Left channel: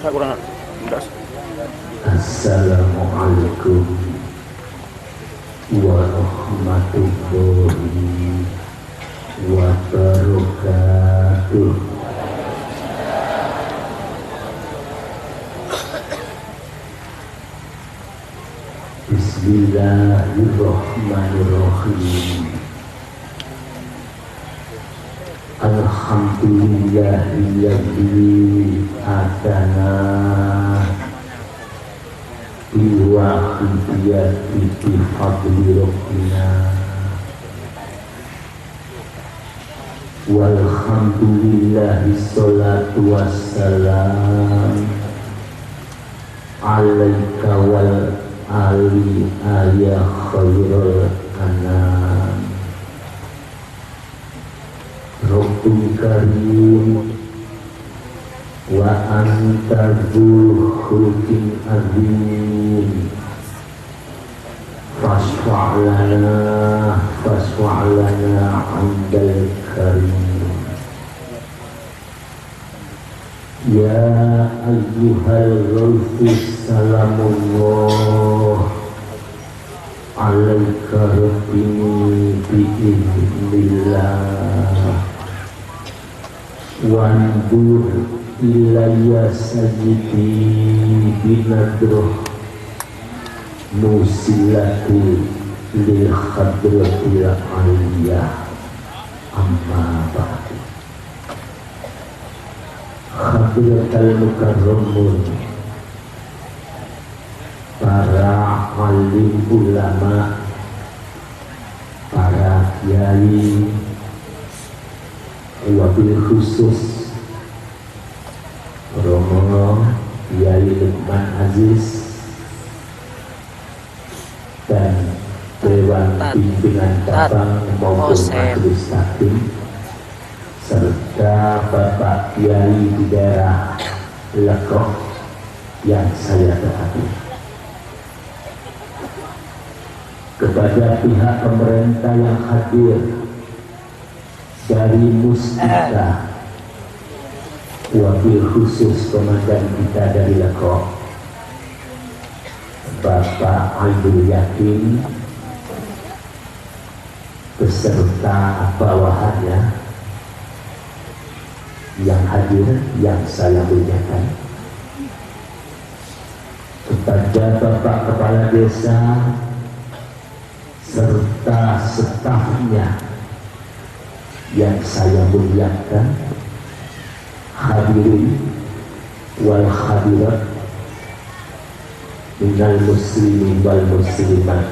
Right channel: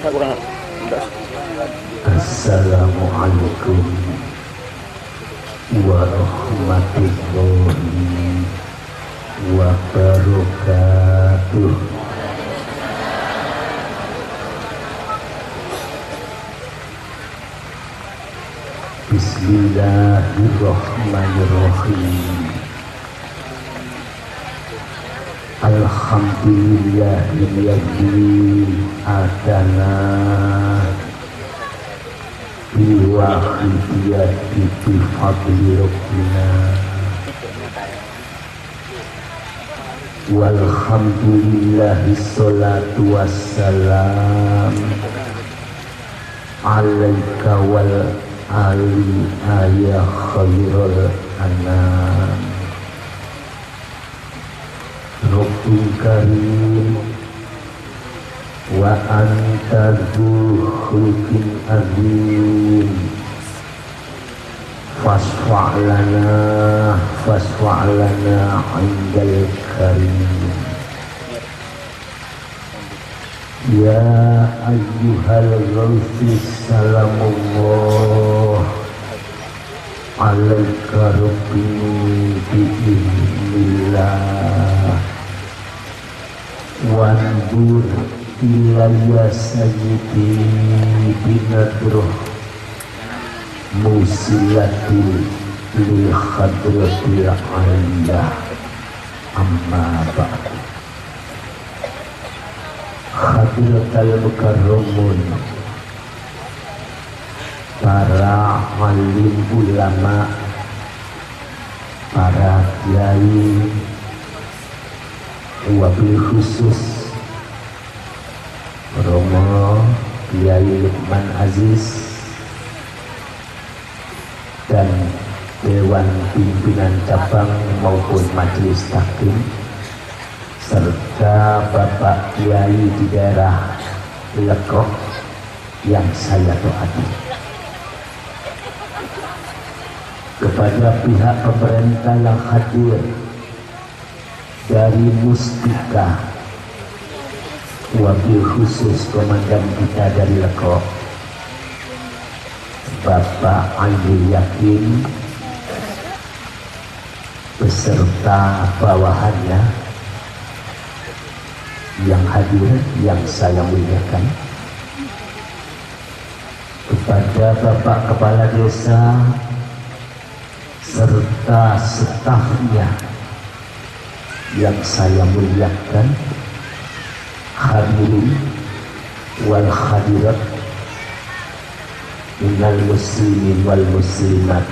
Assalamualaikum warahmatullahi wabarakatuh. Bismillahirrahmanirrahim. Alhamdulillahilladzi atana biwahidiyati bifadli rabbina walhamdulillahi sholatu wassalam alaika wal ali ayah khairul anam. Rabbul karim wa anta dzul khulqin azim fasfa'lana indal karim. Ya ayyuhal ghawthis salamullah alaika rabbi bi'idhnillah wandur ilayya sajidi binadroh musilatu lil khadratil aliyah amma ba'du. Khadratal mukarramun, para alim ulama, para kiai, wabil khusus Romo Kiai Lukman Aziz dan Dewan Pimpinan Cabang maupun Majelis Taklim, serta Bapak Kiai di daerah Lekok yang saya hormati. Kepada pihak pemerintah yang hadir dari Mustika, wabil khusus Komandan kita dari Lekok, Bapak Andi Yakin, beserta bawahannya yang hadir, yang saya muliakan, kepada Bapak Kepala Desa serta stafnya yang saya muliakan, hadirin wal hadirat minal muslimin wal muslimat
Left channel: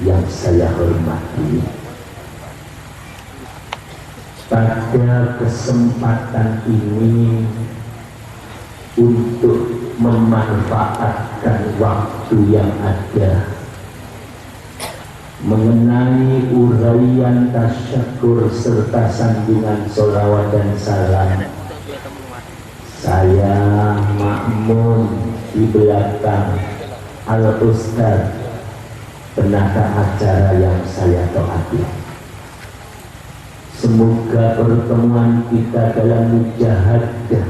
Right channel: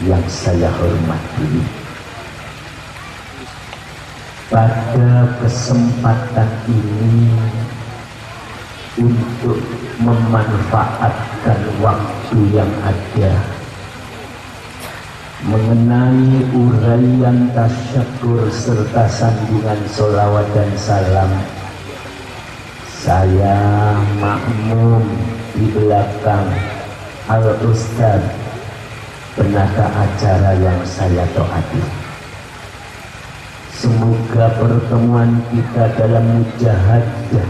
yang saya hormati. Pada kesempatan ini, untuk memanfaatkan waktu yang ada mengenai uraian tasyakur serta sandungan sholawat dan salam, saya makmum di belakang Al-Ustaz penata acara yang saya taati. Semoga pertemuan kita dalam mujahadah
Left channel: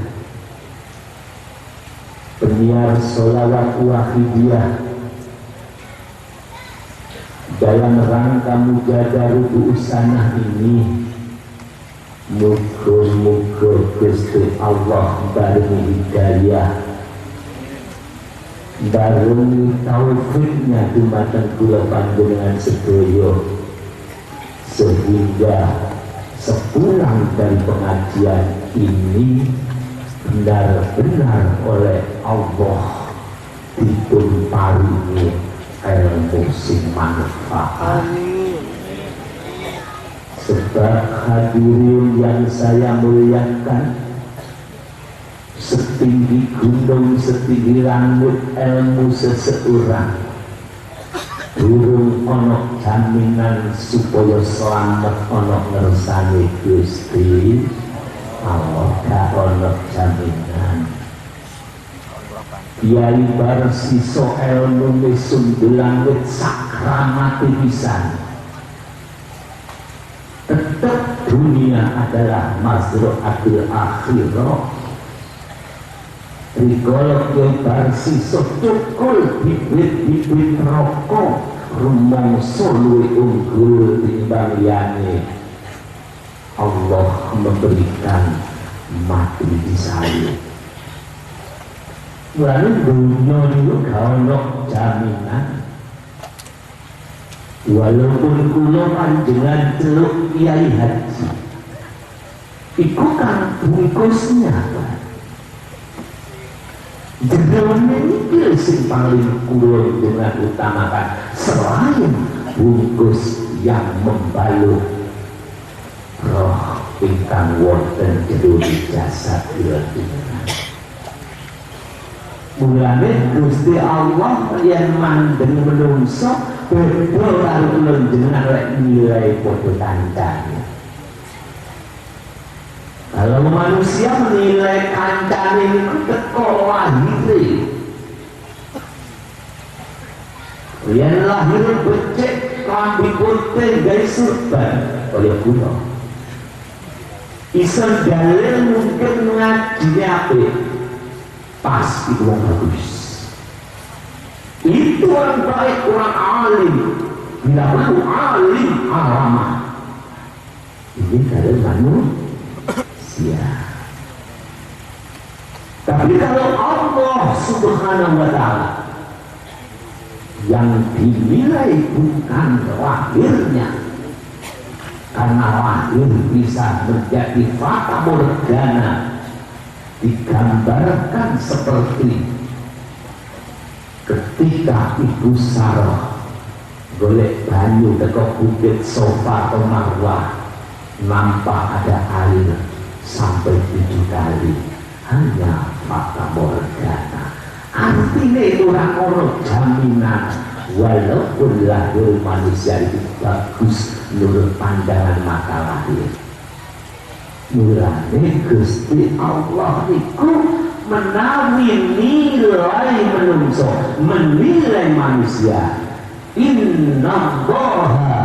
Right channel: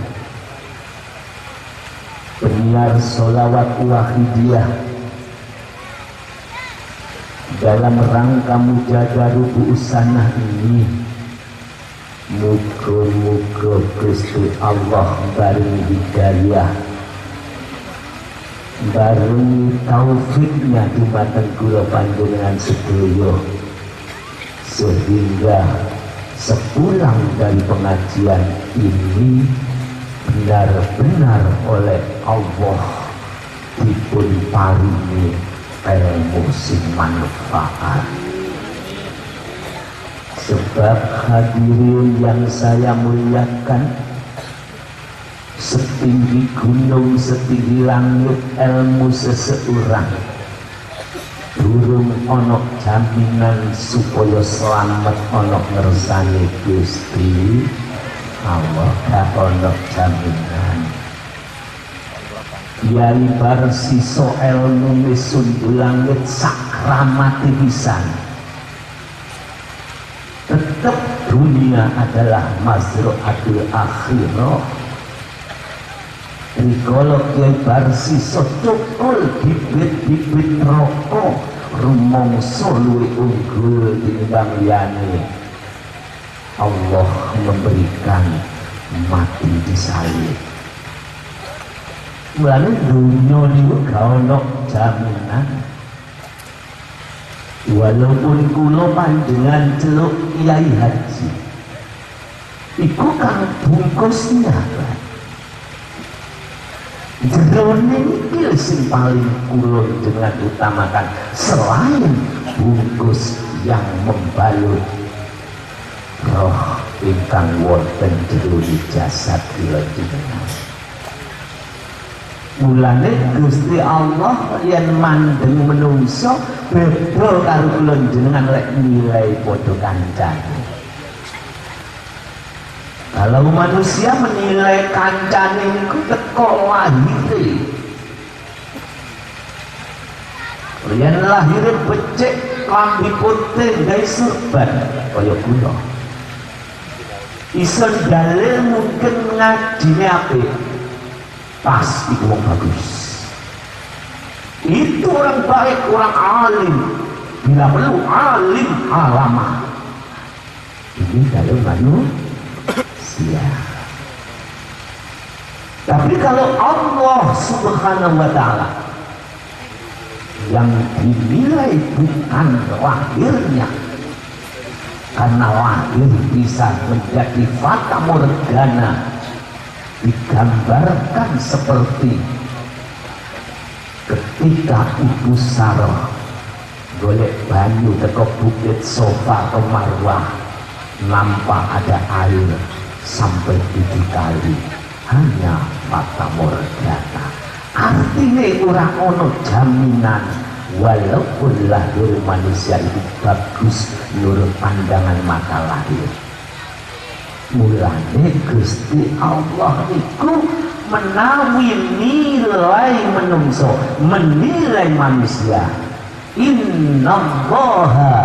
penyiar sholawat wahidiyah dalam rangka mujahadah rubuh sanah ini, muga-muga Gusti Allah baringi hidayah, baringi taufiknya dumateng kula panjenengan sedaya, sehingga sepulang dari pengajian ini benar-benar oleh Allah dipun paringi ilmu sing manfaat. Sebab hadirin yang saya muliakan, setinggi gunung setinggi langit ilmu seseorang, durung onok jaminan supaya selamat onok ngersane Gusti Allah. Gak onok jaminan. Kiai bar siso ilmu sundul langit sakramati pisan, tetap dunia adalah mazra'atul akhirah. rikala kebar sisa cukul bibit-bibit rokok rumangsa luwih unggul tinimbang liyane. Allah memberikan mati di salib. Mulane dunya niku gak ono jaminan. Walaupun kula panjenengan celuk Kiai Haji, iku kan bungkusnya kan. Jendrone iki sing paling kula dengan utamakan selain bungkus yang membalut roh ingkang wonten jero jasad kula. Mulane Gusti Allah yen mandeng menungso beda karo kula jenengan lek nilai padha kancane. Kalau manusia menilai kancane niku teko lahire. Yen lahire becik klambi putih gawe surban kaya kula. Iso dalil mungkin ngajine apik. Pas itu orang bagus, itu orang baik, orang alim, tidak perlu alim alamah. Ini kalau manusia. Tapi kalau Allah Subhanahu wa Ta'ala yang dinilai bukan lahirnya, karena lahir bisa menjadi fata morgana, digambarkan seperti ketika Ibu Sarah golek banyu teko bukit Sofa atau Marwah, nampak ada air sampai 7 kali, hanya fata morgana. Artinya orang ono jaminan walaupun lahir manusia itu bagus menurut pandangan mata lahir. Mulane Gusti Allah itu menawi nilai manungsa, menilai manusia. Innallaha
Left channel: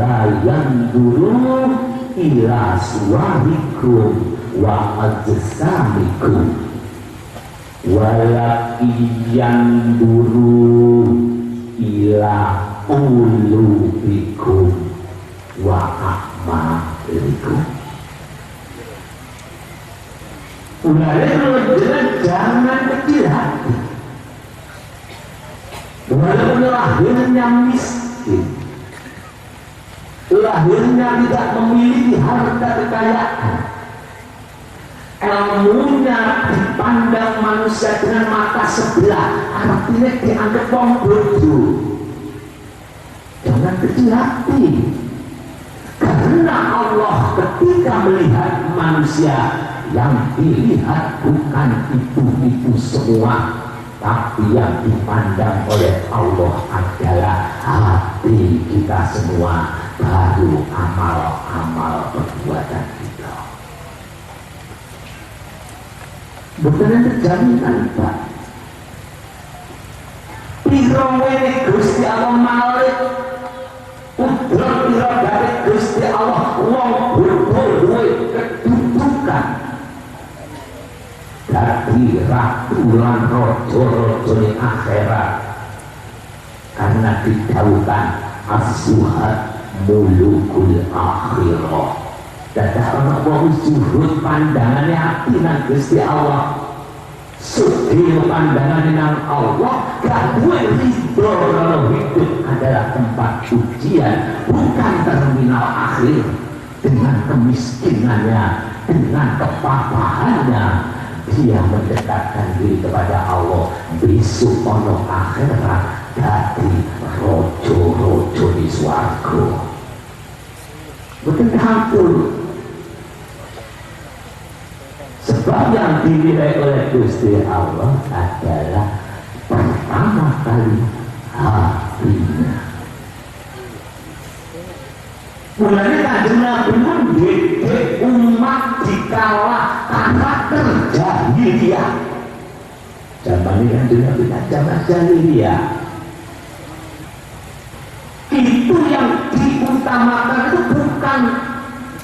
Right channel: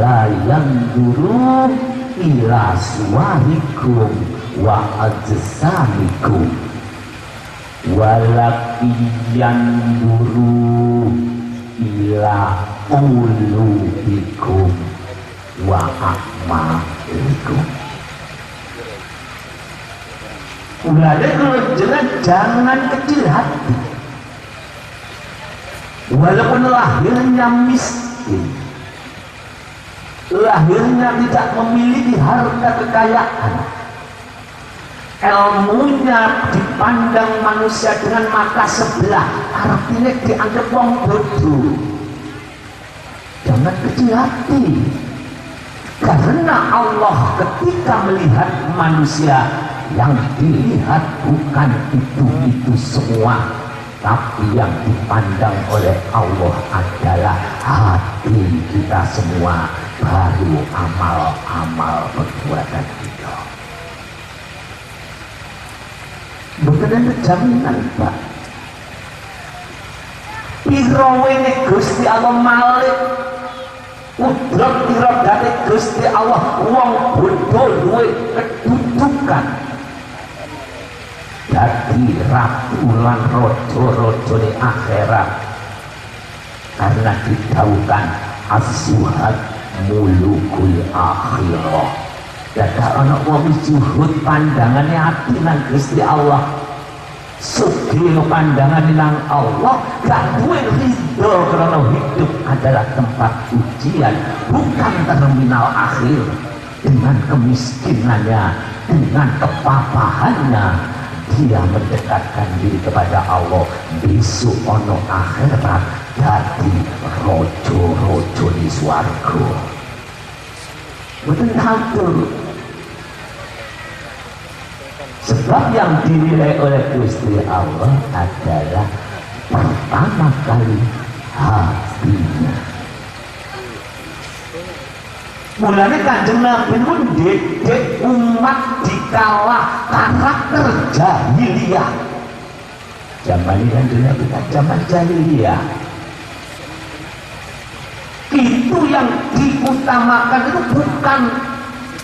la yanzuru ila suwarikum wa ajsamikum walakin yanzuru ila qulubikum wa a'malikum. Mulai kalau jangan kecil hati. Walaupun lahirnya miskin, lahirnya tidak memiliki harta kekayaan, ilmunya dipandang manusia dengan mata sebelah, artinya dianggap wong bodoh. Jangan kecil hati, karena Allah ketika melihat manusia, yang dilihat bukan itu semua, tapi yang dipandang oleh Allah adalah hati kita semua, baru amal-amal perbuatan kita. Bukan ada jaminan, Pak. Pirawene Gusti Allah malik, udrat dari Gusti Allah, wong betul duwe kedudukan. Jadi ratu lan rojo-rojo di akhirat, karena didhawuhkan as-suhad mulukul akhirah. Dadah ana wong zuhud pandangane ati nang Gusti Allah, sugih pandangane nang Allah, gak duwe ridho kalau hidup adalah tempat ujian, bukan terminal akhir. Dengan kemiskinannya, dengan kepapahannya, dia mendekatkan diri kepada Allah. Besok ono akhirat jadi rojo-rojo di swarga. Bukan hampir. Sebab yang dinilai oleh Gusti Allah adalah pertama kali hatinya. Mulanya Kanjeng Nabi mendidik umat dikala karakter jahiliyah. Zaman ini Kanjeng Nabi zaman jahiliyah. Itu yang diutamakan itu bukan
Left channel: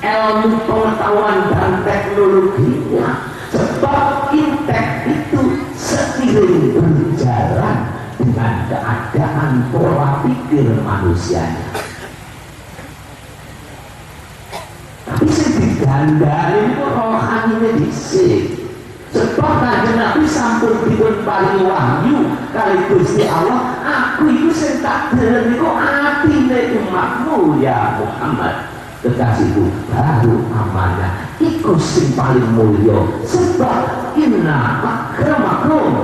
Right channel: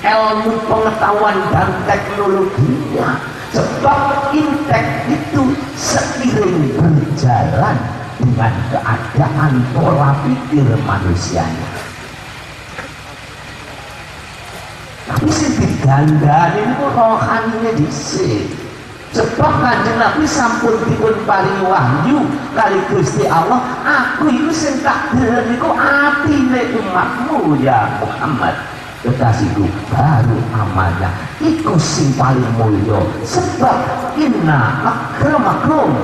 ilmu pengetahuan dan teknologinya, sebab intek itu seiring berjalan dengan keadaan pola pikir manusianya. Tapi sih digandani itu rohaninya disik. Sebab Kanjeng Nabi sampun dipun paling wahyu kali Gusti Allah, aku itu sing tak delok niku atine umatmu ya Muhammad. Kekasihku baru amanah iku sing paling mulya, sebab inna akramakum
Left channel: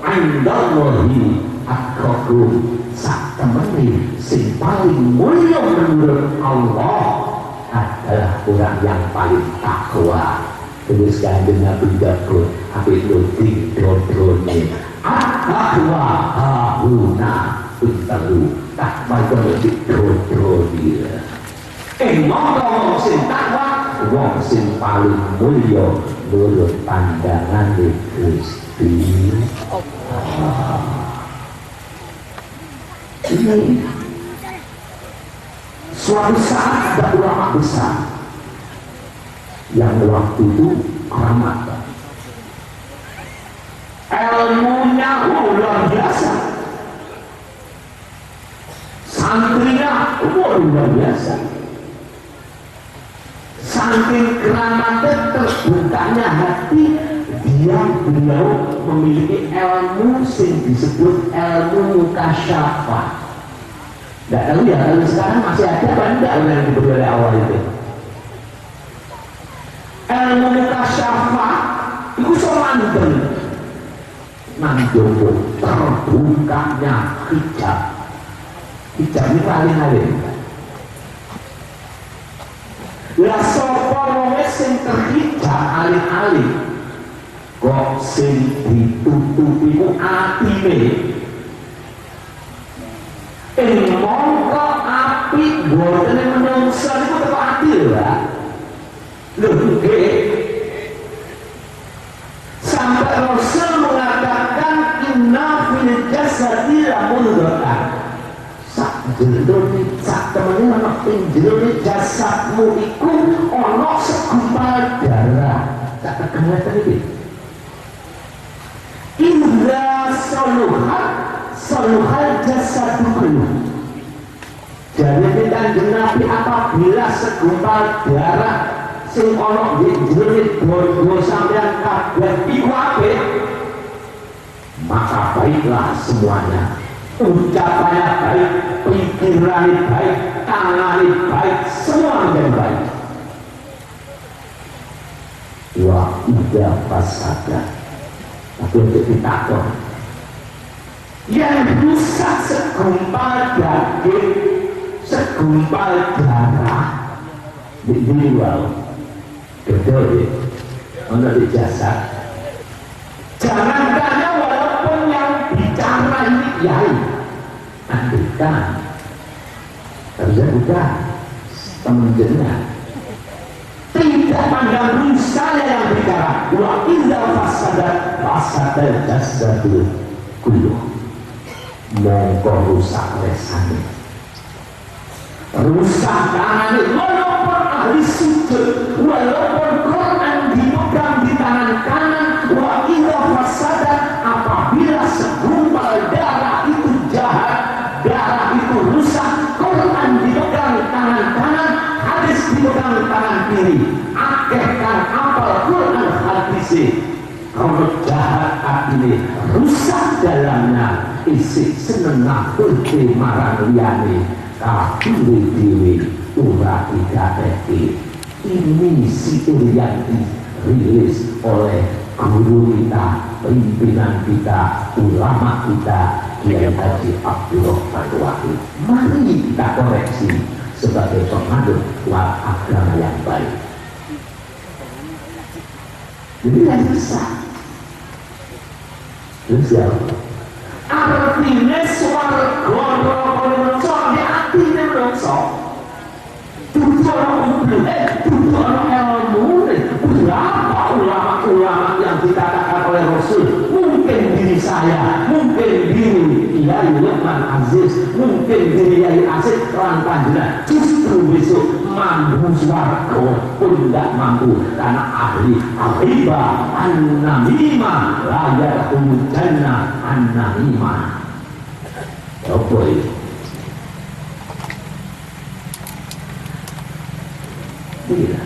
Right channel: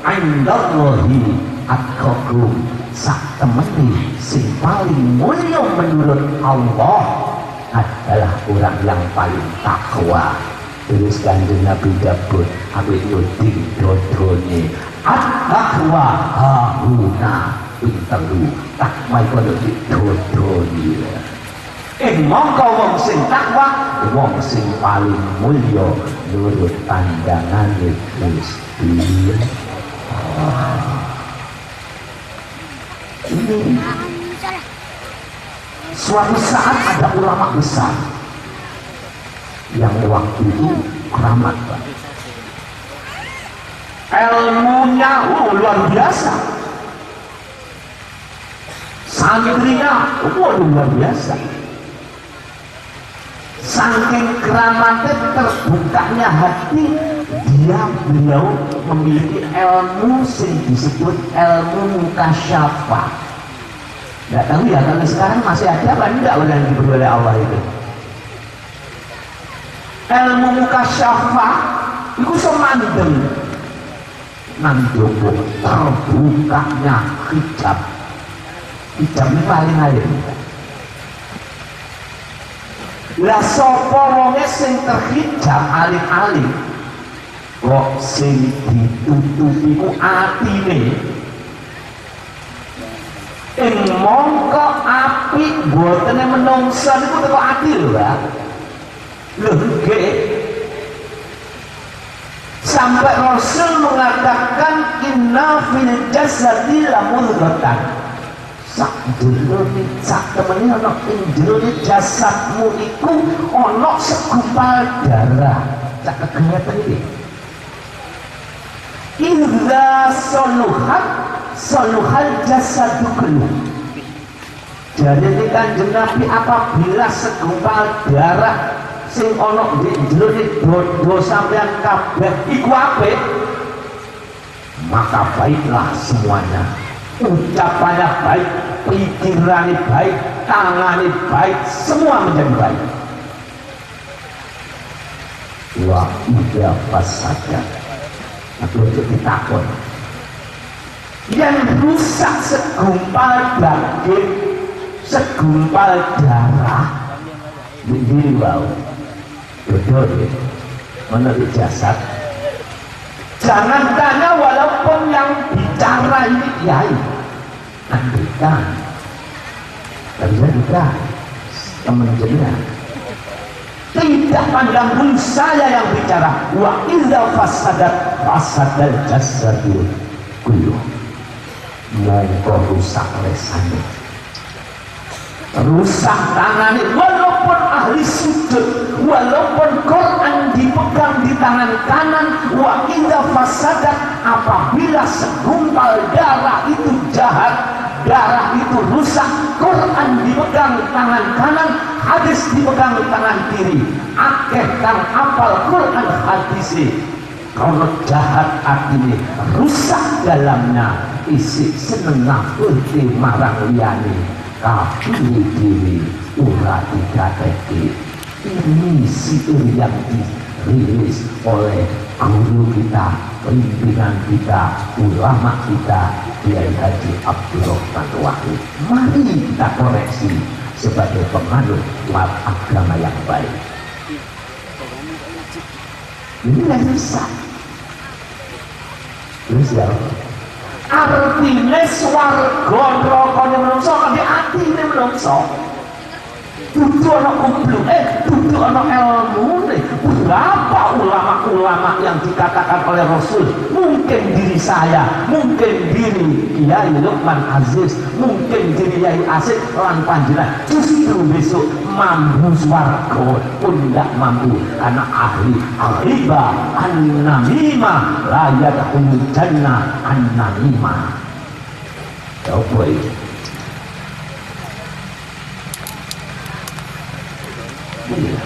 indallahi atqakum. Sak temene sing paling mulya menurut Allah adalah orang yang paling takwa. Terus Kanjeng Nabi dapur habis nyuting drodrone at-taqwa hahuna pinteru takwa itu ada di drodrone. Mongko wong sing takwa wong sing paling mulya nurut pandangan Gusti. Ini suatu saat ada ulama besar yang waktu itu keramat, ilmunya luar biasa, santrinya luar biasa. Saking keramatnya terbukanya hati beliau memiliki ilmu yang disebut ilmu mukasyafah. Tidak tahu ya, kalau sekarang masih ada apa enggak orang yang diberi oleh Allah itu. Ilmu mukasyafah itu semandel nanjogo terbukanya hijab. Hijabnya paling alim. Lah sapa wonge sing terhijab alim-alim kok sing ditutupi ku atine. Mongko apik botene menungso niku teko ati lho, Pak. Lho nggih. Sampai Rasul mengatakan inna fil jasadi lamudghatan. Sak jroning sak temene ana ing jroning jasadmu iku ana segumpal darah. Sak kegiatan iki. Idza soluhal jasadu kullu. Jadi Kanjeng Nabi apabila segumpal darah sing ana di jroning dosa sampeyan kabeh iku apik, maka baiklah semuanya. Ucapannya baik, pikirannya baik, tangannya baik, semua menjadi baik. Wa idza fasada, aku untuk ditakon yang rusak segumpal daging, segumpal darah, begini wow, betul ya, mana di jasad. Jangan tanya walaupun yang bicara ini kiai, bukan, bukan, teman-teman. Tidak pandang saya yang bicara. Wa idza fasadat fasadal jasadu kullu. Mongko rusak lesane, rusak tangan, walaupun ahli sujud, walaupun Quran dipegang di tangan kanan. Wa idza fasadat, apabila segumpal darah itu jahat, darah itu rusak, Quran dipegang tangan kanan, hadis dipegang tangan kiri. Akeh kang apal Quran hadis kalau jahat atine, rusak dalamnya, isi seneng ngapurke marang liyane, tapi dhewe ora digateki. Ini situr yang dirilis oleh guru kita, pimpinan kita, ulama kita, Kiai Haji Abdul Rahman Wahid. Mari kita koreksi sebagai pengadut agama yang baik. Ini yang besar. Terus ya, artinya swarga neraka menungso di atine menungso. Dudu ana umbluk, dudu ana ilmu. Berapa ulama-ulama yang dikatakan oleh Rasul, mungkin diri saya, mungkin diri Kiai Lukman Aziz, mungkin Kiai Aziz lan panjenengan justru besok mampu swarga pun tidak mampu karena ahli al-riba an-namimah la yadkhulul jannah an-namimah. Apa itu? Iya.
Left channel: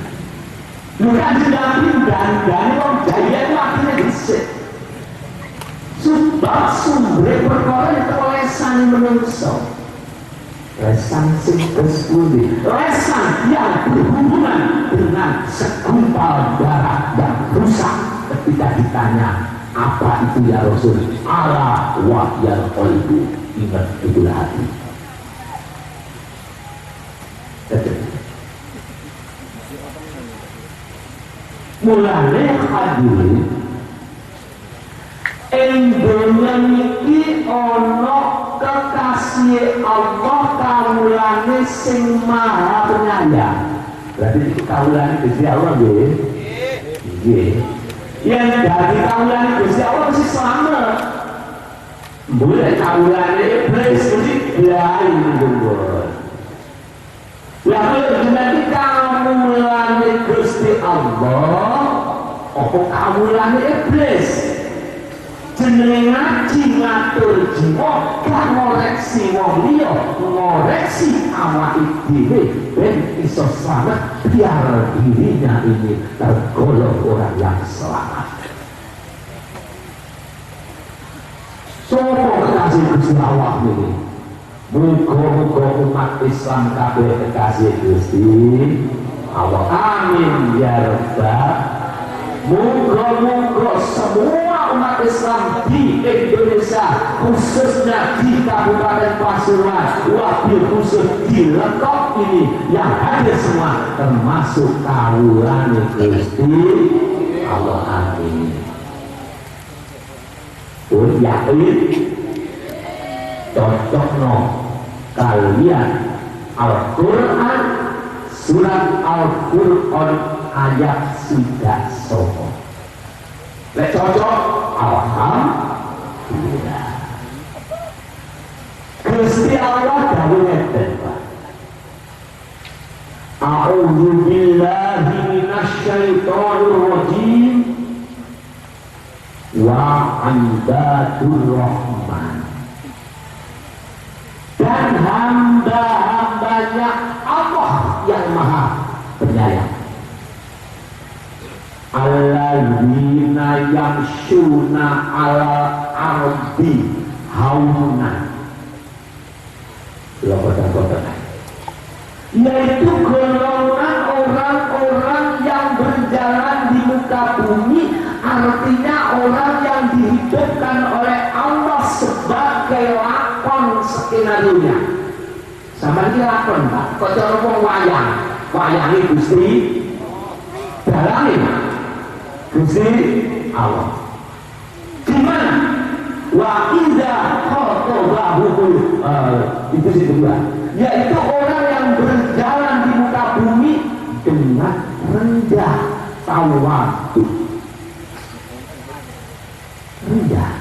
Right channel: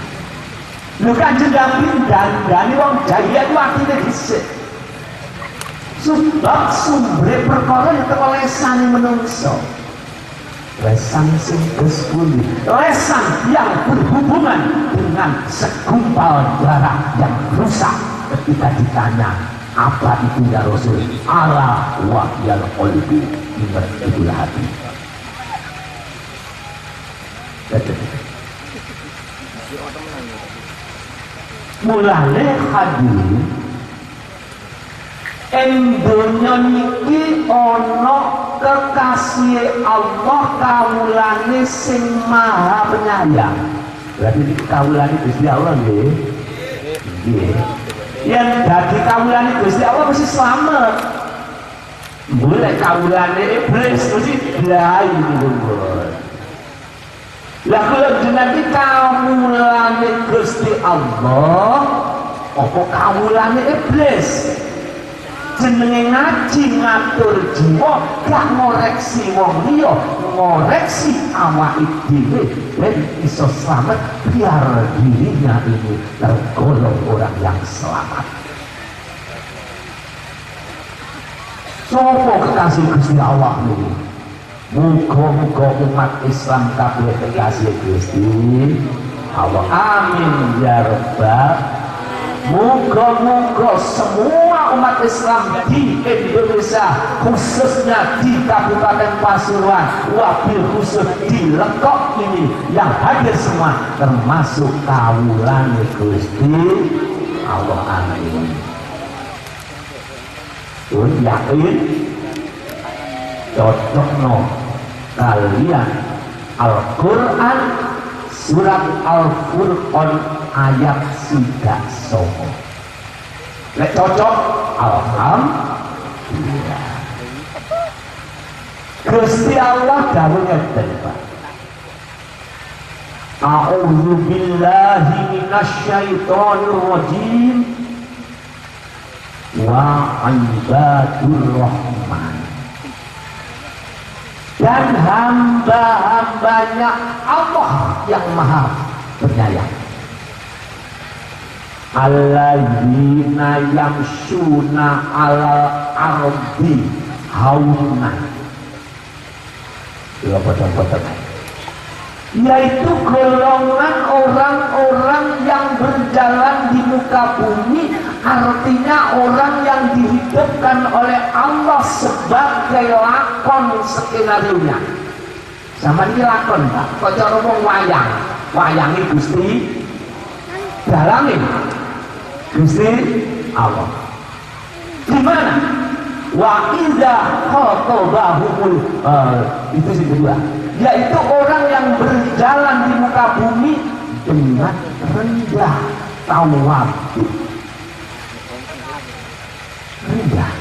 Bukan jendapi dan wong jaya itu artinya disik. Sebab sumber perkara itu lesan menungso. Lesan sing kesbudi, lesan yang berhubungan dengan segumpal darah yang rusak. Ketika ditanya apa itu ya Rasul, ala wahyal qalbi, ingat itulah hati. Mulane hadirin ing donya niki ana kekasih Allah kawulane sing maha penyayang. Berarti kawulane Gusti Allah nggih. Nggih. Yen dadi kawulane Gusti Allah mesti slamet. Boleh kawulane iblis mesti blai munggon. Lah kalau jenenge kawulane Gusti Allah, apa kawulane iblis? Jenenge ngaji ngatur jiwa, gak ngoreksi wong liya, ngoreksi awake dhewe ben iso slamet biar dirinya ini tergolong orang yang selamat. Sopo kekasih Gusti Allah ini? Muga-muga umat Islam kabeh kekasih Gusti Allah. Amin ya rabbal. Muga-muga semua umat Islam di Indonesia, khususnya di Kabupaten Pasuruan, wabil khusus di Lekok ini yang hadir semua termasuk kawulane Gusti Allah. Amin. Tuh yakin cocokno kalian Al-Quran surat Al-Furqan ayat sudah sopo. Lek cocok, alhamdulillah. Gusti Allah dawuh ngeten, Pak. A'udzu billahi minasyaitonir rajim. Wa ibadur rahman. Dan hamba-hambanya Allah yang maha penyayang. Alladzina yamshuna ala ardi haunan. Yaitu golongan orang-orang yang berjalan di muka bumi, artinya orang yang dihidupkan oleh Allah sebagai lakon skenario-nya. Sama ini lakon, Pak. Kok cara ngomong wayang? Wayangi Gusti dalami Gusti Allah. Gimana? Wa idza khatabahumul itu sih kedua, yaitu orang yang berjalan di muka bumi dengan rendah tawadu. Rendah.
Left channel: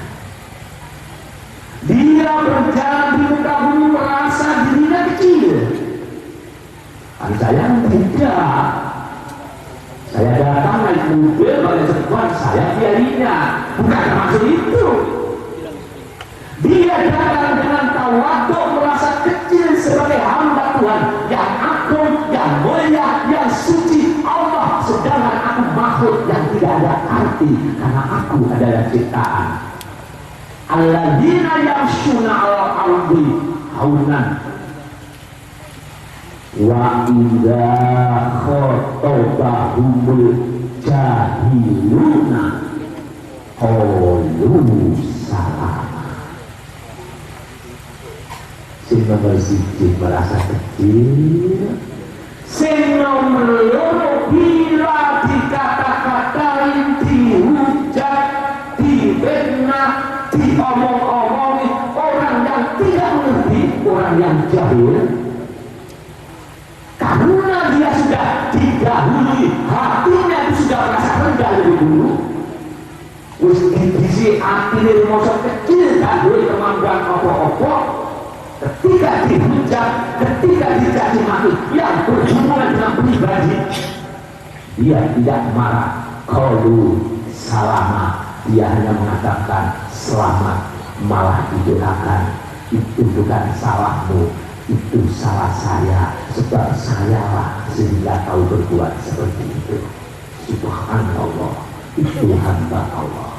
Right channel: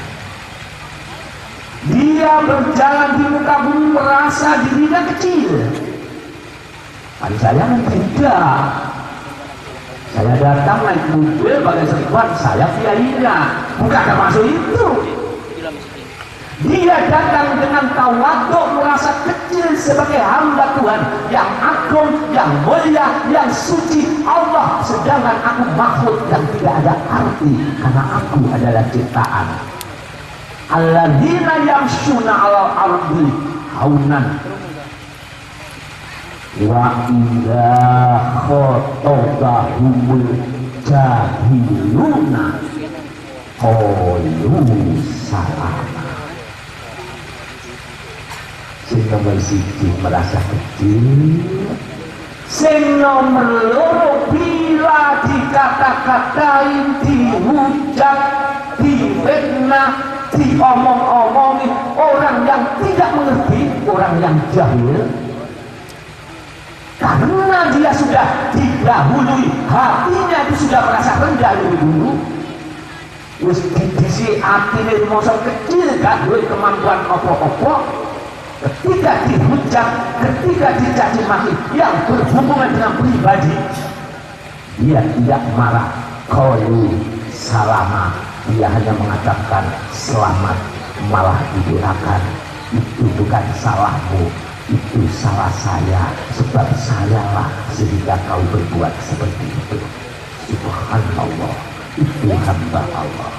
Dia berjalan di muka bumi merasa dirinya kecil. Kan saya tidak. Saya datang naik mobil pakai serban, saya pianinya. Bukan termasuk itu. Dia datang dengan tawaduk, merasa kecil sebagai hamba Tuhan yang agung, yang mulia, yang suci Allah. Sedangkan aku makhluk yang tidak ada arti karena aku adalah ciptaan. Alladzina yamshuna 'alal ardi haunan wa idza khatabahumul jahiluna qalu salama. Sing nomor siji merasa kecil, sing nomor loro bila dikata-katain, dihujat, difitnah, diomong-omongi orang yang tidak mengerti, orang yang jahil. Karena dia sudah didahului, hatinya itu sudah merasa rendah dulu. wis didisi atine masa kecil gak duwe kemampuan apa-apa, ketika dihujat, ketika dicaci maki yang berhubungan dengan pribadi, dia tidak marah, qalu salama, dia hanya mengatakan selamat, malah didoakan, itu bukan salahmu, itu salah saya, sebab sayalah sehingga kau berbuat seperti itu. Subhanallah, itu hamba Allah.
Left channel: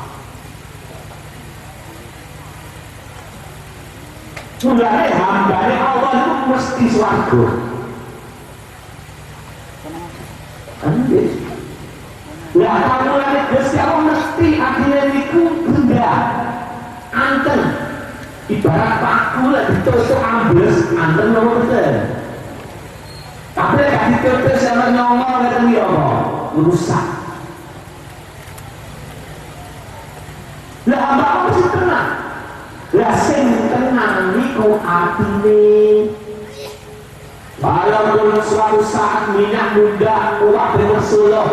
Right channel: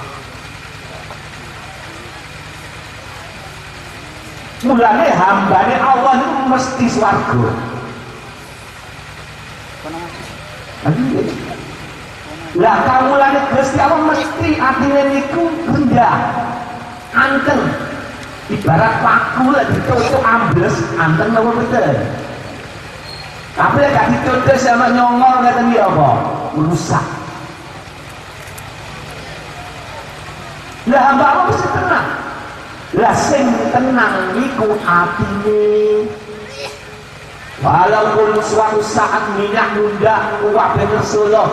Mulanya hambanya Allah itu mesti swarga. Lah kamu lagi Gusti Allah mesti adine niku rendah, anteng. Ibarat paku lah ditutup ambles, anteng nopo betul. Tapi gak ditutup sama nyongol ngeten iki apa? Rusak. Lah hamba Allah mesti tenang. Lah sing tenang niku atine. Walaupun suatu saat minyak muda uwak Rasulullah,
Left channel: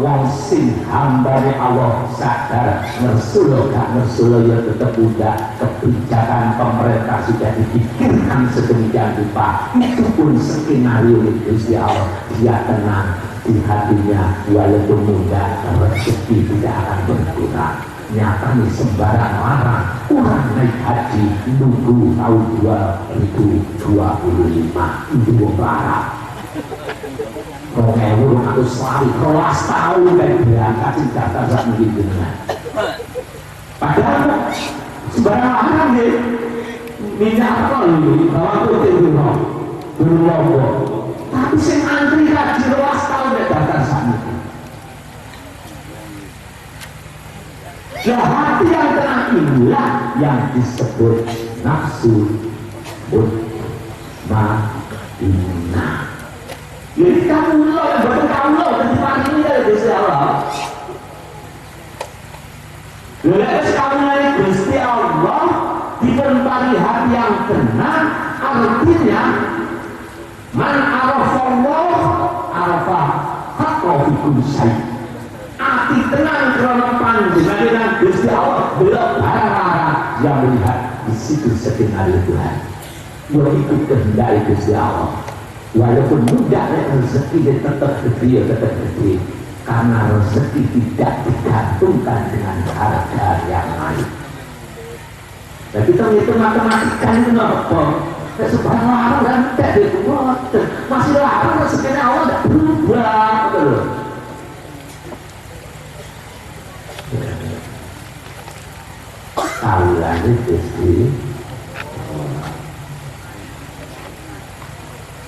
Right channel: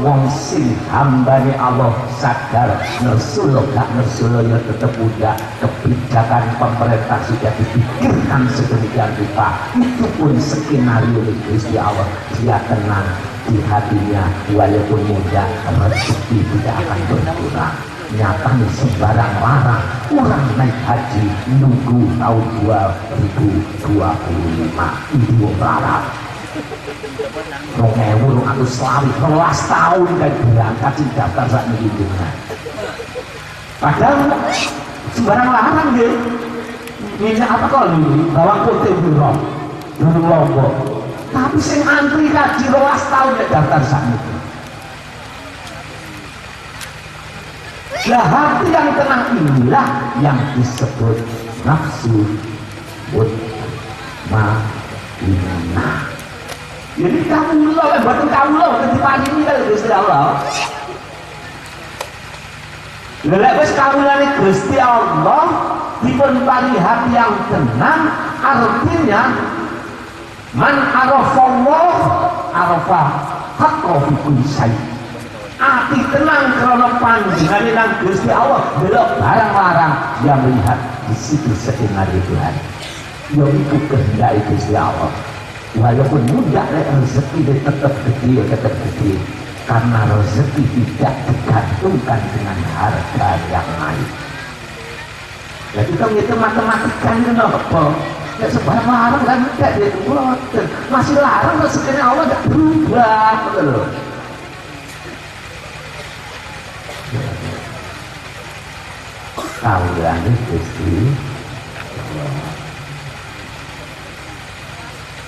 wong sing hambane Allah sadar Rasulullah gak Rasulullah ya tetap muda, kebijakan pemerintah sudah dipikirkan sedemikian rupa, itu pun skenario Gusti Allah, dia tenang di hatinya, walaupun muda rezeki tidak akan berkurang. Nyatanya sembarang larang orang naik haji nunggu tahun 2025 itu larang. Rongewul atau selalu kelas tahun dan berangkat daftar saat menghidupnya. Padahal sembarang larang ya. Minyak apa kok ini? Bawang putih itu roh, berlombok. Tapi sing antri haji kelas tahun dan daftar saat itu. Ya, hati yang tenang inilah yang disebut nafsu mutmainnah. Jadi kamu loh, bukan kamu loh, ketika ini dari Gusti Allah. Lalu kamu dari Gusti Allah diperi hati yang tenang, artinya man arafallah arafah haqqo fi kulli syai'. Ati tenang karena panjenengan Gusti Allah belok barang larang yang melihat di situ skenario Tuhan. Yaitu kehendak Gusti Allah. Walaupun mudah rezeki tetap gede, karena rezeki tidak digantungkan dengan harga yang naik. Ya kita ngitung matematika itu kenapa? Ya sebuah larang kan tidak dihitung, masih larang rezekinya Allah tidak berubah, betul. Kalian Gusti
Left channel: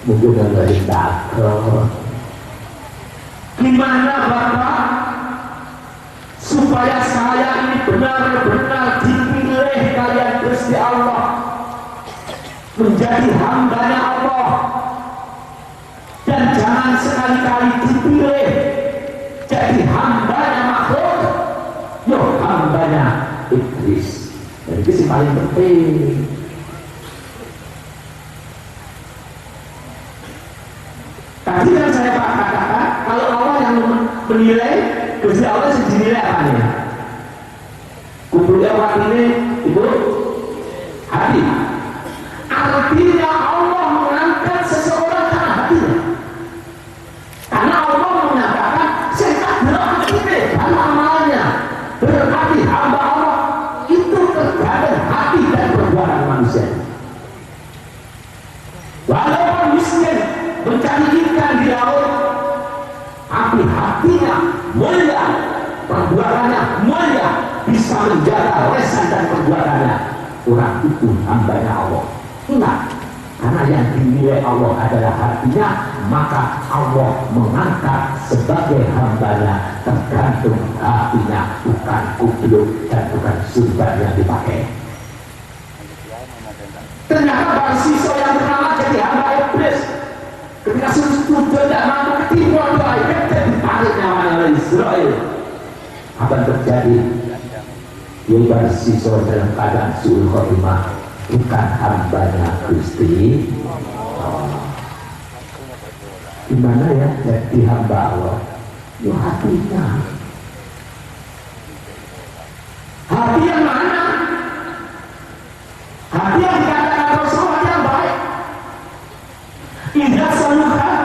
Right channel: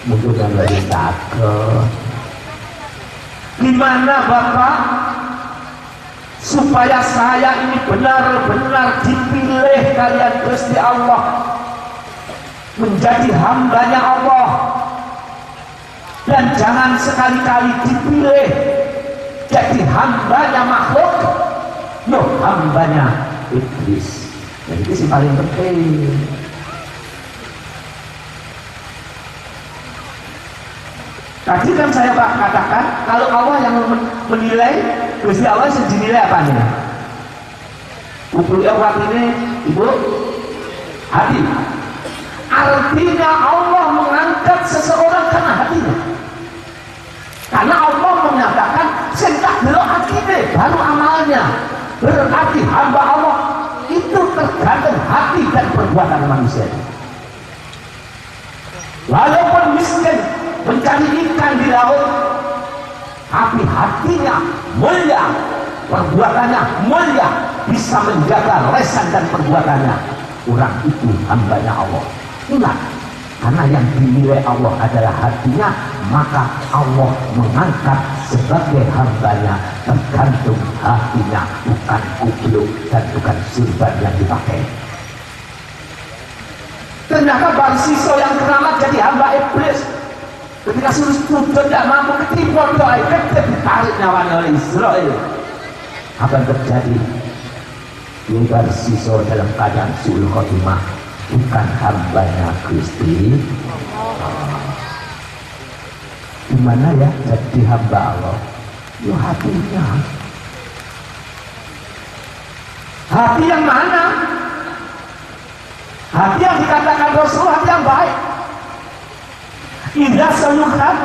mungkin dari dakel. Gimana Bapak supaya saya ini benar-benar dipilih kalian Gusti Allah menjadi hambanya Allah, dan jangan sekali-kali dipilih jadi hambanya makhluk, yo hambanya iblis. Dan itu yang paling penting. Tadi kan saya katakan kalau Allah yang menilai, Gusti Allah sendiri apa nih? Kumpulnya orang ini ibu hati. Artinya Allah mengangkat seseorang karena hatinya. Karena Allah menyatakan sentak dulu hatinya baru amalnya. Berarti hamba Allah itu tergantung hati dan perbuatan manusia. Walaupun miskin mencari ikan di laut, tapi hatinya mulia, perbuatannya mulia, bisa menjaga lesan dan perbuatannya. Orang itu hambanya Allah. Ingat, karena yang dinilai Allah adalah hatinya, maka Allah mengangkat sebagai hambanya, tergantung hatinya, bukan kubluk dan bukan sumber yang dipakai. Ternyata Barsiso yang pertama jadi hamba iblis, ketika sudah tidak mampu ketipu oleh iblis, ditarik nyawanya oleh Israel. Apa yang terjadi? Barsiso dalam keadaan suul khotimah, bukan hambanya Gusti. Gimana ya jadi hamba Allah? Yo hatinya. Hati yang mana? Hati yang dikatakan Rasul, hati yang baik. Idza saluhan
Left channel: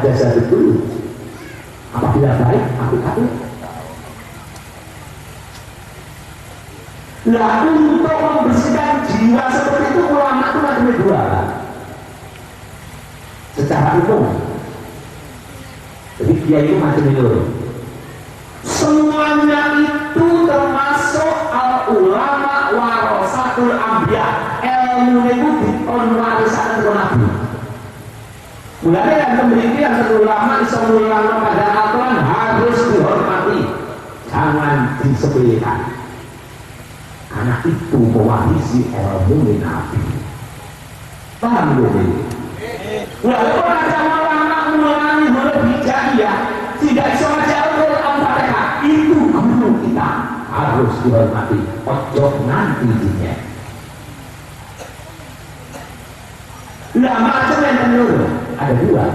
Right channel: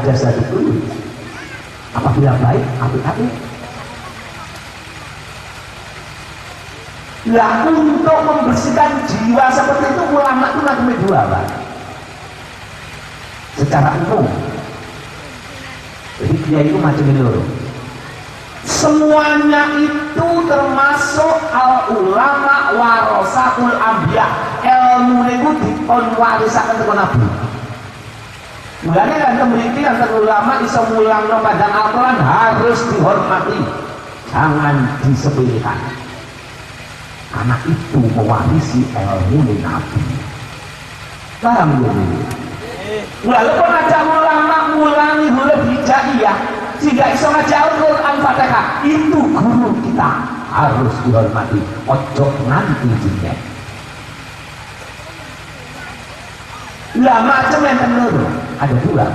jasa itu. Apabila baik, hati-hati. Lah untuk membersihkan jiwa seperti itu ulama itu ada dua, Pak. Secara umum. Jadi dia itu macam itu. Semuanya itu termasuk al ulama warasatul anbiya. Ilmu itu dikonwarisakan ke Nabi. Mulanya yang memiliki yang ulama iso mulang pada Al-Quran harus dihormati, jangan disepelekan. Karena itu mewarisi ilmu Nabi. Paham ini? Walaupun ada ulama mulangi huruf hijaiyah, tidak bisa ngajar Al-Quran Fatihah, itu guru kita harus dihormati. Ojo nanti dunia. Lah macam yang benar ada dua.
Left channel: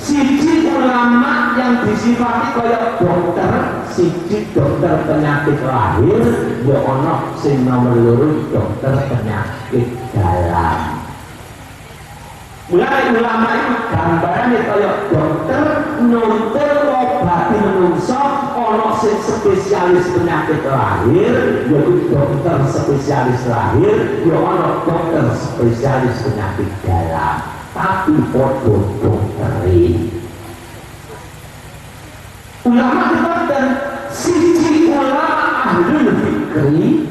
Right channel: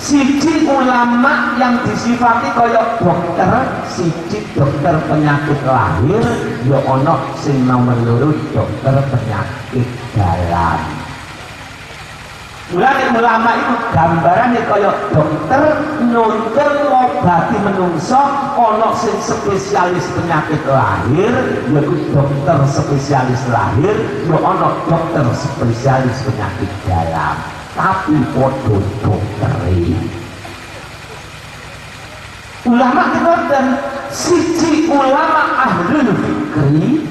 Siji ulama yang disifati kaya dokter, siji dokter penyakit lahir, ya ono sing nomor loro dokter penyakit dalam. Mulai ulama itu gambarannya kaya dokter nonton obati menungso, ono sing spesialis penyakit lahir, yaitu dokter spesialis lahir, ya ono dokter spesialis penyakit dalam. Tapi podo dokteri. Ulama itu dan siji ulama ahlul fikri,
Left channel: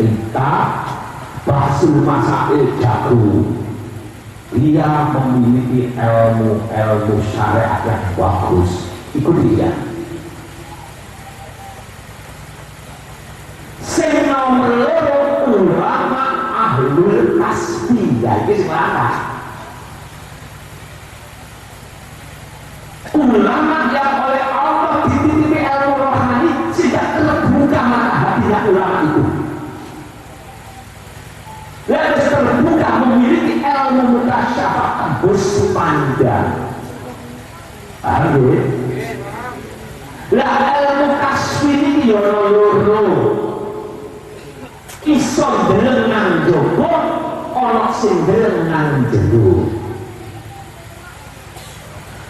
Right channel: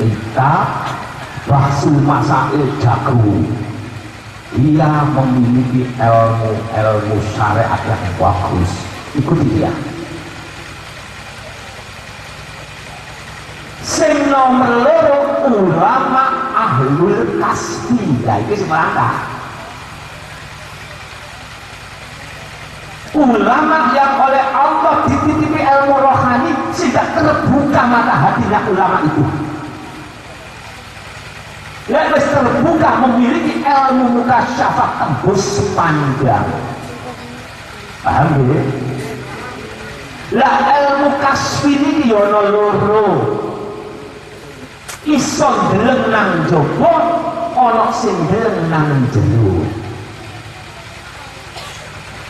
pinter, bahsul masail jago. Dia memiliki ilmu syariat yang bagus. Ikuti dia. Sing nomor loro ulama ahlul kasbi, jadi selangkah. Ulama yang oleh Allah dititipi ilmu rohani sehingga terbuka mata hatinya ulama itu. Dia harus terbuka memiliki ilmu mutasyafat tembus panjang. Paham ya? Lah ilmu kasbi ini yono loro. Iso ndeleng nang jaba, ana sing ndeleng nang jero.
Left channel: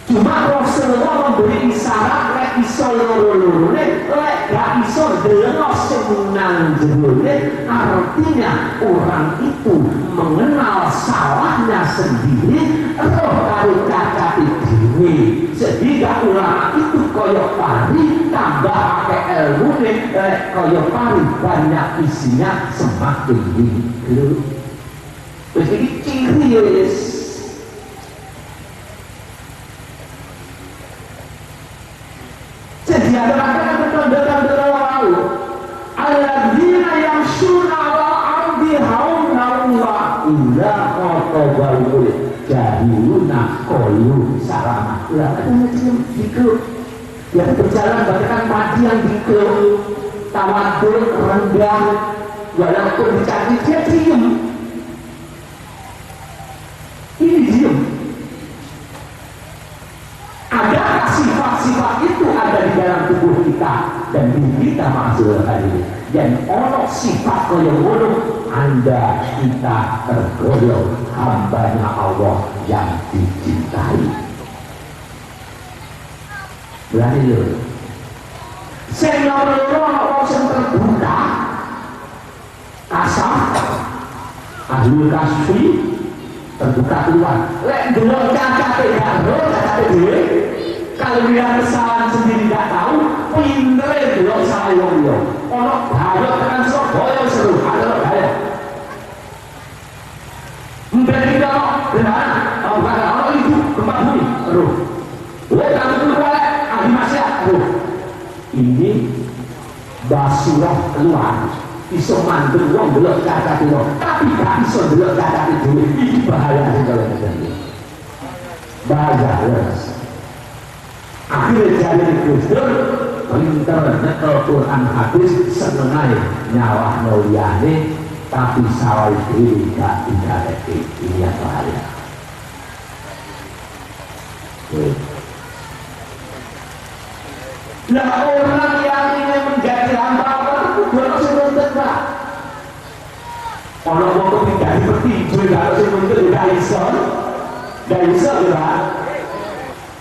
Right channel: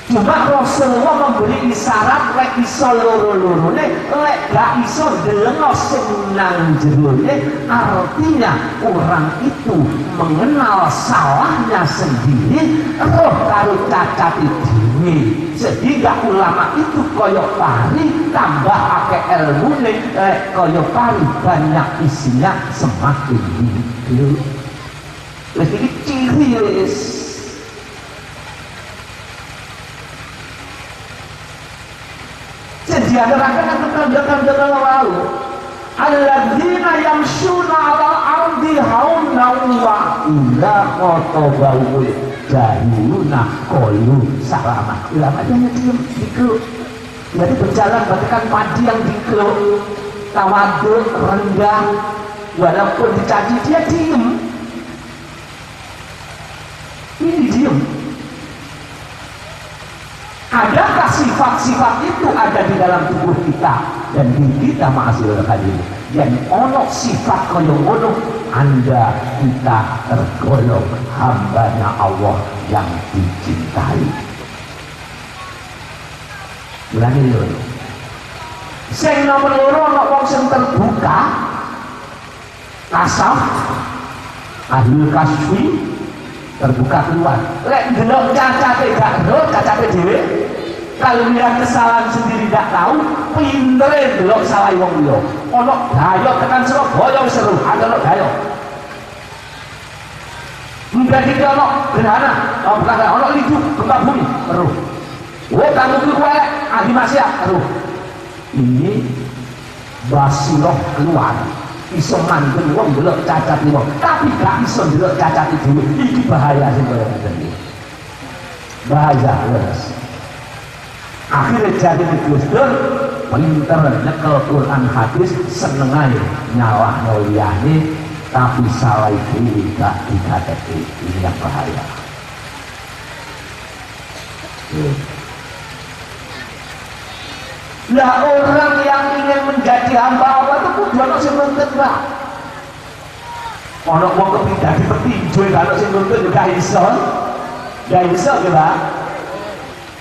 Cuma Rasulullah memberi isyarat lek iso loro-lorone, lek gak iso ndeleng sing nang jerone, artinya orang itu mengenal salahnya sendiri, roh karo cacate dhewe. Sehingga ulama itu koyok pari tambah pakai ilmu koyok pari banyak isinya semakin hidup. Terus ini ciri yes. Jadi ada tanda-tanda lalu alladzina yamshuna ala ardi hauna wa illa qatawal jahiluna qalu salama. Ulama yang dikelu dia berjalan bahkan padi yang dikelu tawadhu rendah, walaupun dicaci dia diem. Ini diem. Adakah sifat-sifat itu ada di dalam tubuh kita dan diri kita ma'asyiral hadirin? Dan ono sifat kaya ngono Anda kita tergolong hambanya Allah yang dicintai. Berani lho. Sing nomor loro ana wong sing terbuka kasaf ahlul kasfi terbuka keluar. Lek ndelok cacate gak ndelok cacate dhewe, kalau dia kesalahan sendiri gak tahu, pintere ndelok salah wong liya. Ono gayo tekan Surabaya wis seru, ada gayo. Menjadi kalau benar, ono itu gempa bumi, seru. Oh, kamu keluar, ahli maksiat, seru. Ini basiroh keluar. Iso mandul wong ndelok cacate wong, tapi gak iso ndelok cacate dhewe. Iki bahaya sekali. Bahaya wes. Akhirnya jadi Gusdur pinter nyekel Quran hadis senengane nyawah liyane tapi salah diri gak dikateti. Ini yang bahaya. Nah, orang yang ingin menjadi hamba Allah itu kudu ana sing nuntut Pak. Ana wong kepengin dadi petinju karo sing nuntut yo gak iso. Gak iso ya Pak.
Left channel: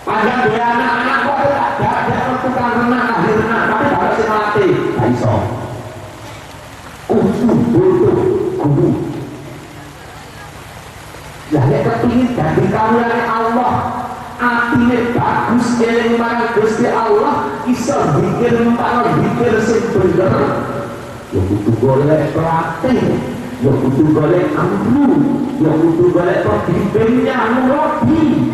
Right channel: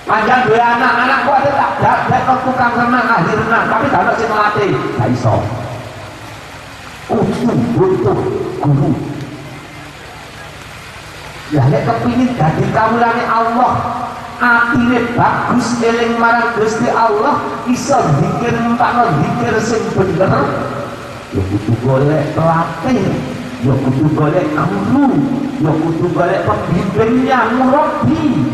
Panjang dua anak-anak kok ada tukang renang akhir renang tapi gak ada sing ngelatih. Gak iso. Butuh guru. Ya nek kepengin dadi kawulane Allah, atine bagus eling marang Gusti Allah, iso zikir mumpang zikir sing bener. Ya kudu golek pelatih, ya kudu golek guru, ya kudu golek pembimbingnya, murabi.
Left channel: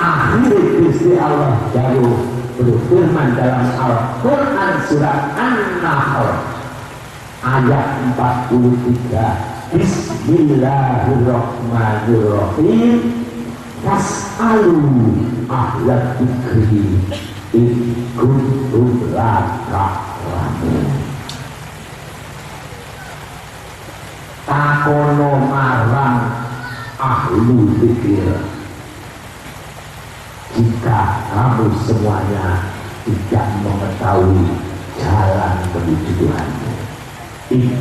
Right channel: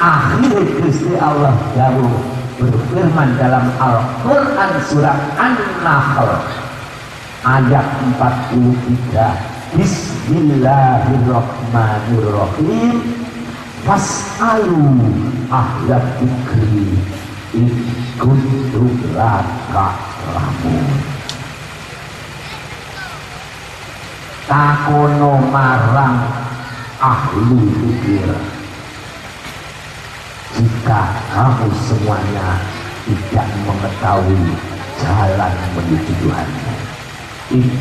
Akhirnya Gusti Allah baru berfirman dalam Al-Quran surat An-Nahl ayat 43. Bismillahirrahmanirrahim. Fas'alu ahla dzikri in kuntum la ta'lamun. Takono marang ahli dzikir, jika kamu semuanya tidak mengetahui jalan menuju Tuhan,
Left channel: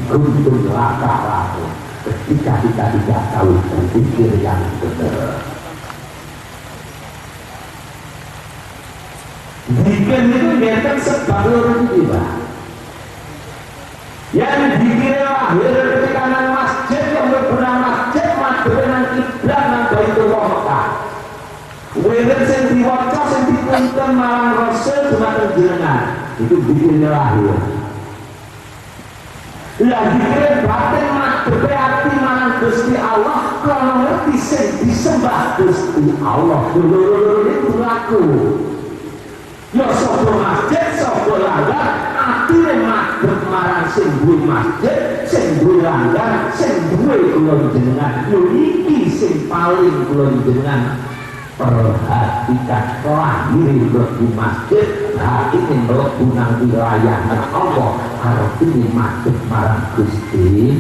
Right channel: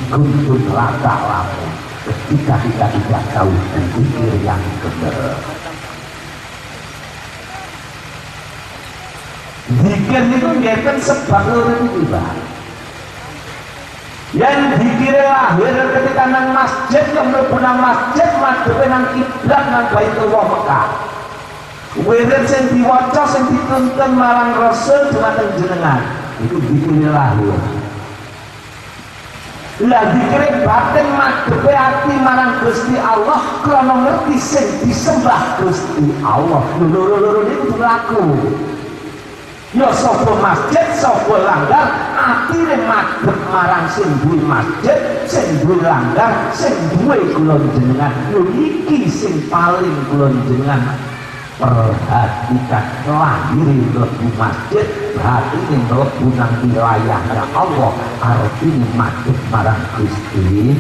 kuntum la ta'lamun, ketika kita tidak tahu berpikir yang benar. Zikir itu ngeten sebab loro iki, Pak. Yang zikir lahir ketika nang masjid, yang mlebu nang masjid, madhepe nang kiblat nang Baitullah Mekah. Wenten sing diwaca sing dituntun marang Rasul dumateng jenengan, itu zikir lahir. Lah zikir batin madhepe ati marang Gusti Allah krana ngerti sing disembah Gusti Allah. Loro-loro itu laku. Ya sapa masjid, sapa langgar, atine madhep marang sing duwe masjid, sing duwe langgar, sing duwe kula jenengan. Yo iki sing paling kula jenengan perhatikan. Lahir mlebu masjid, hati sing mlebu nang wilayah Allah, arepine madhep marang Gusti.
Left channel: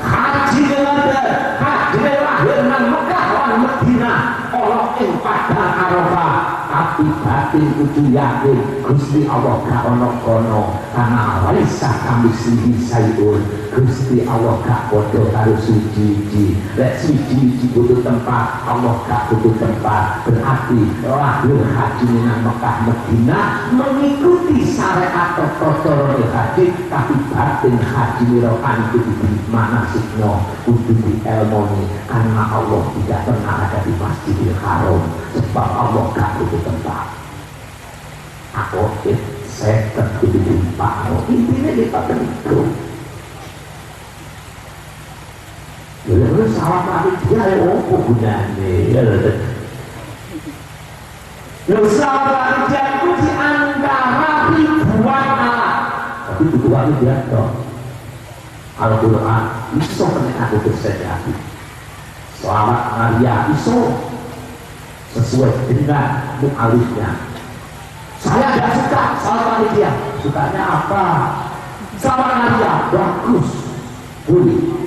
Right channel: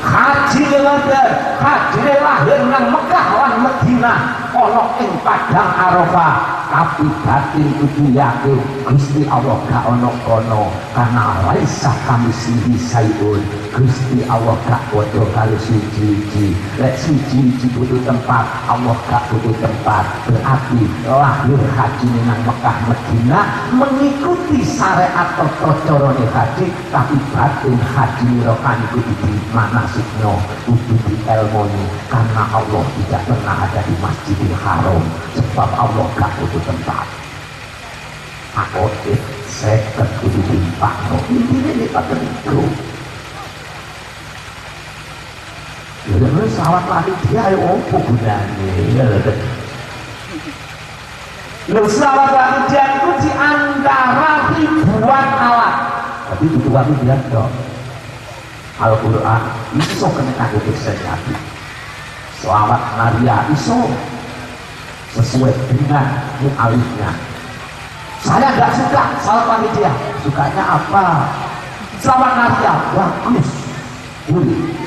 Haji ngoten, haji lahir nang Mekah lan Madinah, ana ing padang Arafah. Tapi batin kudu yakin Gusti Allah gak ono kono, karena laisa kamitslihi sayun. Gusti Allah gak padha karo siji-siji. Lek siji-siji butuh tempat, Allah gak butuh tempat. Berarti lahir haji nang Mekah Madinah mengikuti syariat atau cara haji, tapi batin haji rokan kudu di manasiknya, kudu di ilmoni, karena Allah tidak pernah ada di Masjidil Haram, sebab Allah gak butuh tempat. Aku seket kudu dimpakno. Intinya dia kata itu. Lalu salah panitia apa gunanya? Lalu salah panitia itu di antara ribuan alat. Tapi itu bukan dia dong. Al-Quran iso penyekat kesehatan. Selamat Maria iso sesuai dengan mu'alifnya. Saya tidak suka salat panitia. Sukanya apa? Salat Maria bagus, boleh.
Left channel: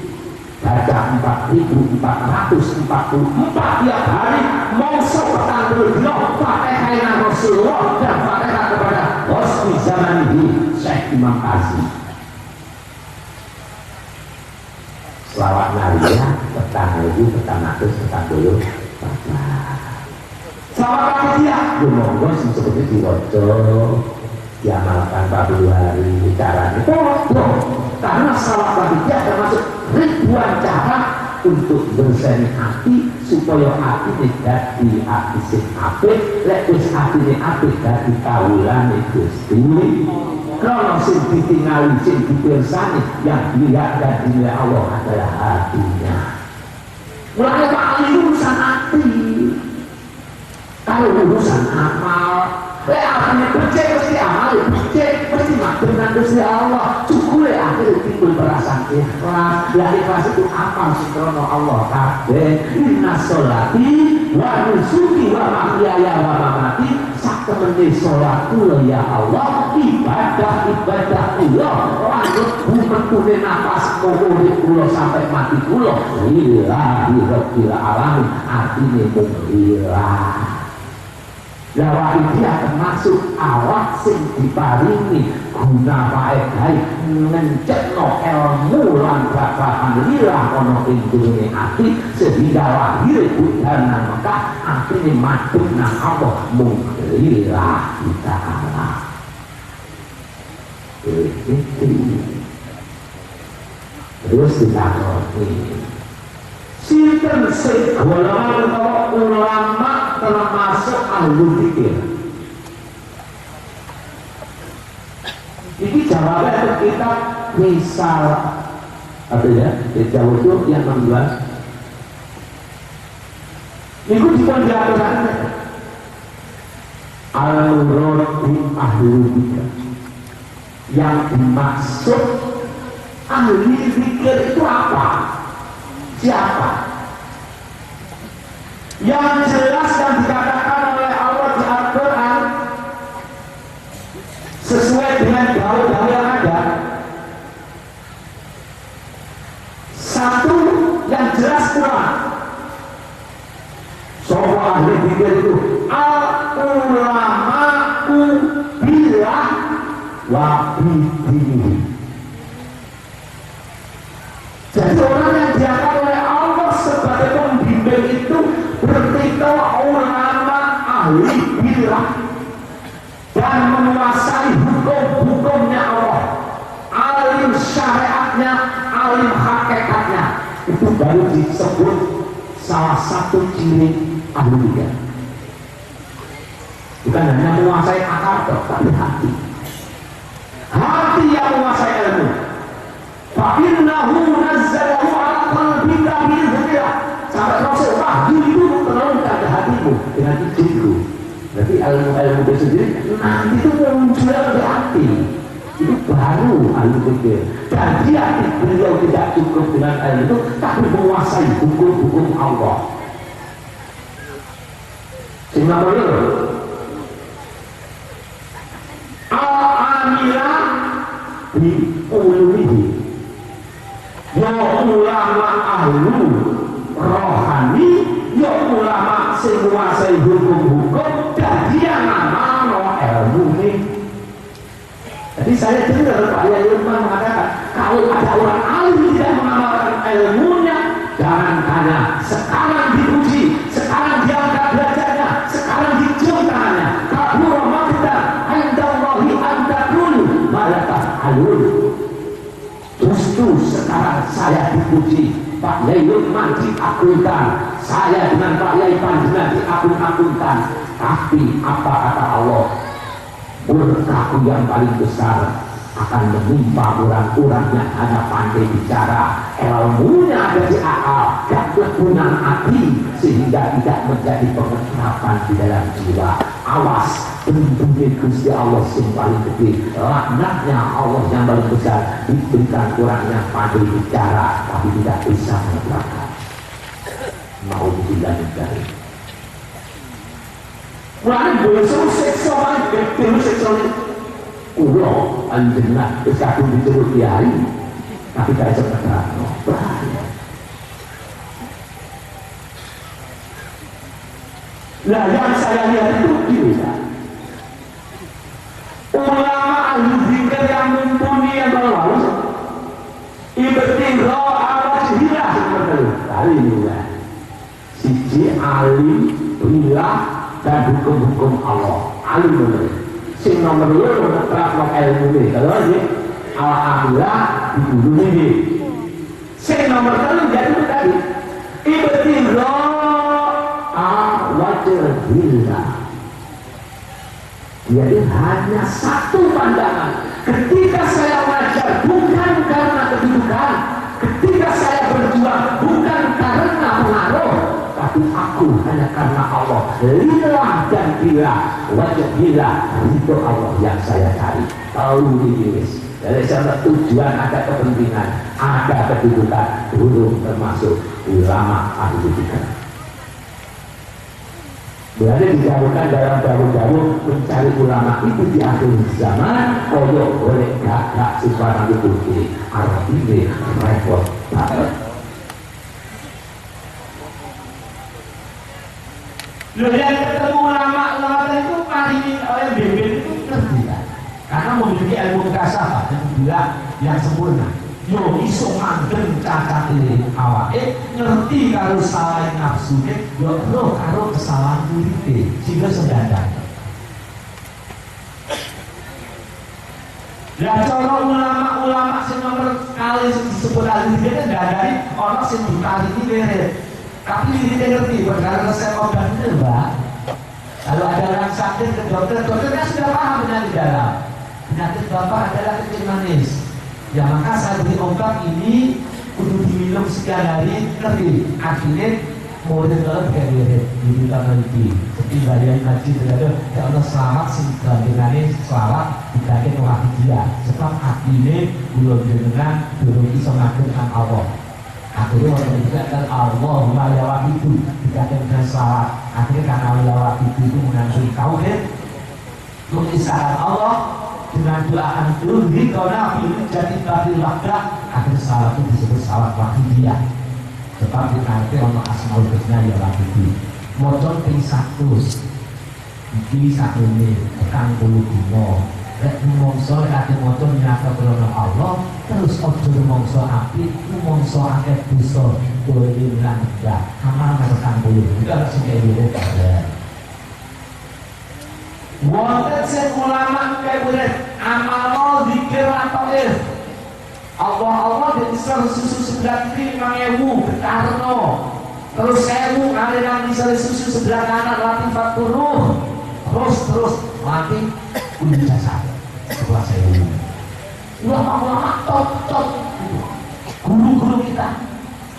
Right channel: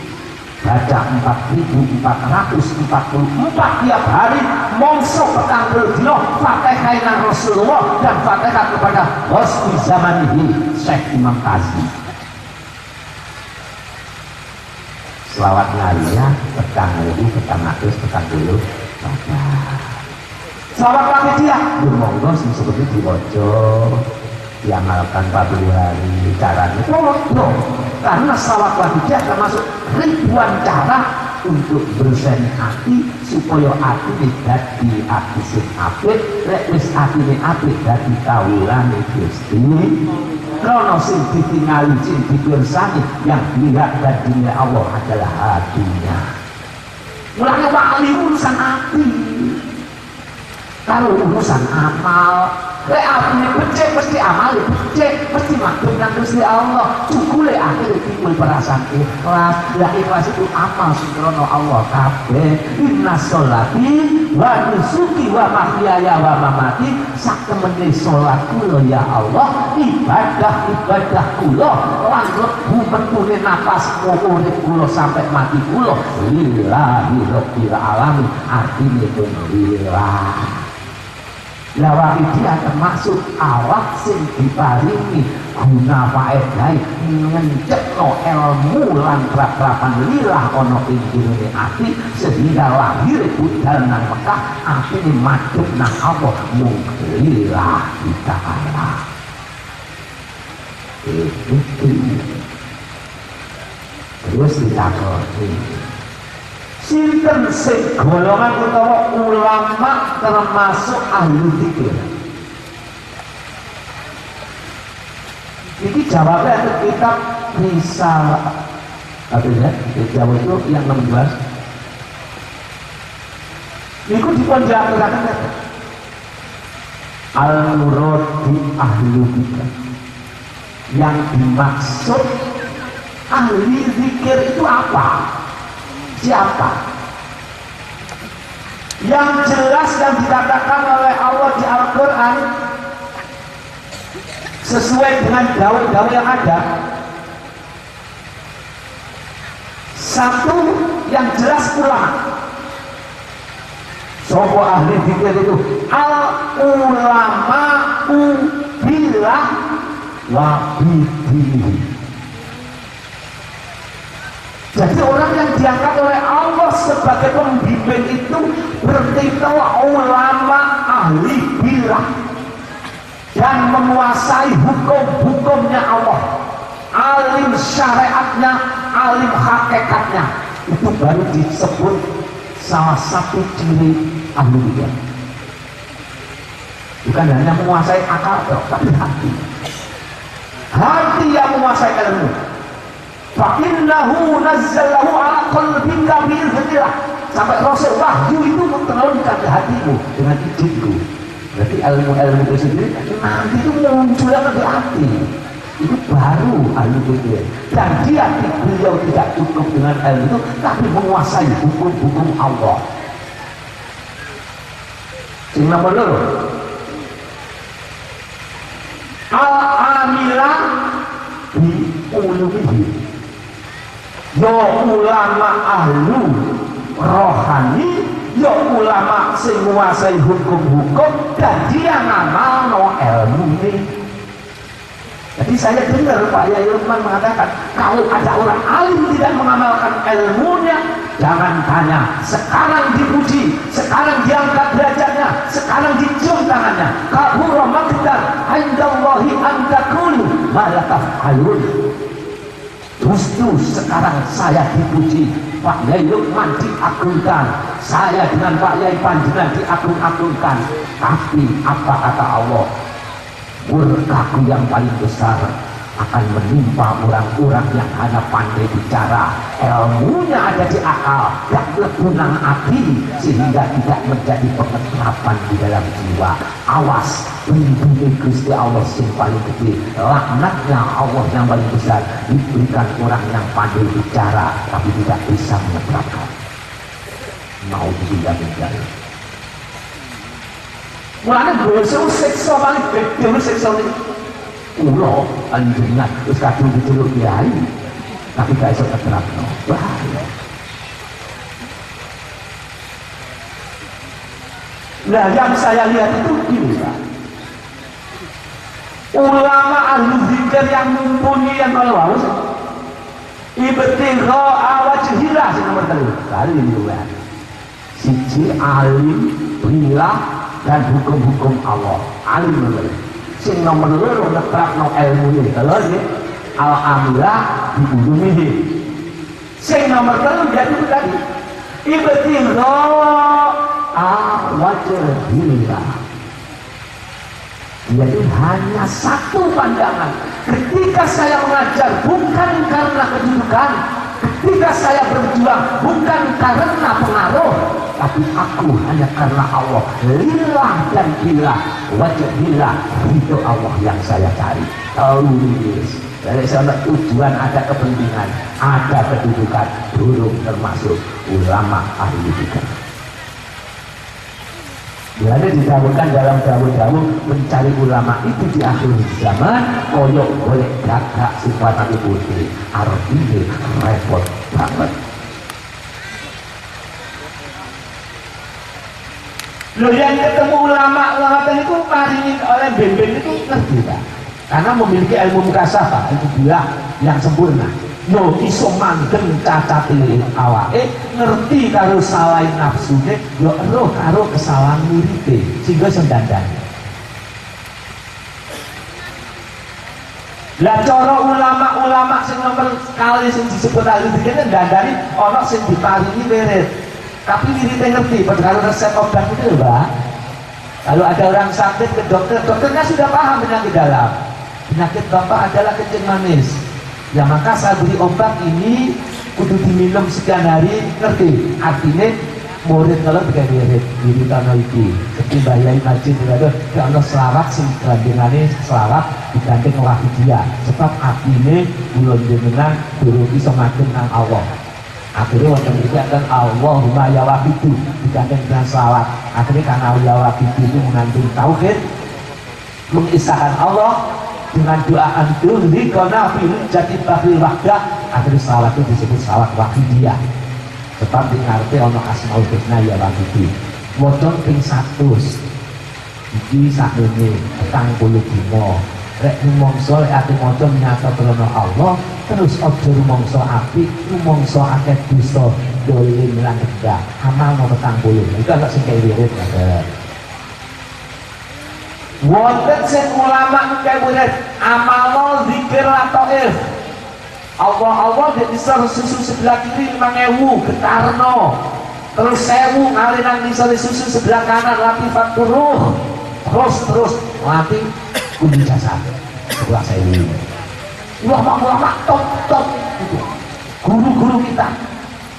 Baca 4.444 tiap hari, mongso petang dino pakai kainan Rasulullah dan pakai kepada Husni Zamanihi Syekh Imam Qasim. Selawat Maria petang lagi, petang atus, petang dulu. Selawat panitia, lu monggo sih sebetulnya diwaca, diamalkan pada hari caranya. Tolong, karena selawat panitia termasuk ribuan cara untuk berseni hati supaya hati tidak di hati sing apik. Lek wis atine apik dadi kawulane Gusti. Krono sing ditingali sing dipirsani yang dilihat dan dinilai Allah adalah hatinya. Mulanya paling urusan hati. Kalau urusan amal, artinya becek mesti amal, becek mesti makhluk nang Gusti Allah. Cukup akhir timbul perasaan ikhlas. Ya ikhlas itu amal sembrono Allah kabeh. Inna sholati wa nusuki wa mahyaya wa mamati, sak temene salat kula ya Allah, ibadah kula lan mlebu metune nafas urip kula sampai mati kula lillahi rabbil alamin. Artine mung lillah. Lawak dia termasuk awak sing diparingi guna faedah ngencetno ilmu lan prakrapan lirah ana ing durunge ati sehingga lahir budal nang Mekah atine madhep nang Allah mung lirah ta'ala. Terus ditakoni sinten sing golongan utawa ulama termasuk ahli fikih. Ini jawabnya itu kitab misal apa ya? Jawab itu yang 16. Itu dipenjelasan al-murad di ahli fikih. Yang dimaksud ahli fikih itu apa? Siapa? Yang jelas yang dikatakan oleh Allah di Al-Quran sesuai dengan daun-daun yang ada. Satu yang jelas pula sopo ahli fikih itu al-ulama'u billah wa bidinihi. Jadi orang yang diangkat oleh Allah sebagai pembimbing itu berarti ulama ahli billah dan menguasai hukum-hukumnya Allah, alim syariatnya, alim hakikatnya. Itu baru disebut salah satu ciri ahli billah. Bukan hanya menguasai akal, tapi hati. Hati yang menguasai ilmu. Fa'innahu nazzalahu ala qalbika bi'idhnillah. Sampai Rasul wahyu itu menurunkan ke hatimu dengan izinku. Berarti ilmu-ilmu itu sendiri nanti itu muncul di hati. Itu baru ahli fikih. Dan beliau tidak cukup dengan ilmu itu, tapi menguasai hukum-hukum Allah. Sehingga benar al-amila bi ulumihi. Yo ulama ahlu rohani, yo ulama sing menguasai hukum-hukum dan dia ngamalno ilmu ini. Jadi saya dengar Pak Yai Lukman mengatakan kalau ada orang alim tidak mengamalkan ilmunya, jangan tanya. Sekarang dipuji, sekarang diangkat derajatnya, sekarang dicium tangannya. Kabura maqtan indallahi an taqulu ma la taf'alun. Justru sekarang saya dipuji, Pak Yai Lukman diagungkan, saya dengan Pak Yai Panjenengan diagung-agungkan. Tapi apa kata Allah? Murkaku yang paling besar akan menimpa orang-orang yang hanya pandai bicara, ilmunya ada di akal dan kegunaan hati sehingga tidak menjadi pengeterapan di dalam jiwa. Awas, pelindungi Gusti Allah yang paling gede, laknatnya Allah yang paling besar diberikan orang yang pandai bicara tapi tidak bisa menerapkan. Mau tidak dari mulai besok seksa paling gede seksa ini ulo alhamdulillah terus kadung diceluk kiai tapi gak bisa menerapkan. Bahaya. Nah yang saya lihat itu gini Pak, ulama ahli zikir yang mumpuni yang lalu ibtighā wajhillah seperti kali ini ya, siji alim billah dan hukum-hukum Allah. Alim bener sing nomor loro ngeterapno ilmu ini kalau dia al-amlah dibunuhi. Sing nomor 3 itu tadi ibtighā wajhillah, yaitu hanya satu pandangan. Ketika saya mengajar bukan karena kedudukan, ketika saya berjuang bukan karena pengaruh, tapi aku hanya karena Allah. Lillah dan billah, wajah billah, itu Allah yang saya cari. Tulis dari sana tujuan, ada kepentingan, ada kedudukan, buruk termasuk ulama ahli fikih. Berada didahulukan dalam dahulu mencari ulama itu di akhir zaman. Koyok boleh gagak sifat Nabi Putri artinya repot banget. Loh, yang ketemu ulama itu maringin oleh beben itu ngerti kan? Karena memiliki ilmu mukasafah, itu bilang yang sempurna. Yo iso mandeng cacate awake, ngerti karo salahin nafsune, yo roh karo kesalahan muripe, sehingga sendandan. Lah cara ulama-ulama sing nomor kali sing disebut ahli fikih ndandani ana sing diparingi wirid. Tapi wiridnya ngerti, kalau resep obat itu Mbak. Kalau ada orang sakit ke dokter, dokternya sudah paham penyakit dalam. Penyakit bapak adalah kencing manis. Ya maka saat beri obat ini kudu diminum sekian hari, ngerti? Artinya murid kalau tidak wirid, wirid tanah itu. Seperti bayarin haji berada, kalau selawat sing bandingannya selawat dibanding orang dia. Sebab artinya bulan jenengan belum bisa makin dengan Allah. Akhirnya waktu dikatakan Allahumma ya wabidu dikatakan dengan selawat. Akhirnya karena ya wabidu itu mengandung tauhid, mengisahkan Allah dengan doa antum di kona film jadi bakhil wahdah. Akhirnya selawat itu disebut selawat wahidiyah. Sebab dikatakan Allah asmaul husna ya wabidu. Modal ping 100 iki sakune petang puluh dino. Rek rumangsa ati maca nyata krana Allah, terus aja rumangsa apik, rumangsa akeh dosa, dolim lan tegak. Amal nomor 40. Itu agak sing kene ya. Wonten sing ulama kaya wirid amal zikir ataif. Allah bisa susu sebelah kiri 5.000 getarno. Terus 1.000 kali nang isore susu sebelah kanan latifat turuh. Terus mati kunci jasa sebelah 1.000. Ulama-ulama top guru-guru kita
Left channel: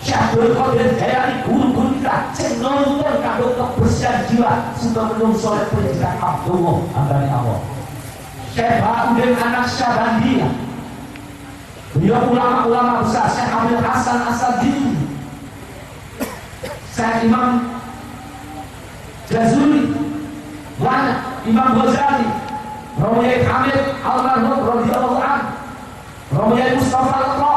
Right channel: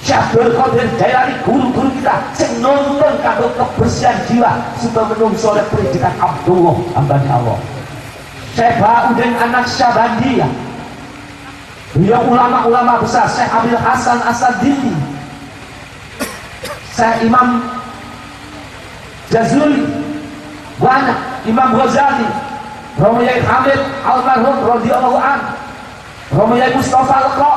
Syabul Qadir Jailani, guru-guru kita sing nonton kanggo kebersihan jiwa supaya menungso oleh pendidikan Abdullah hambane Allah. Syekh Ba'udin Anak Syabandiyah, beliau ulama-ulama besar. Syekh Abil Hasan Asadili, Syekh Imam Jazuli, banyak Imam Ghazali, Romaiyah Hamid Almarhum radhiyallahu anhu, Romaiyah Mustafa Al-Qa,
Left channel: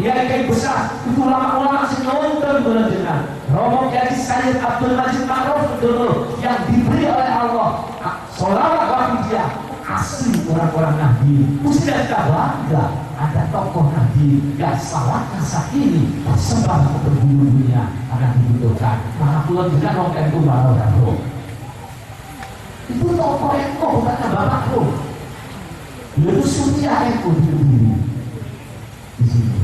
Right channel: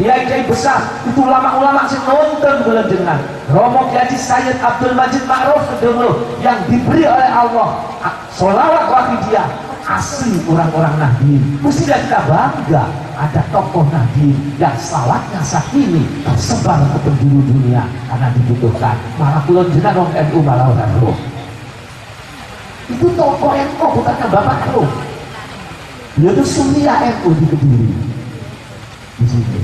kiai besar itu ulama-ulama sing nonton bulan jenengan. Romo Kiai Sayyid Abdul Majid Ma'ruf dulu yang diberi oleh Allah sholawat wafidiyah asli orang-orang Nahdien. Mesti kita bangga ada tokoh Nahdien yang salahnya sakini tersebar ke penjuru dunia karena dibutuhkan. Malah pulau jenengan orang NU malah orang roh. Itu tokoh NU bukannya bapak roh. Dia itu Sunniyah NU di Kediri. Di sini.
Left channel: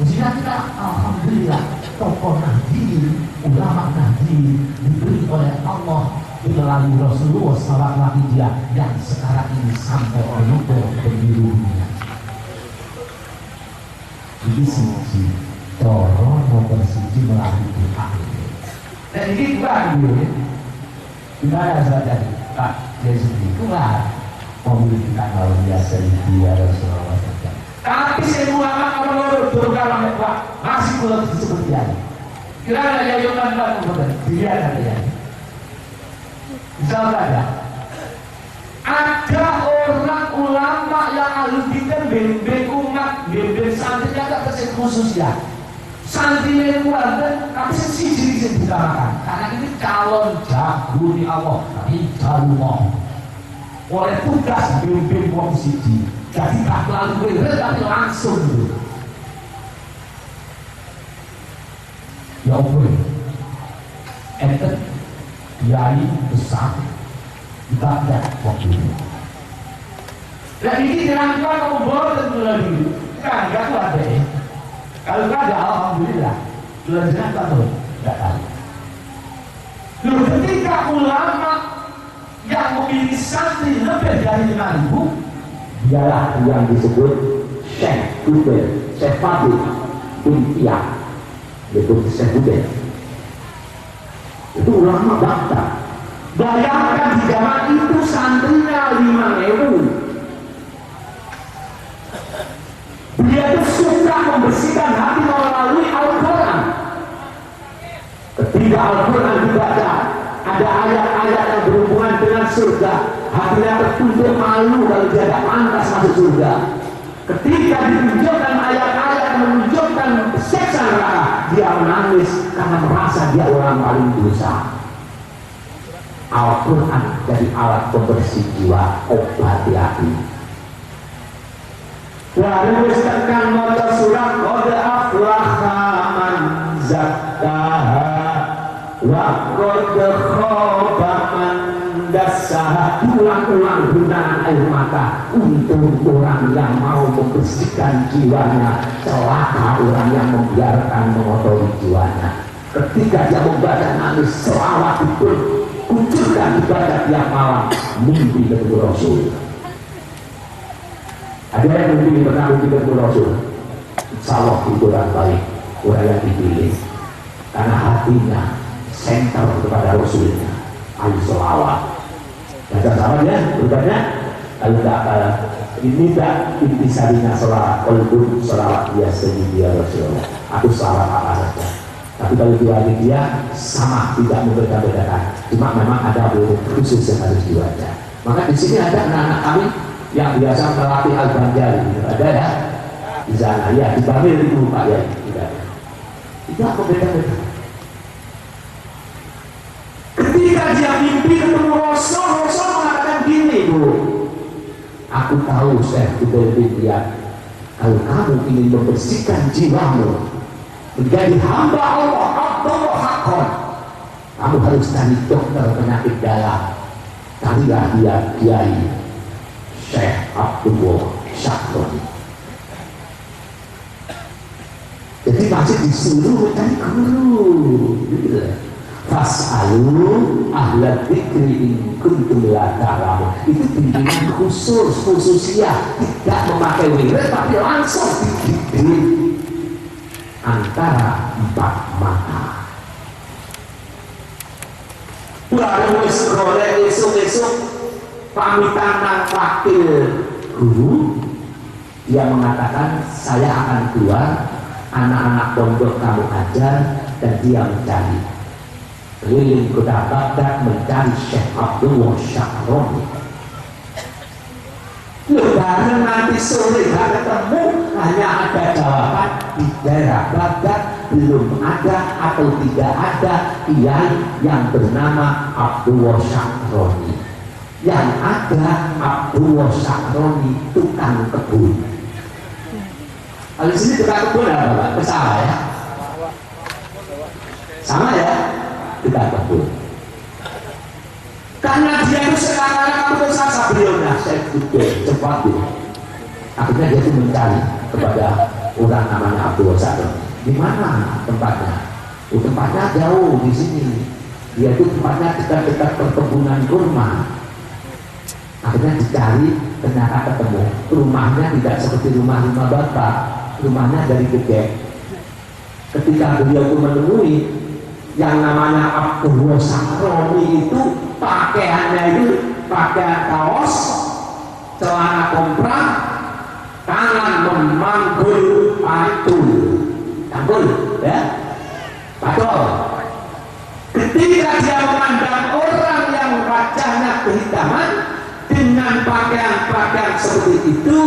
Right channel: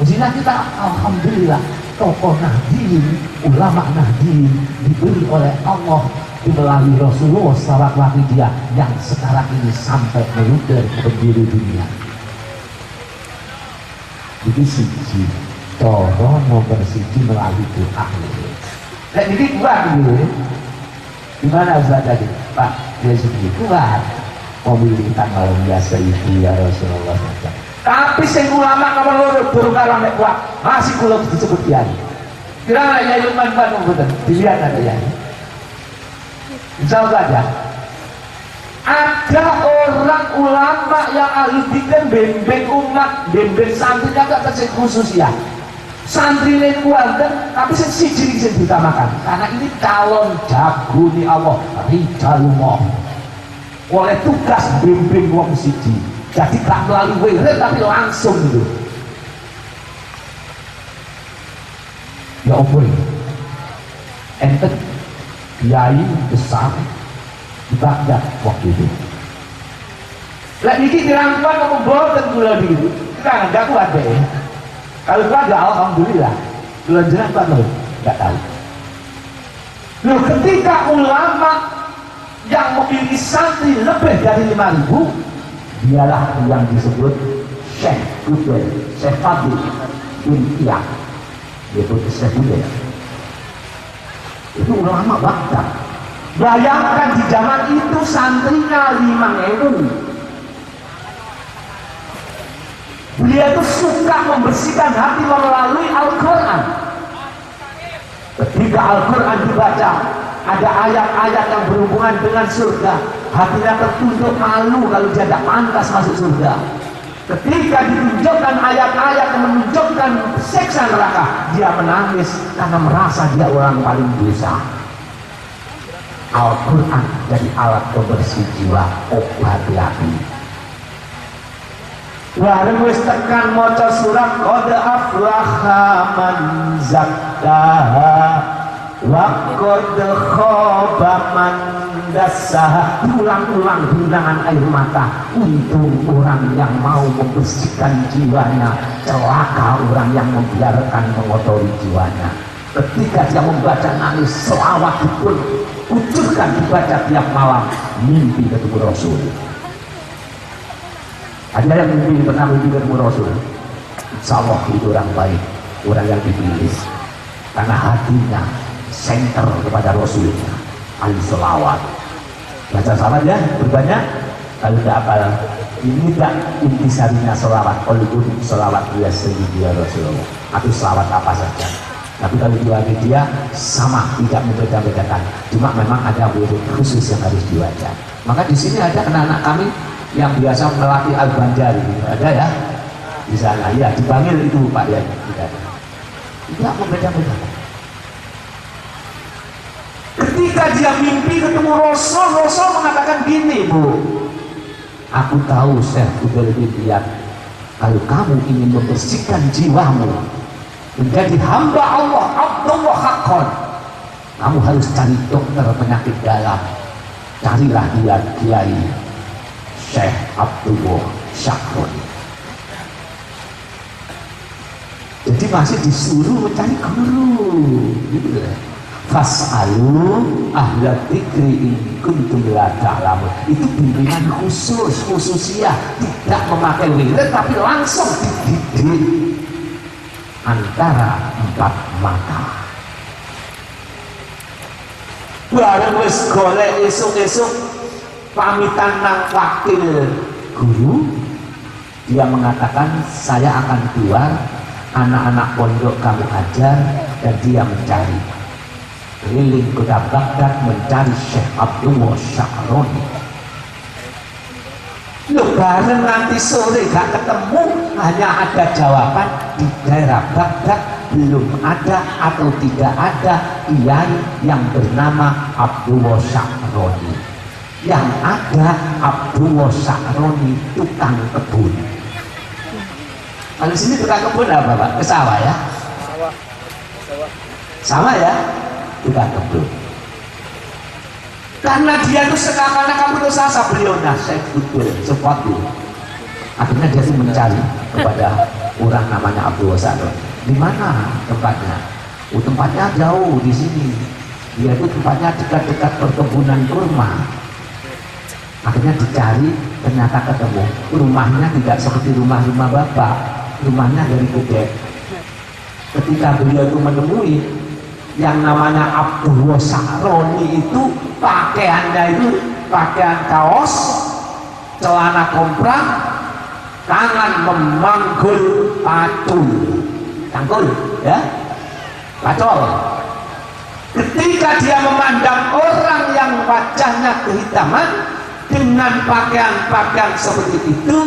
Mestinya kita alhamdulillah tokoh Nahdien, ulama Nahdien diberi oleh Allah melalui Rasulullah SAW yang sekarang ini sampai meluber penjuru dunia. Jadi siji, toro nomor siji melalui doa. Dan ini kuat dulu. Gimana Ustaz tadi? Pak, Yesus ini kuat. Memiliki tanggal biasa itu ya Rasulullah SAW. Tapi saya ulama kalau loro durung kalah nek kuat masih kula disebut kiai. Kira ya yo mantan mboten. Dilihat ada ya. Insyaallah ada. Ada orang ulama yang ahli fikih bimbing umat, bimbing santri agak terus khusus ya. Santri ini kuat tapi siji sing ditamakan. Karena ini calon jago ni Allah, tapi jalumah. Oleh tugas bimbing wong siji. Jadi tak terlalu wirid tapi langsung gitu. Ya Allah, ente kiai besar dibaca waktu itu. Lah ini dirangkul kamu bawa dan gula dulu. Kan enggak kuat deh. Kalau enggak alhamdulillah. Gula jenang kan enggak tahu. Loh, ketika ulama yang memiliki santri lebih dari 5.000, dialah yang disebut Syekh Budair, Syekh Fadil Untiah, yaitu Syekh Budair. Itu ulama bangsa. Bayangkan di zaman itu santrinya 5.000. Beliau itu suka membersihkan hati melalui Al-Quran. Ketika Al-Quran dibaca, ada ayat-ayat yang berhubungan dengan surga, hatinya tertunduk malu kalau dia tidak pantas masuk surga. Ketika ditunjukkan ayat-ayat yang menunjukkan siksa neraka, dia menangis karena merasa dia orang paling dosa. Al-Quran jadi alat pembersih jiwa, obat hati. Lalu wis tekan maca surat qad aflaha man zakkaha wa qad khaba man dassaha. Ulang-ulang genangan air mata untuk orang yang mau membersihkan jiwanya, celaka orang yang membiarkan mengotori jiwanya. Ketika dia membaca nangis selawat pun kucurkan dibaca tiap malam, mimpi ketemu Rasul. Ada yang mimpi pernah mimpi ketemu Rasul? Insya Allah itu orang baik, orang yang dipilih karena hatinya senter kepada Rasul. Alaihi selawat. Baca salat ya, berbanyak. Kalau tidak apa, ini tak intisarinya selawat. Kalau selawat biasa dia Rasulullah. Aku selawat apa saja. Tapi kalau diwali dia sama, tidak membeda-bedakan. Cuma memang ada huruf khusus yang harus dibaca. Maka di sini ada anak-anak kami yang biasa melatih Al-Banjar, gitu. Ada ya di sana. Ya dipanggil itu Pak ya. Tidak membeda-beda. Ketika dia mimpi ketemu Rasul, Rasul mengatakan gini, Bu. Aku tahu Syekh udah lebih lihat. Kalau kamu ingin membersihkan jiwamu menjadi hamba Allah, Abdullah Haqqan, kamu harus cari dokter penyakit dalam. Carilah dia Kiai Syekh Abdullah Syakroni. Jadi masih disuruh cari guru gitu. Fas'alu ahla dzikri in kuntum la ta'lamun. Itu bimbingan khususiah, tidak memakai wirid tapi langsung dididik antara empat mata. Baru wis golek esuk-esuk pamitan nang wakil guru, dia mengatakan saya akan keluar, anak-anak pondok kamu ajar, dan dia mencari keliling kota Baghdad mencari Syekh Abdullah Syakroni. Lebaran nanti sore gak ketemu, hanya ada jawaban di daerah Baghdad belum ada atau tidak ada kiai yang bernama Abdullah Syakroni. Yang ada Abdullah Syakroni tukang kebun. Di sini tukang kebun apa Pak? Kesawah ya? Sama ya? Tukang kebun. Karena dia itu sekarang kamu sasa beliau nasihat itu cepat dulu. Akhirnya dia mencari kepada orang namanya Abdullah Syakroni. Di mana tempatnya? Oh, tempatnya jauh di sini. Dia itu tempatnya dekat-dekat perkebunan kurma. Akhirnya dicari, ternyata ketemu. Rumahnya tidak seperti rumah-rumah bapak. Rumahnya dari Bukit. Ketika beliau itu menemui yang namanya Abdullah Syakroni, itu pakaiannya itu pakaian kaos, celana komprak, tangan memanggul patul, tanggul, ya, pacol. Ketika dia memandang orang yang wajahnya kehitaman dengan pakaian-pakaian seperti itu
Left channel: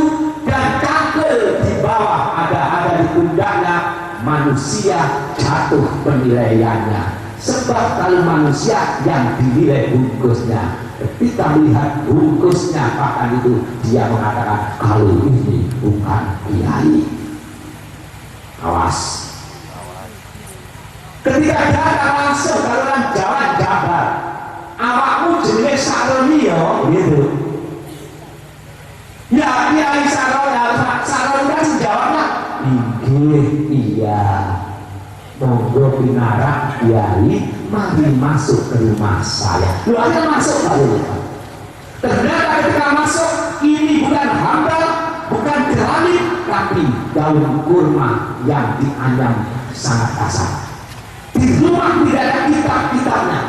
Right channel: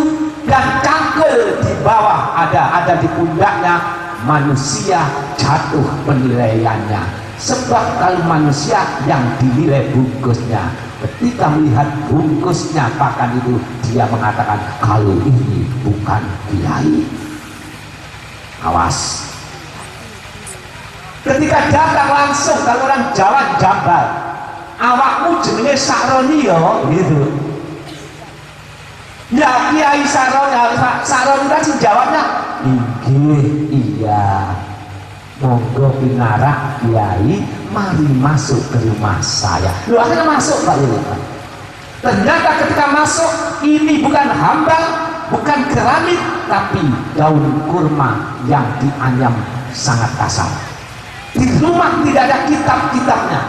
dan cangkul di bawah ada di pundaknya, manusia jatuh penilaiannya. Sebab kalau manusia yang dinilai bungkusnya, ketika melihat bungkusnya pakaian itu, dia mengatakan kalau ini bukan kiai. Awas. Ketika datang langsung kalau orang Jawa Jabar, awakmu jenenge Syakroni yo, gitu. Ya Kiai Syakroni, Syakroni kan jawabnya, iya. Monggo pinarak Kiai, mari masuk ke rumah saya. Lu akhirnya masuk kali ini. Ternyata ketika masuk, ini bukan hambal, bukan keramik, tapi daun kurma yang dianyam sangat kasar. Di rumah tidak ada kitab-kitabnya,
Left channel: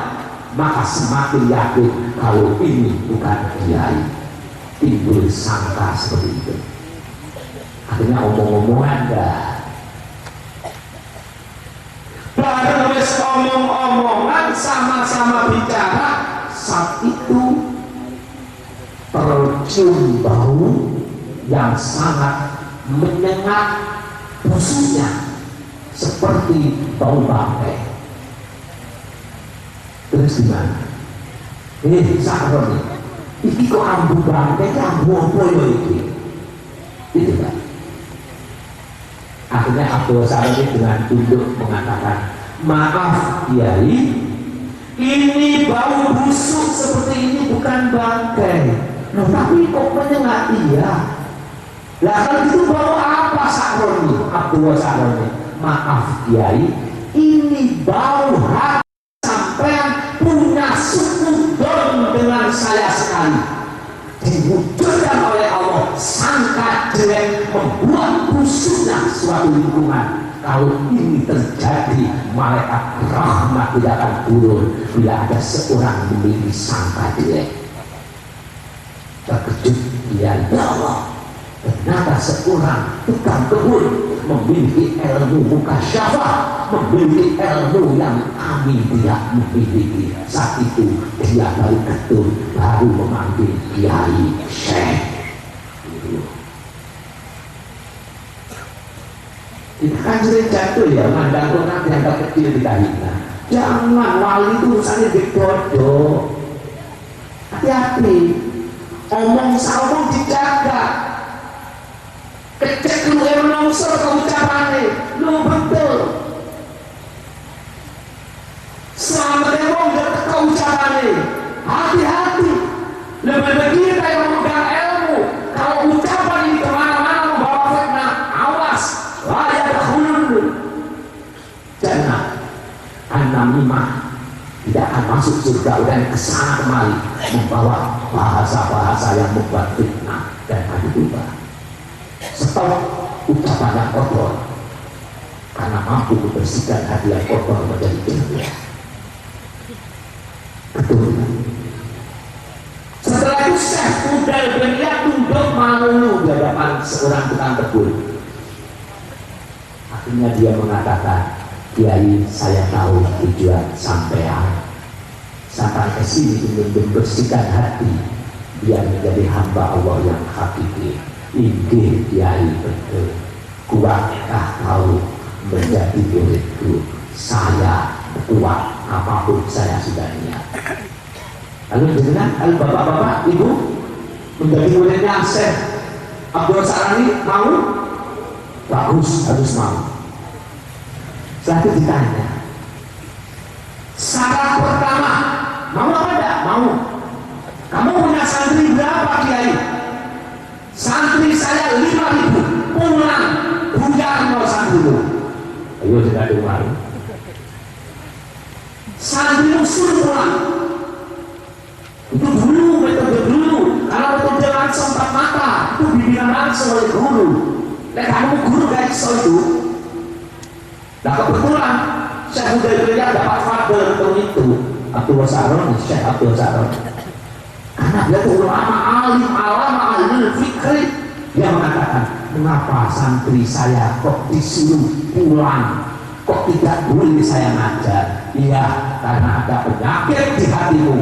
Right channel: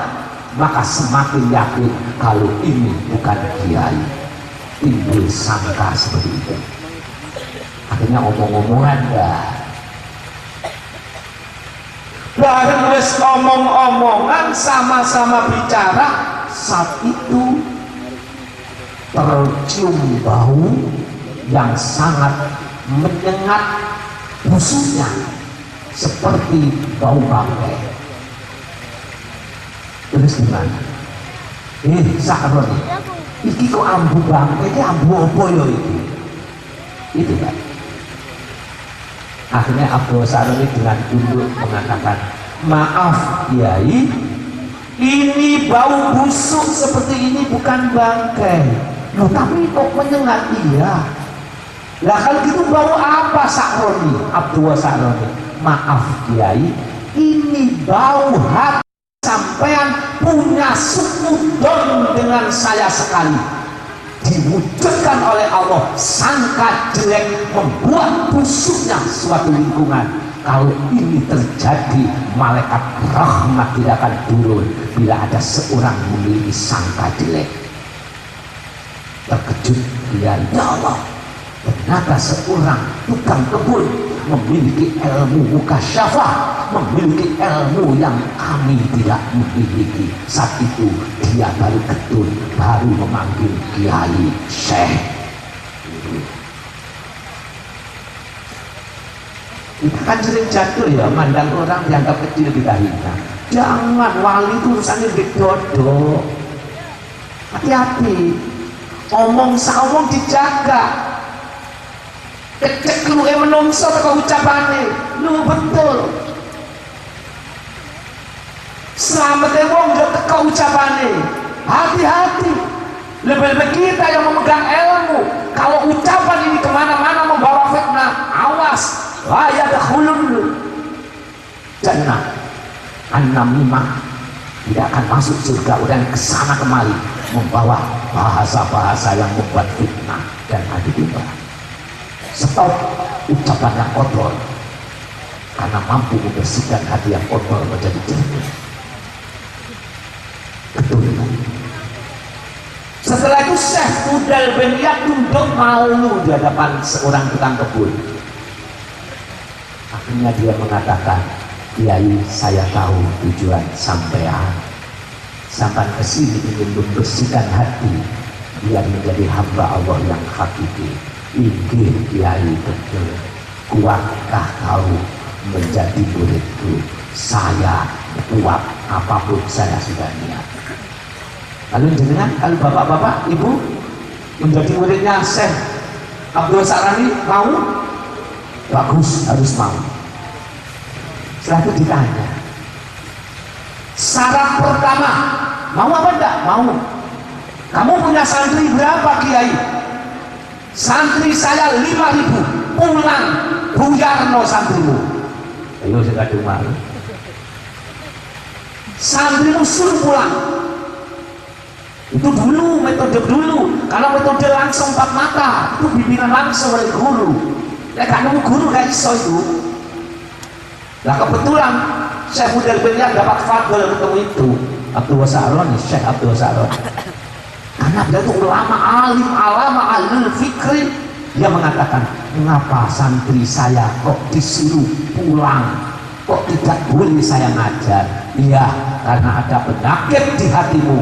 maka semakin yakin kalau ini bukan Kiai. Timbul sangka seperti itu. Akhirnya omong-omongan dah. Bareng wis omong-omongan, sama-sama bicara, saat itu tercium bau yang sangat menyengat, khususnya seperti bau bangkai. Terus gimana? Sakroni iki kok ambu banget, ini ambu apa ya iki? Itu kan akhirnya Abdul Saroni dengan tunduk mengatakan, maaf Kiai, ini bau busuk seperti ini bukan bangkai. Loh, tapi kok menyengat? Iya. Lah kalau gitu bau apa Sakroni? Abdul Saroni, maaf Kiai, ini bau hati sampean punya sukudon dengan saya sekali. Diwujudkan oleh Allah sangka jelek membuat busuknya suatu lingkungan. Kalau ini terjadi, malaikat rahmat tidak akan turun bila ada seorang memiliki sangka jelek. Terkejut dia, ya Allah, ternyata seorang tukang kebun memiliki ilmu mukasyafah, memiliki ilmu yang kami tidak memiliki. Saat itu dia baru betul, baru memanggil Kiai Syekh. Kita kan sering jatuh ya, mandang orang dianggap kecil kita hina. Jangan, wali itu urusannya bedodo. Hati-hati, omong saomong dijaga. Kecek lu yang melongsor ke ucapannya, lu betul. Selamat wong udah ke ucapannya, hati-hati. Lebih-lebih kita yang memegang ilmu, kalau ucapan ini kemana-mana membawa fitnah, awas, waya dahulun lu. Jannah, an-namimah tidak akan masuk surga dan kesana kemari membawa bahasa-bahasa yang membuat fitnah dan adu domba. Stop ucapan yang kotor, karena mampu membersihkan hati yang kotor menjadi jernih. Betul. Setelah itu Syekh Fudal bin Iyad tunduk malu di hadapan seorang tukang kebun. Akhirnya dia mengatakan, Kiai, saya tahu tujuan sampean. Sampai ke sini ingin membersihkan hati biar menjadi hamba Allah yang hakiki. Inggih Kiai betul, kuatkah kau menjadi muridku? Saya kuat, apapun saya sudah niat. Lalu jenengan, bapak-bapak, ibu menjadi muridnya Syekh Abdul Saroni mau? Bagus, harus mau. Setelah itu ditanya, syarat pertama, mau apa enggak? Mau. Kamu punya santri berapa Kiai? Santri saya 5.000, pulang Buyarno santrimu. Ayo sudah dengar. Santrimu suruh pulang. Itu dulu, metode dulu. Kalau metode langsung tak mata, itu pimpinan langsung oleh guru. Dan kamu guru gak iso itu. Nah kebetulan Syekh Fudal bin Iyad dapat fadl untuk itu. Abdul Saroni, Syekh Abdul Saroni. Karena dia itu ulama alim, alama alim fikri. Dia mengatakan, mengapa santri saya kok disuruh pulang, kok tidak boleh saya ngajar? Iya, karena ada penyakit di hatimu.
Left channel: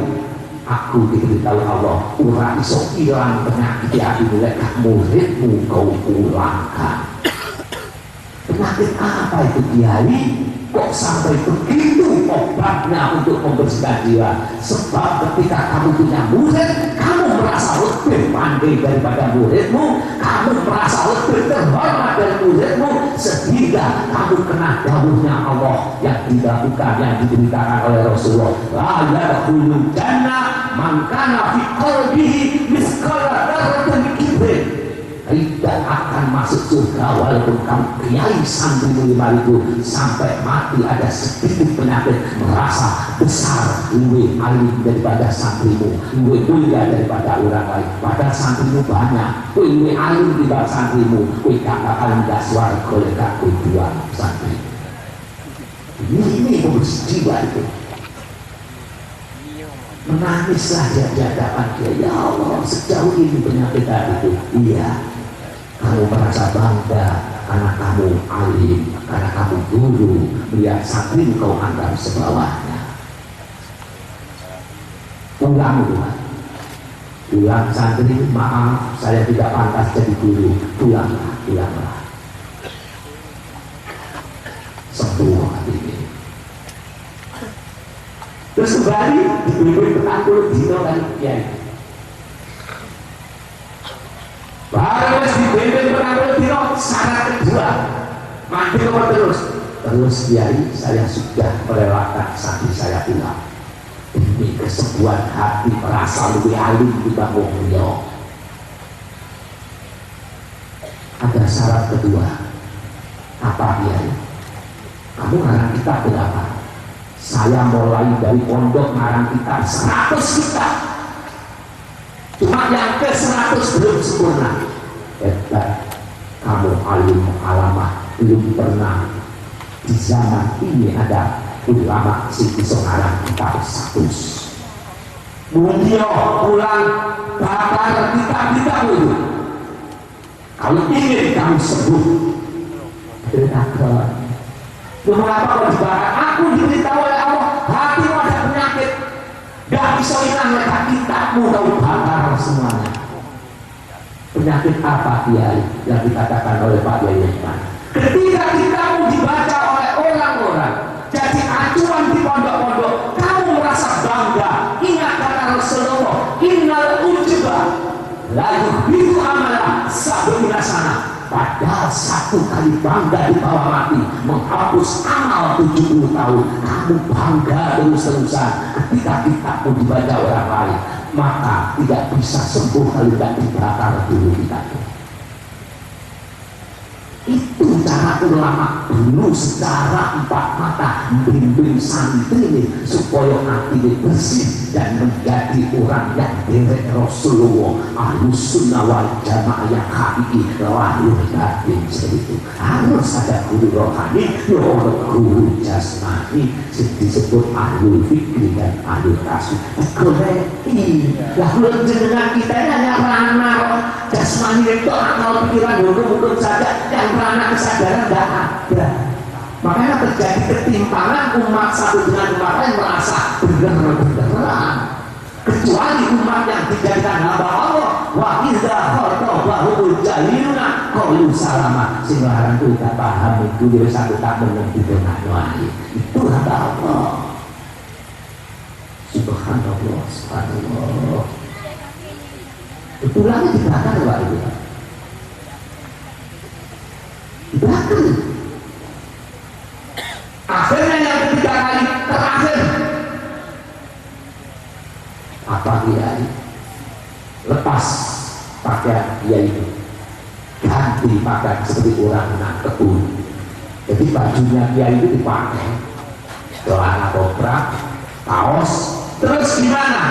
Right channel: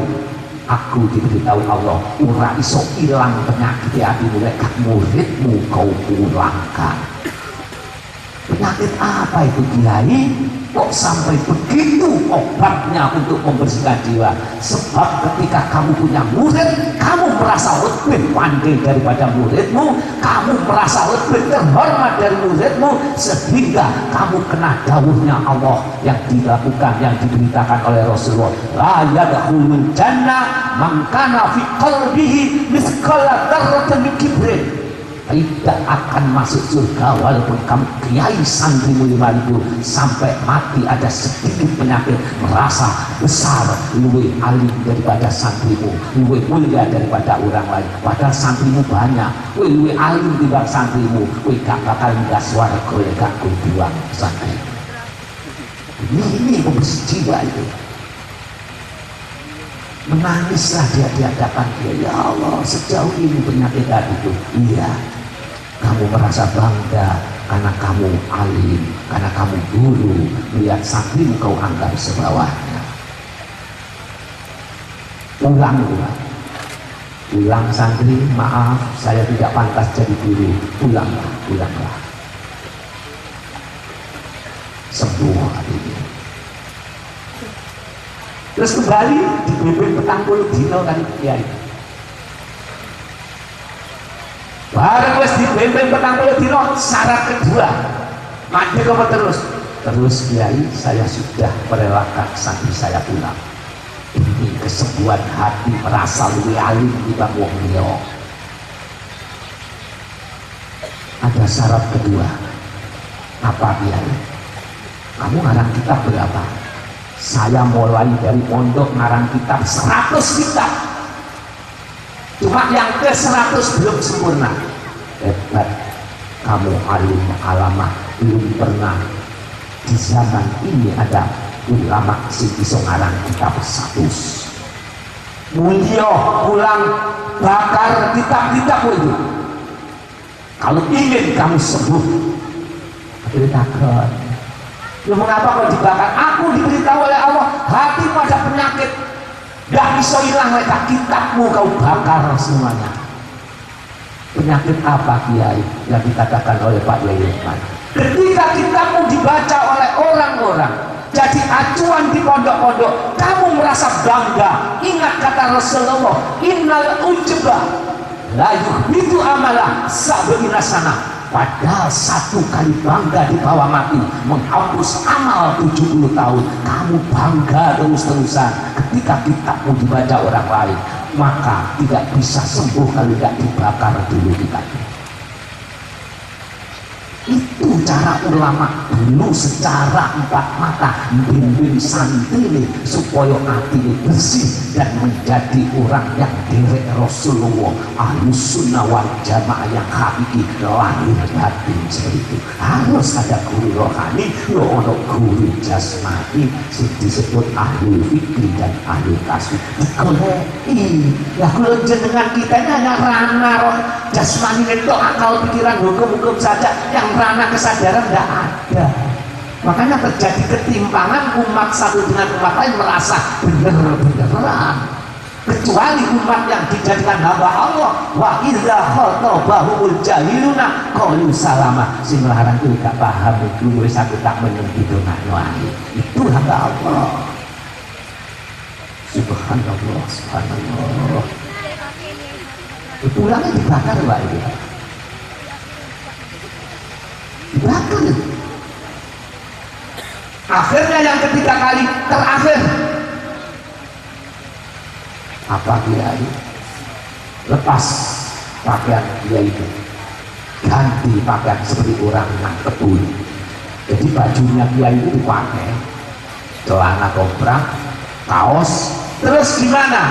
Aku diberitahu Allah, ora iso hilang penyakit di hatimu, lek muridmu kau pulangkan. Penyakit apa itu Kiai? Kok sampai begitu obatnya untuk membersihkan dia? Sebab ketika kamu punya murid, kamu merasa lebih pandai daripada muridmu, kamu merasa lebih terhormat dari muridmu, sehingga kamu kena dawuhnya Allah yang dilakukan, yang diberitakan oleh Rasulullah. La yadkhulul jannah man kana fi qalbihi mithqala dzarratin min kibrin. Tidak akan masuk surga walaupun kamu kiai santrimu 5.000 sampai mati ada sedikit penyakit merasa besar, lebih alim daripada santrimu, lebih mulia daripada orang lain. Padahal santrimu banyak, lebih alim daripada santrimu, gak akan gak suara gak kuduan santri. Ini jiwa itu. Menangislah dia di hadapan dia, ya Allah, sejauh ini penyakit itu. Iya, kamu merasa bangga karena kamu alim, karena kamu guru, melihat santri kau anggap sebawahnya. Pulang santri, maaf saya tidak pantas jadi guru. Pulanglah. Sembuh hatinya. Terus kembali dibimbing petang puluh dino dari kiai. Baru wis dibenteng petang puluh dino, syarat kedua mandek apa terus kiai, saya sudah merelakan sapi saya pulang. Ini kesembuhan hati merasa lebih alim dibanding wong liya. Ada syarat kedua. Apa kiai? Kamu ngarang kitab berapa? Saya mulai dari pondok ngarang kitab 100 kitab. Cuma yang ke 100 belum sempurna. Hebat, kamu alim alamah, belum pernah di zaman ini ada ulama sing bisa ngarang kitab 100. Mulia pulang bakar kitab-kitab itu. Kalau ingin kamu sembuh, beritakan. Lu mengapa kau dibakar? Aku diberitahu oleh Allah, hatimu ada penyakit. Dah bisa hilang letak kitabmu kau bakar semuanya. Penyakit apa kiai yang dikatakan oleh Pak Yayukan? Ketika kitabmu dibaca oleh orang-orang, jadi acuan di pondok-pondok, kamu merasa bangga. Ingat kata Rasulullah, innal ujba la yuhbitu amalah sab'ina sanah. Padahal satu kali bangga di bawah mati menghapus amal 70 tahun. Kamu bangga terus-terusan ketika kitabmu dibaca orang lain, maka tidak bisa sembuh kalau tidak dibakar dulu kitabnya. Itu cara ulama dulu secara empat mata membimbing santri supaya hati bersih dan menjadi orang yang derek Rasulullah, Ahlus Sunnah wal Jamaah yang hakiki lahir batin. Itu harus ada guru rohani, guru jasmani, disebut ahli fikri dan ahli kasih. Koleki lah jenengan kita ini hanya ranah jasmani itu akal pikiran hukum-hukum saja, yang ranah kesadaran tidak ada. Makanya terjadi ketimpangan umat satu dengan umat lain merasa benar-benaran, kecuali umat yang dijadikan hamba Allah. Wa idza khatabahumul jahiluna qalu salama. Sing larang kuwi gak paham itu wis aku tak mengerti wae. Itu hamba Allah. Subhanallah, subhanallah. Tulangnya dibakar wae. Dibakar. Akhirnya yang ketiga kali terakhir apa kiai? Lepas pakaian dia itu, ganti pakaian seperti orang yang kebun. Jadi bajunya kiai itu dipakai, celana toprak, kaos. Terus gimana?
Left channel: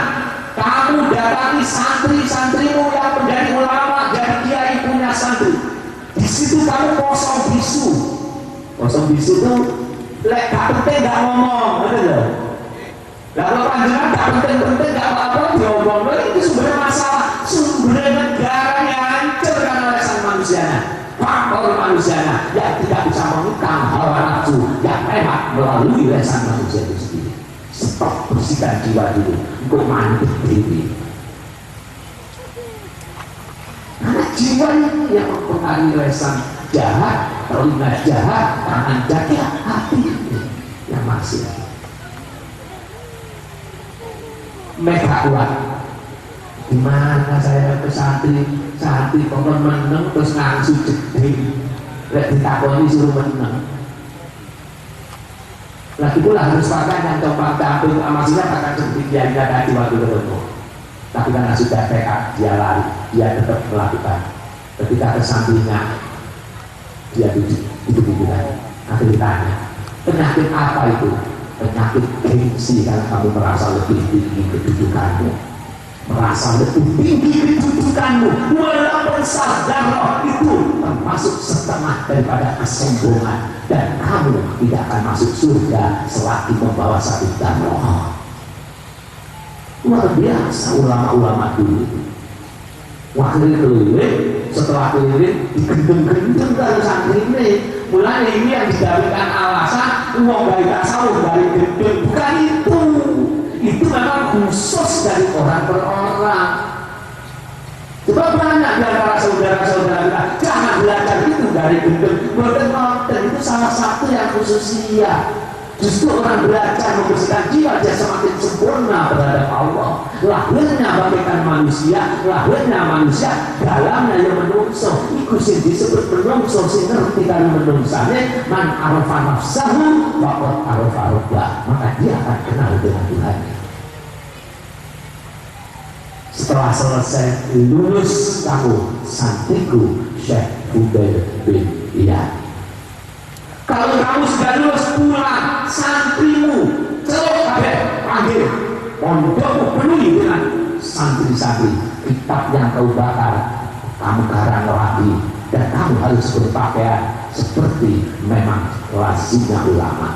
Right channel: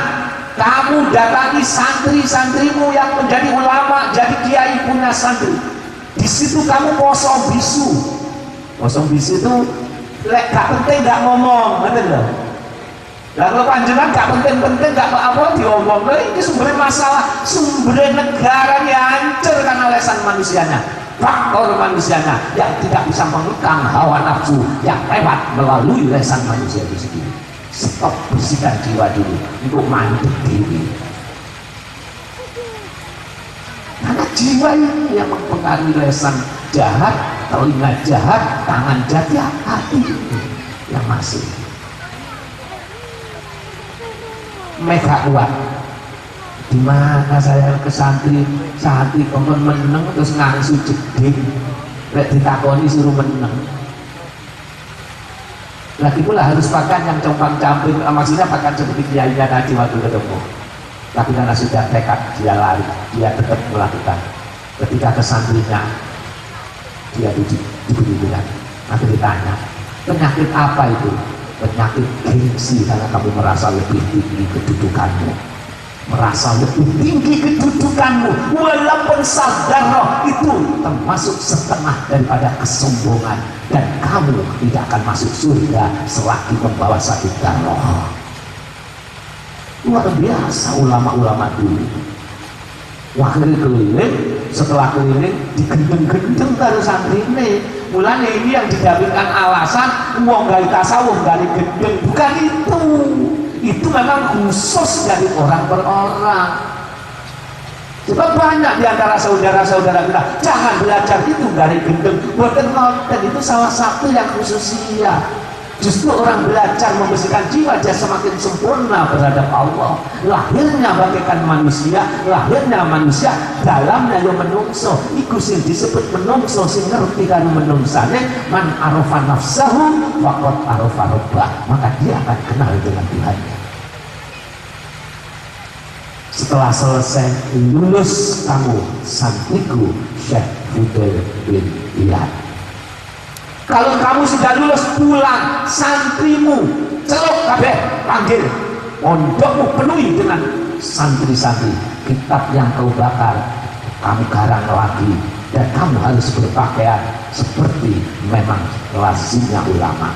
Kamu datangi santri-santrimu yang menjadi ulama, jadi kiai punya santri. Di situ kamu kosong bisu. Kosong bisu itu lek gak penting gak ngomong, betul loh. Lalu panjangan gak penting-penting gak apa-apa diomong. Itu sumbernya masalah, sumbernya negara yang hancur karena lesan manusianya, faktor manusianya yang tidak bisa menukang hawa nafsu yang hebat melalui lesan manusia itu sendiri. Stop, bersihkan jiwa dulu untuk mandi diri. Karena jiwa ini yang mempengaruhi lesan jahat, telinga jahat, tangan jahat, hati yang masih. Mereka kuat. Dimana saya ke santri pengen meneng terus ngangsu jeding, lek ditakoni suruh meneng. Lagi pula harus pakai yang compang campur, maksudnya pakai seperti kiai tadi waktu ketemu. Tapi karena sudah tekad dia lari, dia tetap melakukan. Ketika ke santrinya, dia duduk-dudukan. Nanti ditanya, penyakit apa itu? Penyakit gengsi, karena kamu merasa lebih tinggi kedudukanmu, merasa lebih tinggi kedudukanmu. Walaupun sadar itu termasuk setengah daripada kesombongan, dan kamu tidak akan masuk surga selagi membawa satu darah. Luar biasa ulama-ulama dulu. Wah, keliling, setelah keliling digendeng-gendeng kalau santri ini. Mulanya ini yang dijadikan alasan uang dari tasawuf, dari gendeng. Bukan itu. Itu memang khusus dari orang per orang. Coba banyak di antara saudara-saudara kita, jangan belajar itu dari gendeng. Boten konten itu salah satu yang khususia. Justru orang belajar membersihkan jiwa, dia semakin sempurna terhadap Allah. Lahirnya bagaikan manusia, lahirnya manusia, dalamnya yang menungso. Iku sing disebut menungso, sing ngerti karena menungsane. Man arafa nafsahu waqad arafa rabbah, maka dia akan kenal dengan Tuhannya. Setelah selesai lulus kamu santriku Syekh Fudail bin Iyad. Kalau kamu sudah lulus pulang, santrimu celok kabeh panggil, pondokmu penuhi dengan santri-santri. Kitab yang kau bakar kamu garang lagi, dan kamu harus berpakaian seperti memang lazimnya ulama.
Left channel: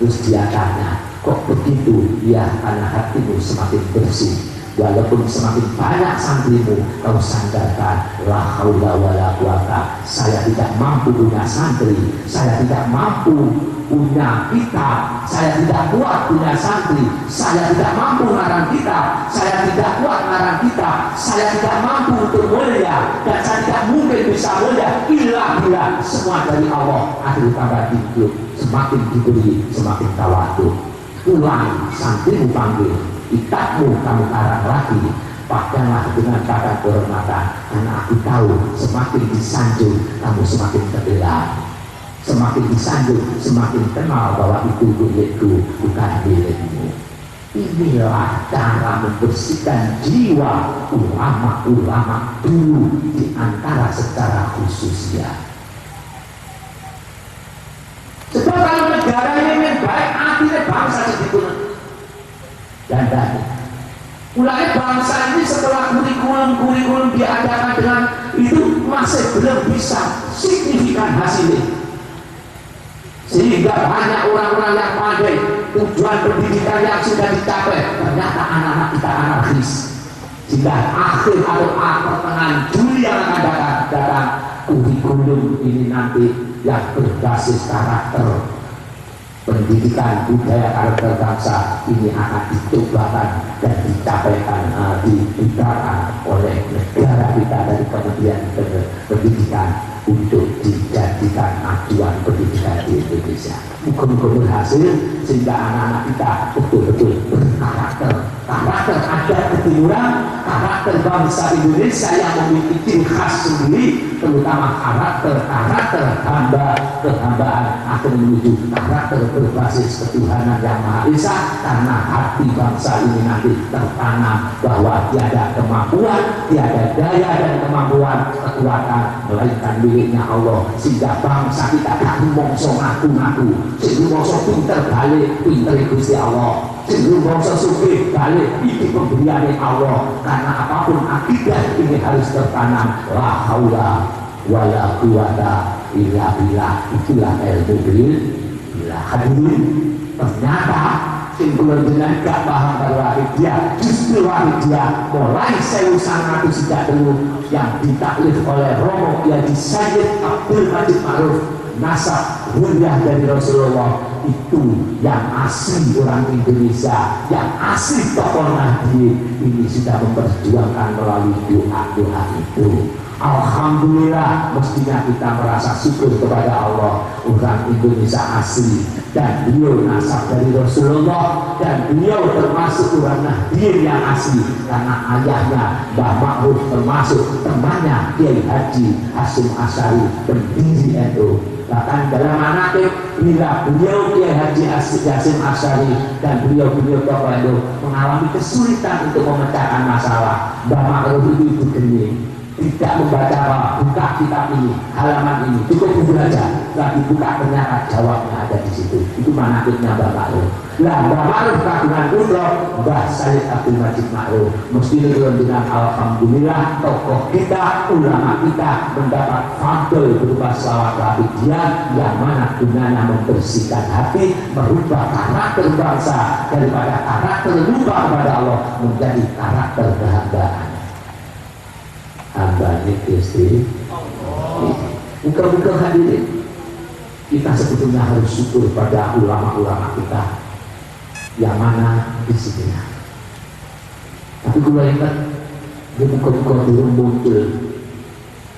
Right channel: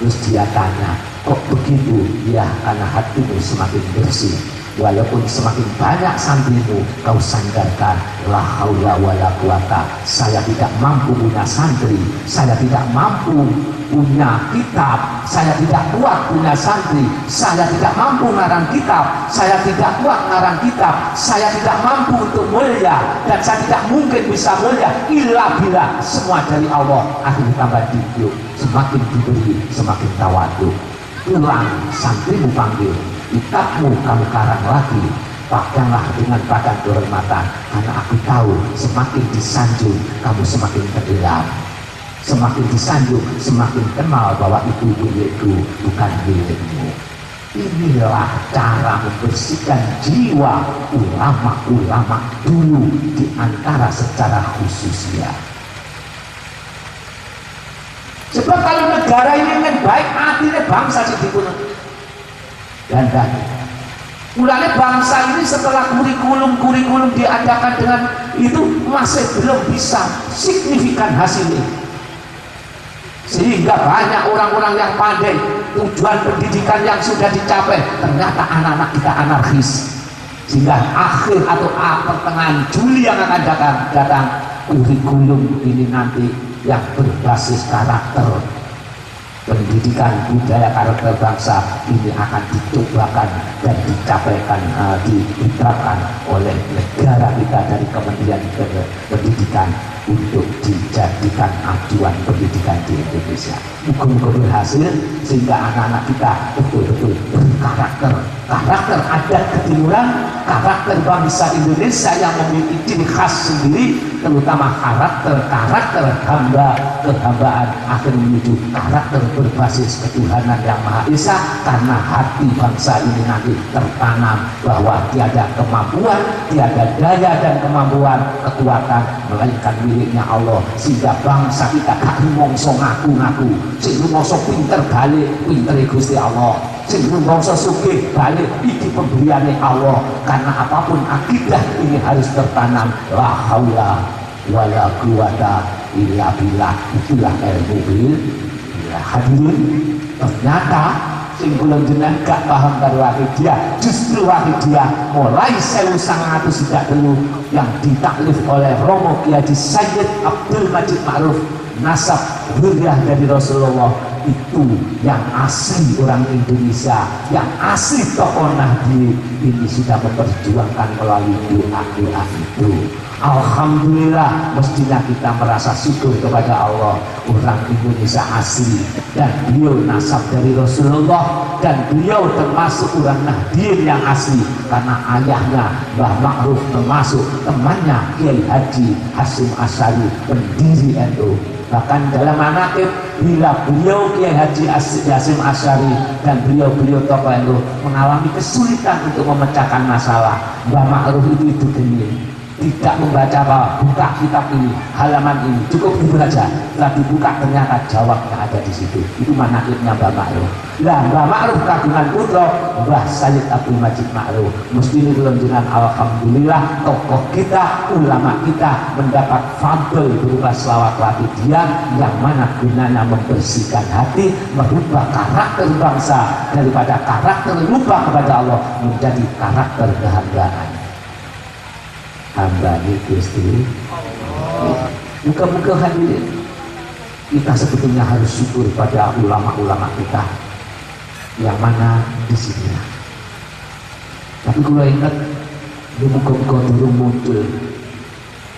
Terus dia tanya, kok begitu? Ya, karena hatimu semakin bersih. Walaupun semakin banyak santrimu kau sandarkan, la haula wala quwata, saya tidak mampu punya santri, saya tidak mampu punya kitab, saya tidak kuat punya santri, saya tidak mampu ngarang kitab, saya tidak kuat ngarang kitab, saya tidak mampu untuk mulia, dan saya tidak mungkin bisa mulia illa billah, semua dari Allah. Akhir tambah hidup, semakin diberi semakin tawadu. Pulang, santrimu panggil, kitabmu kamu karang lagi, pakailah dengan pakaian kehormatan, karena aku tahu semakin disanjung kamu semakin terdiam, semakin disanjung semakin kenal bahwa itu milikku bukan milikmu. Inilah cara membersihkan jiwa ulama-ulama dulu di antara secara khusus ya. Sebab kalau negara ini yang baik, artinya bangsa segitu dan mulanya bangsa ini setelah kurikulum diadakan dengan itu masih belum bisa signifikan hasilnya, sehingga banyak orang-orang yang pandai, tujuan pendidikan yang sudah dicapai, ternyata anak-anak kita anarkis, sehingga akhir atau pertengahan Juli yang akan datang kurikulum ini nanti yang berbasis karakter pendidikan budaya karakter bangsa ini akan dicobakan dan dicapaikan, diterapkan oleh negara kita dari Kementerian Pendidikan untuk dijadikan acuan pendidikan di Indonesia. Mudah-mudahan berhasil sehingga anak-anak kita betul-betul berkarakter, karakter adat ketimuran, karakter bangsa Indonesia yang memiliki ciri khas sendiri, terutama karakter kehambaan akan menuju karakter berbasis ketuhanan yang Maha Esa, karena hati bangsa ini nanti tertanam bahwa tiada kemampuan, tiada daya dan kemampuan kekuatan melainkan miliknya Allah, sehingga bangsa kita tak mongso ngaku-ngaku, sing mongso pinter balik pinter Gusti Allah, sing mongso sugih balik iki pemberiane Allah, karena apapun akidah ini harus tertanam. La haula wala quwata illa billah, itulah ilmu billah. Hadirin, ternyata simpulan dunia gak paham kalau Wahidiyah, justru Wahidiyah mulai 1930 yang ditaklif oleh Romo Kiai Sayyid Abdul Majid Ma'ruf, nasab huriah dari Rasulullah, itu yang asli orang Indonesia, yang asli tokoh Nahdien ini sudah memperjuangkan melalui doa-doa itu. Alhamdulillah, mestinya kita merasa syukur kepada Allah, orang Indonesia asli dan beliau nasab dari Rasulullah, dan beliau termasuk orang Nahdien yang asli karena ayahnya Mbah Ma'ruf termasuk temannya Kiai Haji Hasyim Asy'ari, pendiri NU. Bahkan dalam manaqib bila beliau Kiai Haji Hasyim Asy'ari dan beliau tokoh NU mengalami kesulitan untuk memecahkan masalah, Mbah Ma'ruf itu gini, tidak membaca buka kitab ini, halaman ini, cukup dibaca, setelah dibuka ternyata jawabnya ada di situ. Itu manaqibnya Mbah Ma'ruf. Lah Mbah Ma'ruf kagungan putra Mbah Sayyid Abdul Majid Ma'ruf. Mesti dengan alhamdulillah tokoh kita, ulama kita mendapat fadl berupa selawat Wahidiyah, yang mana gunanya membersihkan hati, merubah karakter bangsa daripada karakter lupa kepada Allah menjadi karakter kehambaan. Hamba Gusti Allah. Muka-muka hadirin, kita sebetulnya harus syukur pada ulama-ulama kita yang mana di sini. Tapi kalau ingat, muka-muka dulu muncul,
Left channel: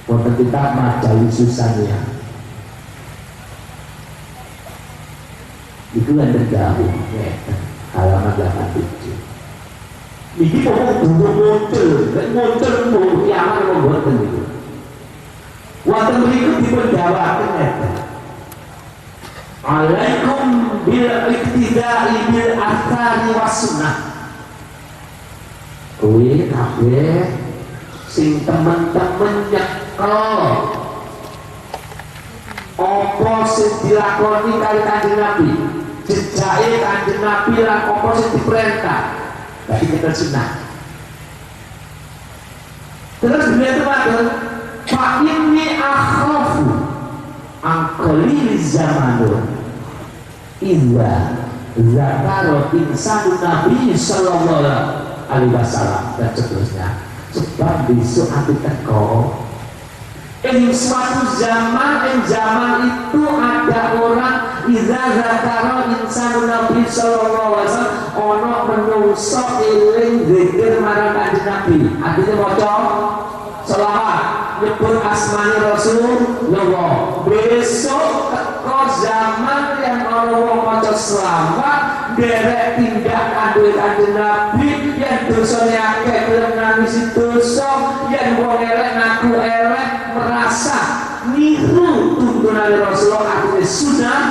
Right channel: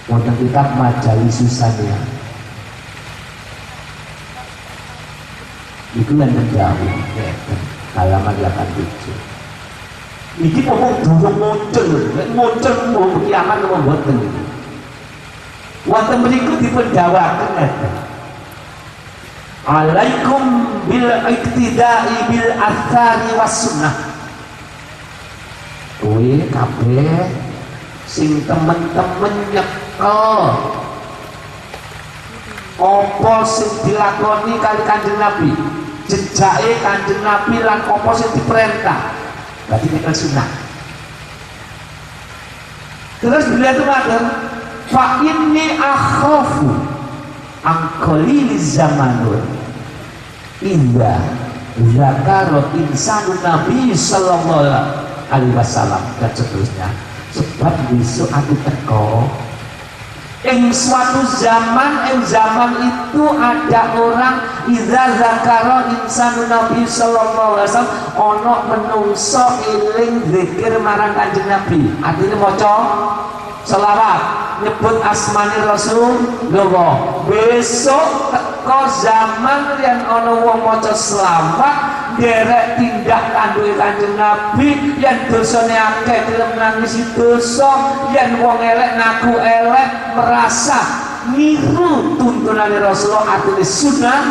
wonten kita majalis susahnya. Itu yang terjadi halaman 87. Ini ngomong dulu muncul mau kiamat membuat ini. Waktu berikut dipendawakan alaikum bil iktidai bil athari was sunnah. Kuwi kabeh sing temen-temen nyekel apa sing dilakoni kali Kanjeng Nabi, jejake Kanjeng Nabi lan apa sing diperintah. Berarti kita sunnah. Terus beliau itu matur, fa inni akhafu angkolil zamanun illa zakarot insanu Nabi sallallahu alaihi wasallam dan seterusnya. Sebab besok aku teko suatu zaman itu ada orang idza zakara insanu Nabi sallallahu alaihi wasallam ana menungso eling zikir marang Kanjeng Nabi. Artinya maca selawat nyebut asmani Rasulullah. Besok teko zaman yang ana wong maca selawat derek tindak kandung Kanjeng Nabi yang dosane akeh gelem nangisi dosa, yang wong elek ngaku elek merasa niru tuntunan Rasulullah artinya sunnah.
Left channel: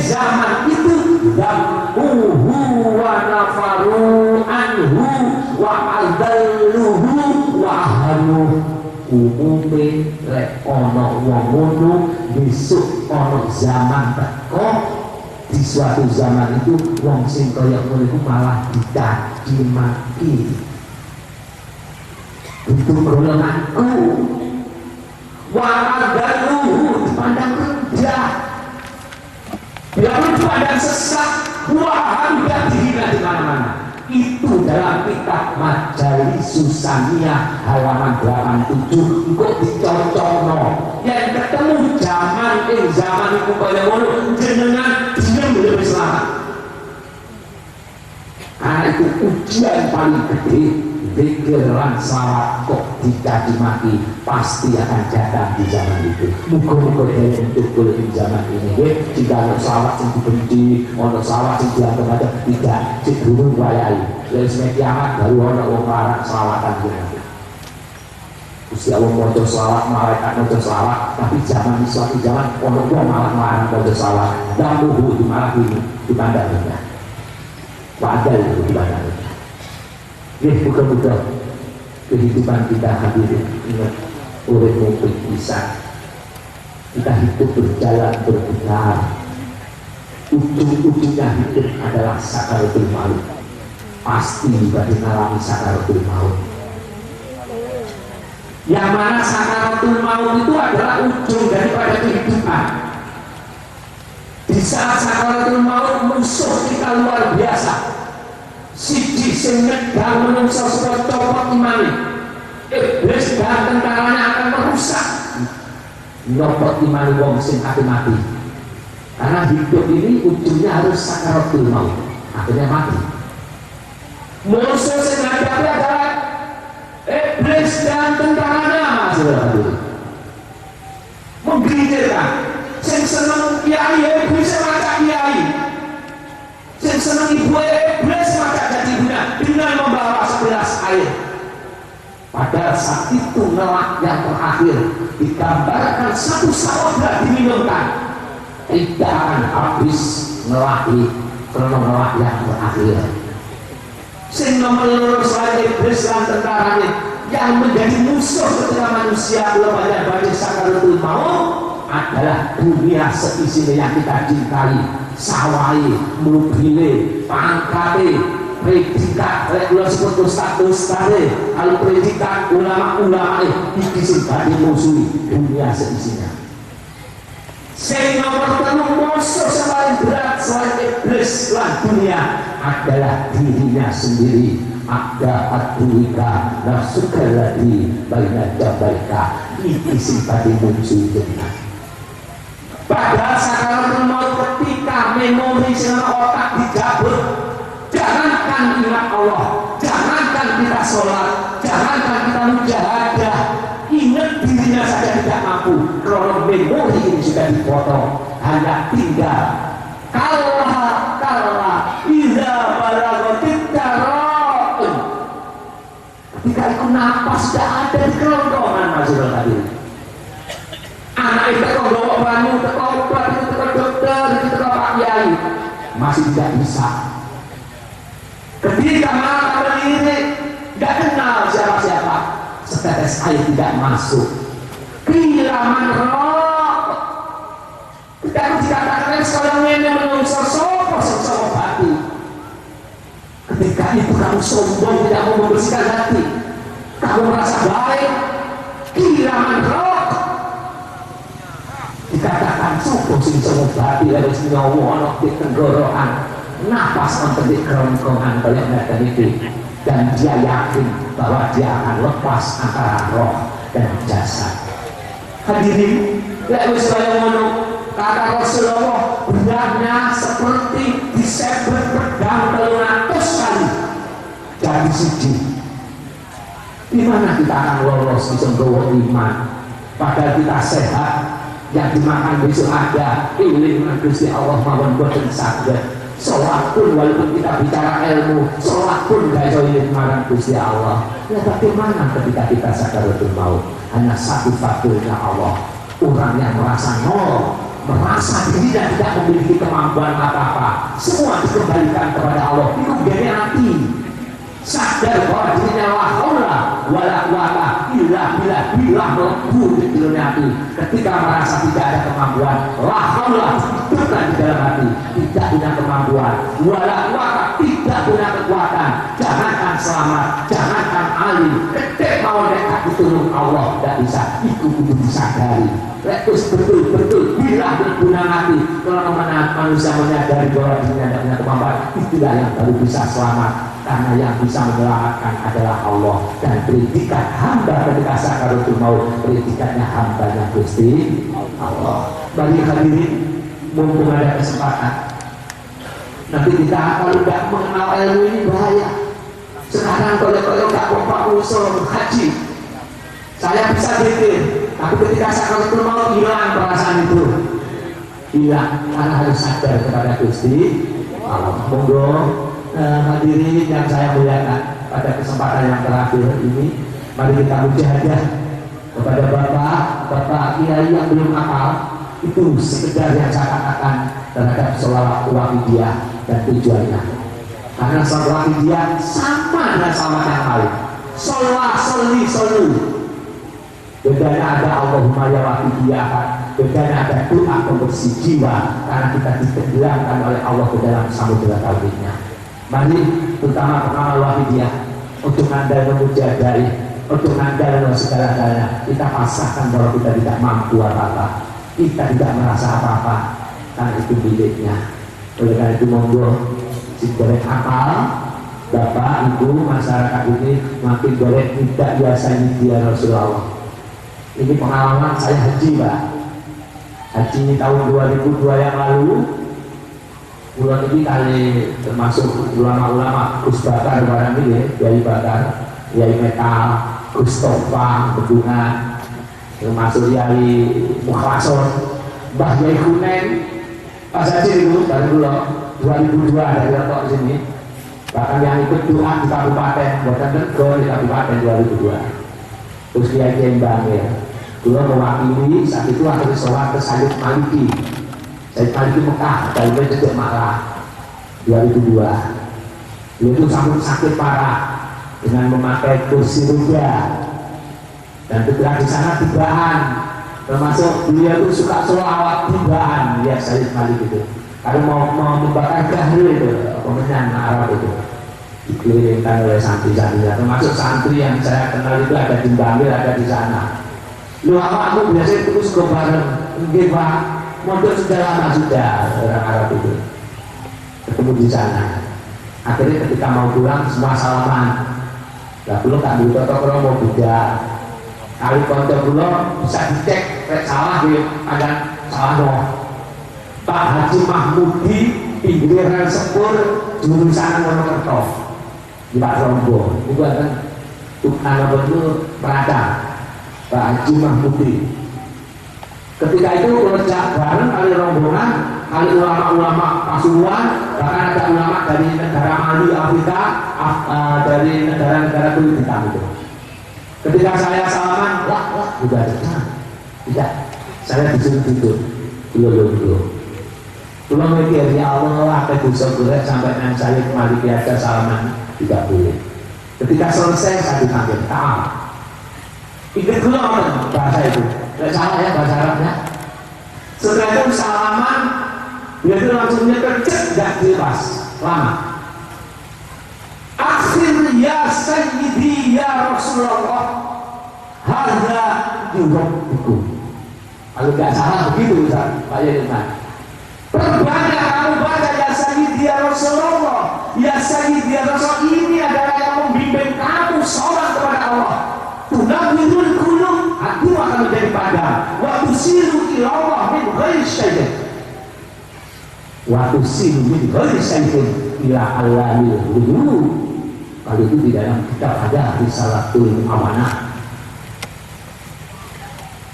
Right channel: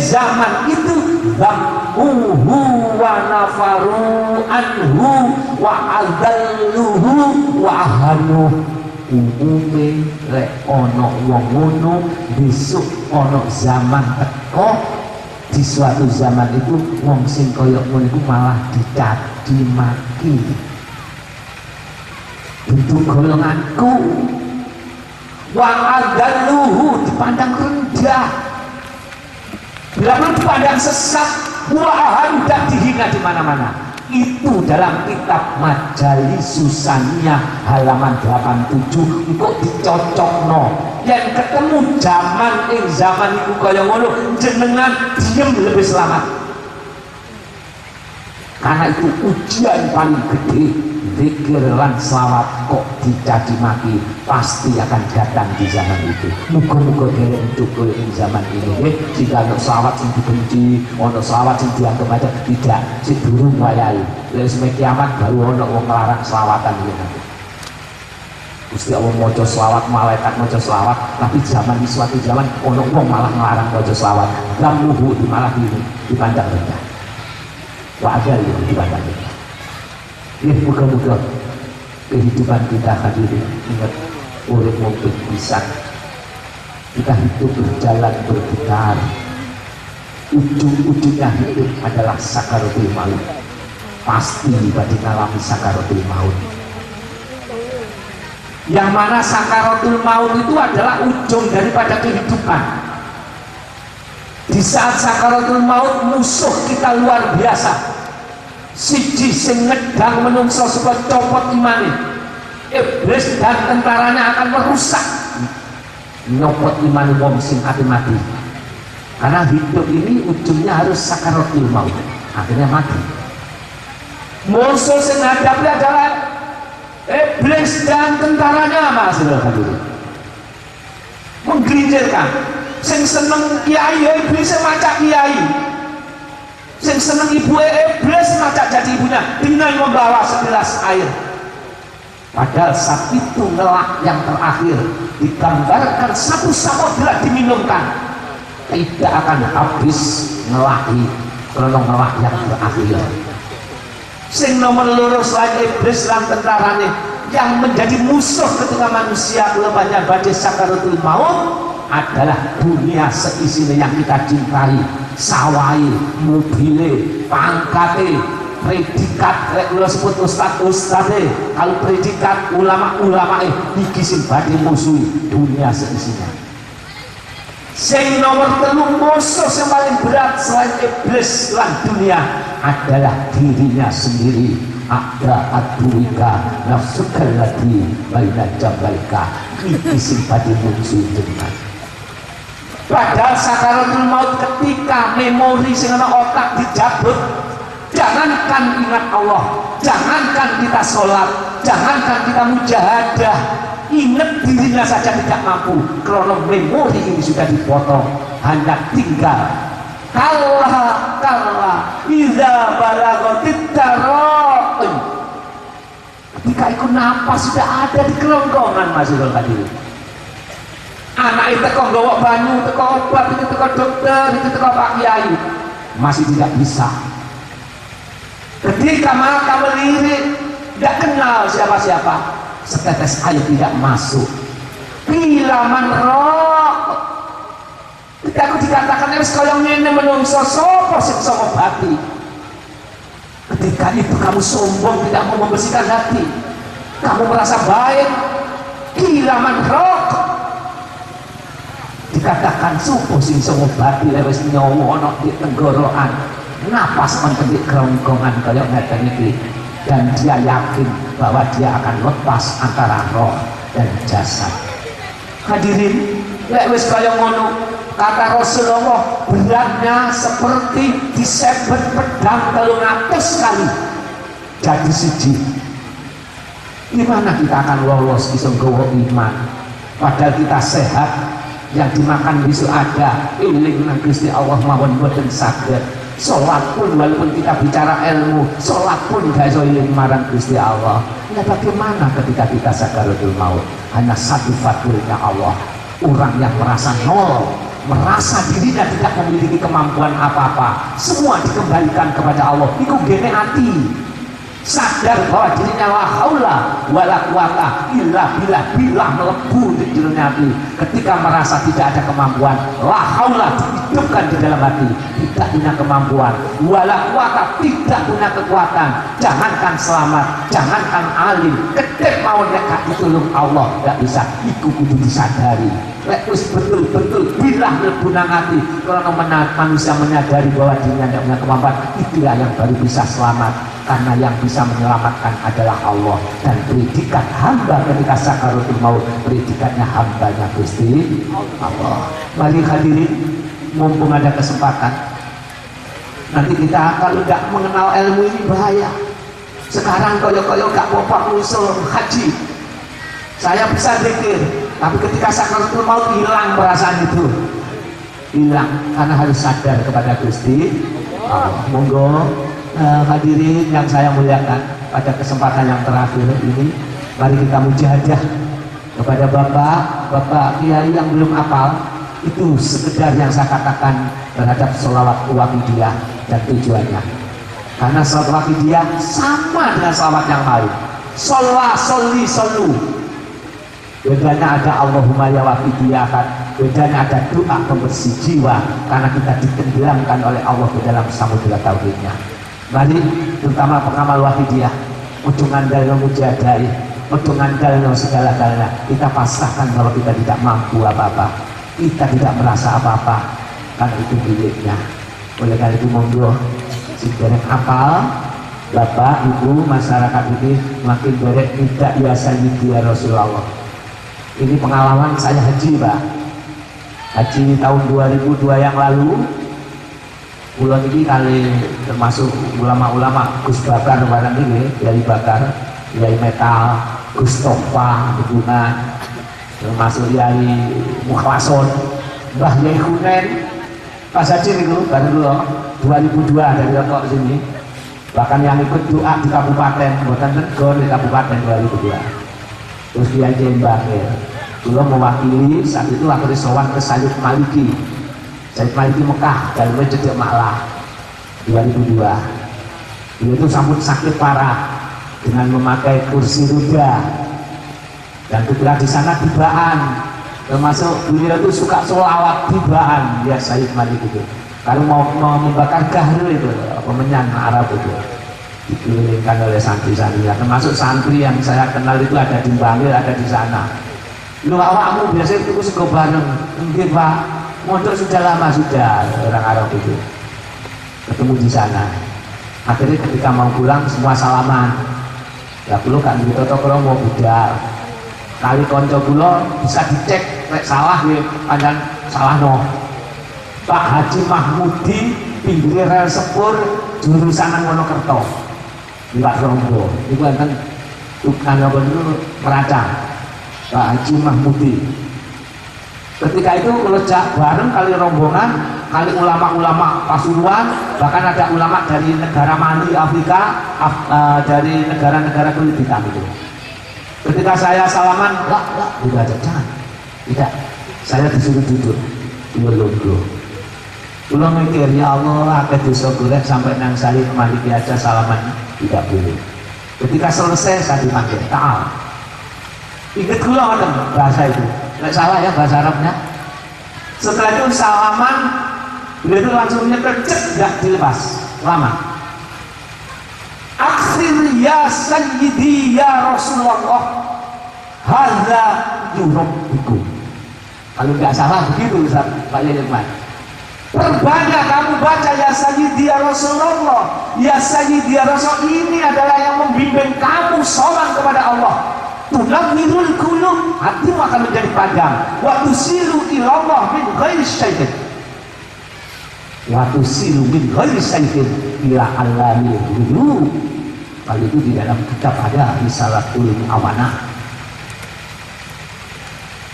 Zaman itu dammuhu wa nafaru anhu wa adalluhu wa ahanu. Umume lek ono wong ngono besok ono zaman teko di suatu zaman itu wong sing kaya ngono iku malah dicaci maki. Itu golonganku. Wa adalluhu dipandang rendah. Bila dipandang sesat, wah dan dihina di mana-mana. Itu dalam kitab Majalis Susania halaman 87 kok dicocokno. Yang ketemu zaman itu kaya ngono jenengan diem lebih selamat. Karena itu ujian paling gede. Zikir lan selawat kok dicaci maki pasti akan datang di zaman itu. Muga-muga untuk di zaman ini jika ada selawat yang dibenci, ada selawat yang dianggap ada tidak, sedurung wayai. Dari semenjak kiamat baru ada orang melarang selawatan gitu. Gusti Allah mojo selawat, malaikat mojo selawat, tapi zaman di suatu zaman orang malah melarang mojo selawat dan luhu malah dipandang rendah. Wajar itu dipandang rendah. Mudah-mudahan kehidupan kita hadirin ingat oleh mobil bisa kita hidup berjalan berputar, ujung-ujungnya hidup adalah sakaratul maut. Pasti bagi mengalami sakaratul maut, yang mana sakaratul maut itu adalah ujung daripada kehidupan. Di saat sakaratul maut musuh kita luar biasa. Siji sing nyedang menungso supaya copot imani. Iblis dan tentaranya akan merusak nyopot imani wong sing mati. Karena hidup ini ujungnya harus sakaratul maut, akhirnya mati. Musuh sing hadapi adalah iblis dan tentaranya, maksudnya menggelincirkan. Sing seneng kiai iblis macam kiai. Yang senang ibu iblis maka jadi ibunya dengan membawa segelas air. Padahal saat itu ngelak yang terakhir digambarkan satu samudra diminumkan, tidak akan habis ngelaki kalau ngelak yang terakhir. Sing nomor loro selain iblis dan tentaranya yang menjadi musuh ketika manusia lepasnya banyak sakaratul maut adalah dunia seisinya yang kita cintai. Sawai, mobile, pangkate, predikat, regulasi putus status tadi. Kalau predikat ulama-ulama iki sing badhe musuhi dunia seisinya. Sing nomor telu musuh yang paling berat selain iblis lan dunia adalah dirinya sendiri. Ada atuika nafsuka lagi baina jabalka iki sing badhe musuhi dunia. Padahal sakaratul maut ketika memori sehingga otak dijabut, jangankan ingat Allah, jangankan kita sholat, jangankan kita mujahadah, ingat dirinya saja tidak mampu. Karena memori ini sudah dipotong, hanya tinggal Kalla idza balagatit taraqi. Ketika itu nafas sudah ada di kerongkongan masih tadi. Anak itu kok bawa banyu, teko obat, itu teko dokter, itu teko Pak Kiai, masih tidak bisa. Ketika mata melirik, tidak kenal siapa-siapa, setetes air tidak masuk. Piraman rok. Ketika aku dikatakan sekarang ini menungso sopo sing bisa mengobati. Ketika itu kamu sombong, tidak mau membersihkan hati, kamu merasa baik, piraman rok. Dikatakan sopo sing bisa mengobati, harus nyawa di tenggorokan, napas menjadi kerongkongan kayak mereka ini, dan dia yakin bahwa dia akan lepas antara roh dan jasad. Hadirin, ya wis kaya ngono. Kata Rasulullah, beratnya seperti disebut pedang 300 kali jadi siji. Gimana kita akan lolos bisa bawa iman? Padahal kita sehat, yang dimakan besok ada, ini dengan Gusti Allah mawon boten saged. Sholat pun walaupun kita bicara ilmu, sholat pun gak iso iling marang Gusti Allah. Ya bagaimana ketika kita sakaratul maut? Hanya satu-satunya Allah, orang yang merasa nol, merasa dirinya tidak memiliki kemampuan apa-apa, semua dikembalikan kepada Allah. Itu gede hati, sadar bahwa dirinya la haula wala quwata illa billah melebu di dunia hati. Ketika merasa tidak ada kemampuan, la haula hidupkan di dalam hati, tidak punya kemampuan, wala quwata tidak punya kekuatan. Jangankan selamat, jangankan alim, ketika mau dekat ditolong Allah tidak bisa. Itu kudu disadari. Terus betul-betul bila berguna hati. Kalau manusia menyadari bahwa dirinya tidak punya kemampuan, itulah yang baru bisa selamat. Karena yang bisa menyelamatkan adalah Allah. Dan predikat hamba ketika sakaratul maut, predikannya hambanya Gusti Allah. Bagi hadirin, mumpung ada kesempatan, nanti kita kalau tidak mengenal ilmu ini bahaya. Sekarang kalau nggak mau usul haji, saya bisa pikir. Tapi ketika sakaratul maut hilang perasaan itu, hilang karena harus sadar kepada Gusti Allah. Monggo hadirin yang saya muliakan, pada kesempatan yang terakhir ini, mari kita mujahadah kepada Bapak Kiai yang belum hafal. Itu sekedar yang saya katakan terhadap sholawat wafidiyah dan tujuannya. Karena sholawat wafidiyah sama dengan sholawat yang lain. Shollu. Bedanya ada Allahumma ya wafidiyah, bedanya ada doa pembersih jiwa, karena kita ditenggelamkan oleh Allah ke dalam samudera tauhidnya. Mari terutama pengamal wafidiyah untuk ngandalno mujadai, untuk ngandalno segala-galanya, kita pasrahkan bahwa kita tidak mampu apa-apa, kita tidak merasa apa-apa, kan itu miliknya. Oleh karena itu monggo siderek hafal, Bapak, Ibu, masyarakat ini makin derek tidak biasa dia Rasulullah. Ini pengalaman saya haji, Pak. Haji tahun 2002 yang lalu. Bulan ini kali termasuk ulama-ulama Gus Bakar barang ini, Yai Bakar, Yai Metal, Gus Tofa, Bedungan, termasuk Yai Mukhlason, Mbah Yai Hunen, pas haji itu dan dulu 2002 dari Rotok sini. Bahkan yang ikut doa di kabupaten, bahkan di kabupaten 2002. Terus dia Bangir, dulu mewakili saat itu akhirnya sholat ke Sayyid Maliki Mekah, dalamnya juga Malah 2002. Beliau itu sambut sakit parah dengan memakai kursi roda, dan ketika di sana tibaan, termasuk beliau itu suka sholawat tibaan, ya Sayyid Maliki itu. Kalau mau membakar gahril itu, pemenyan Arab itu, dikirimkan oleh santri-santrinya, termasuk santri yang saya kenal itu ada di Bangil, ada di sana. Lu awakmu biasanya terus ke bareng, mungkin Pak, modal sudah lama sudah orang Arab itu ketemu di sana. Akhirnya ketika mau pulang semua salaman. Ya perlu kan gitu, kalau mau budal, kali konco dulu bisa dicek, salah gitu, ada salah no. Pak Haji Mahmudi pinggir rel sepur jurusan Monokerto di Pak Rombo itu kan tukang itu Peradang, Pak Haji Mahmudi. Ketika itu kerja bareng kali rombongan kali ulama-ulama Pasuruan, bahkan ada ulama dari negara Mali, Afrika, dari negara-negara kulit hitam itu. Ketika saya salaman, udah ada jangan. Tidak, saya disuruh duduk. Dulu. Pulang mikir, ya Allah, apa dosa gue sampai nang saya kembali biasa salaman tidak boleh. Ketika selesai saya dipanggil, ta'al. Ingat dulu orang bahasa itu, tidak salah ya bahasa Arabnya. Setelah itu salaman, dia itu langsung kerja, tidak dilepas, lama. Akhir ya Sayyidi ya Rasulullah, hadza yurabbikum. Kalau tidak salah begitu Ustaz, Pak Yaiman. Perbanyak kamu baca ya Sayyidi ya Rasulullah, ya Sayyidi ya Rasul, ini adalah yang membimbing kamu sholat kepada Allah. Tunawwirul qulub, hatimu akan menjadi padam. Wa tusiru ila Allah min ghairi syai'in. Wa tusiru min ghairi syai'in ila Allahil ghuyub. Kalau itu di dalam kitab ada Risalatul Amanah.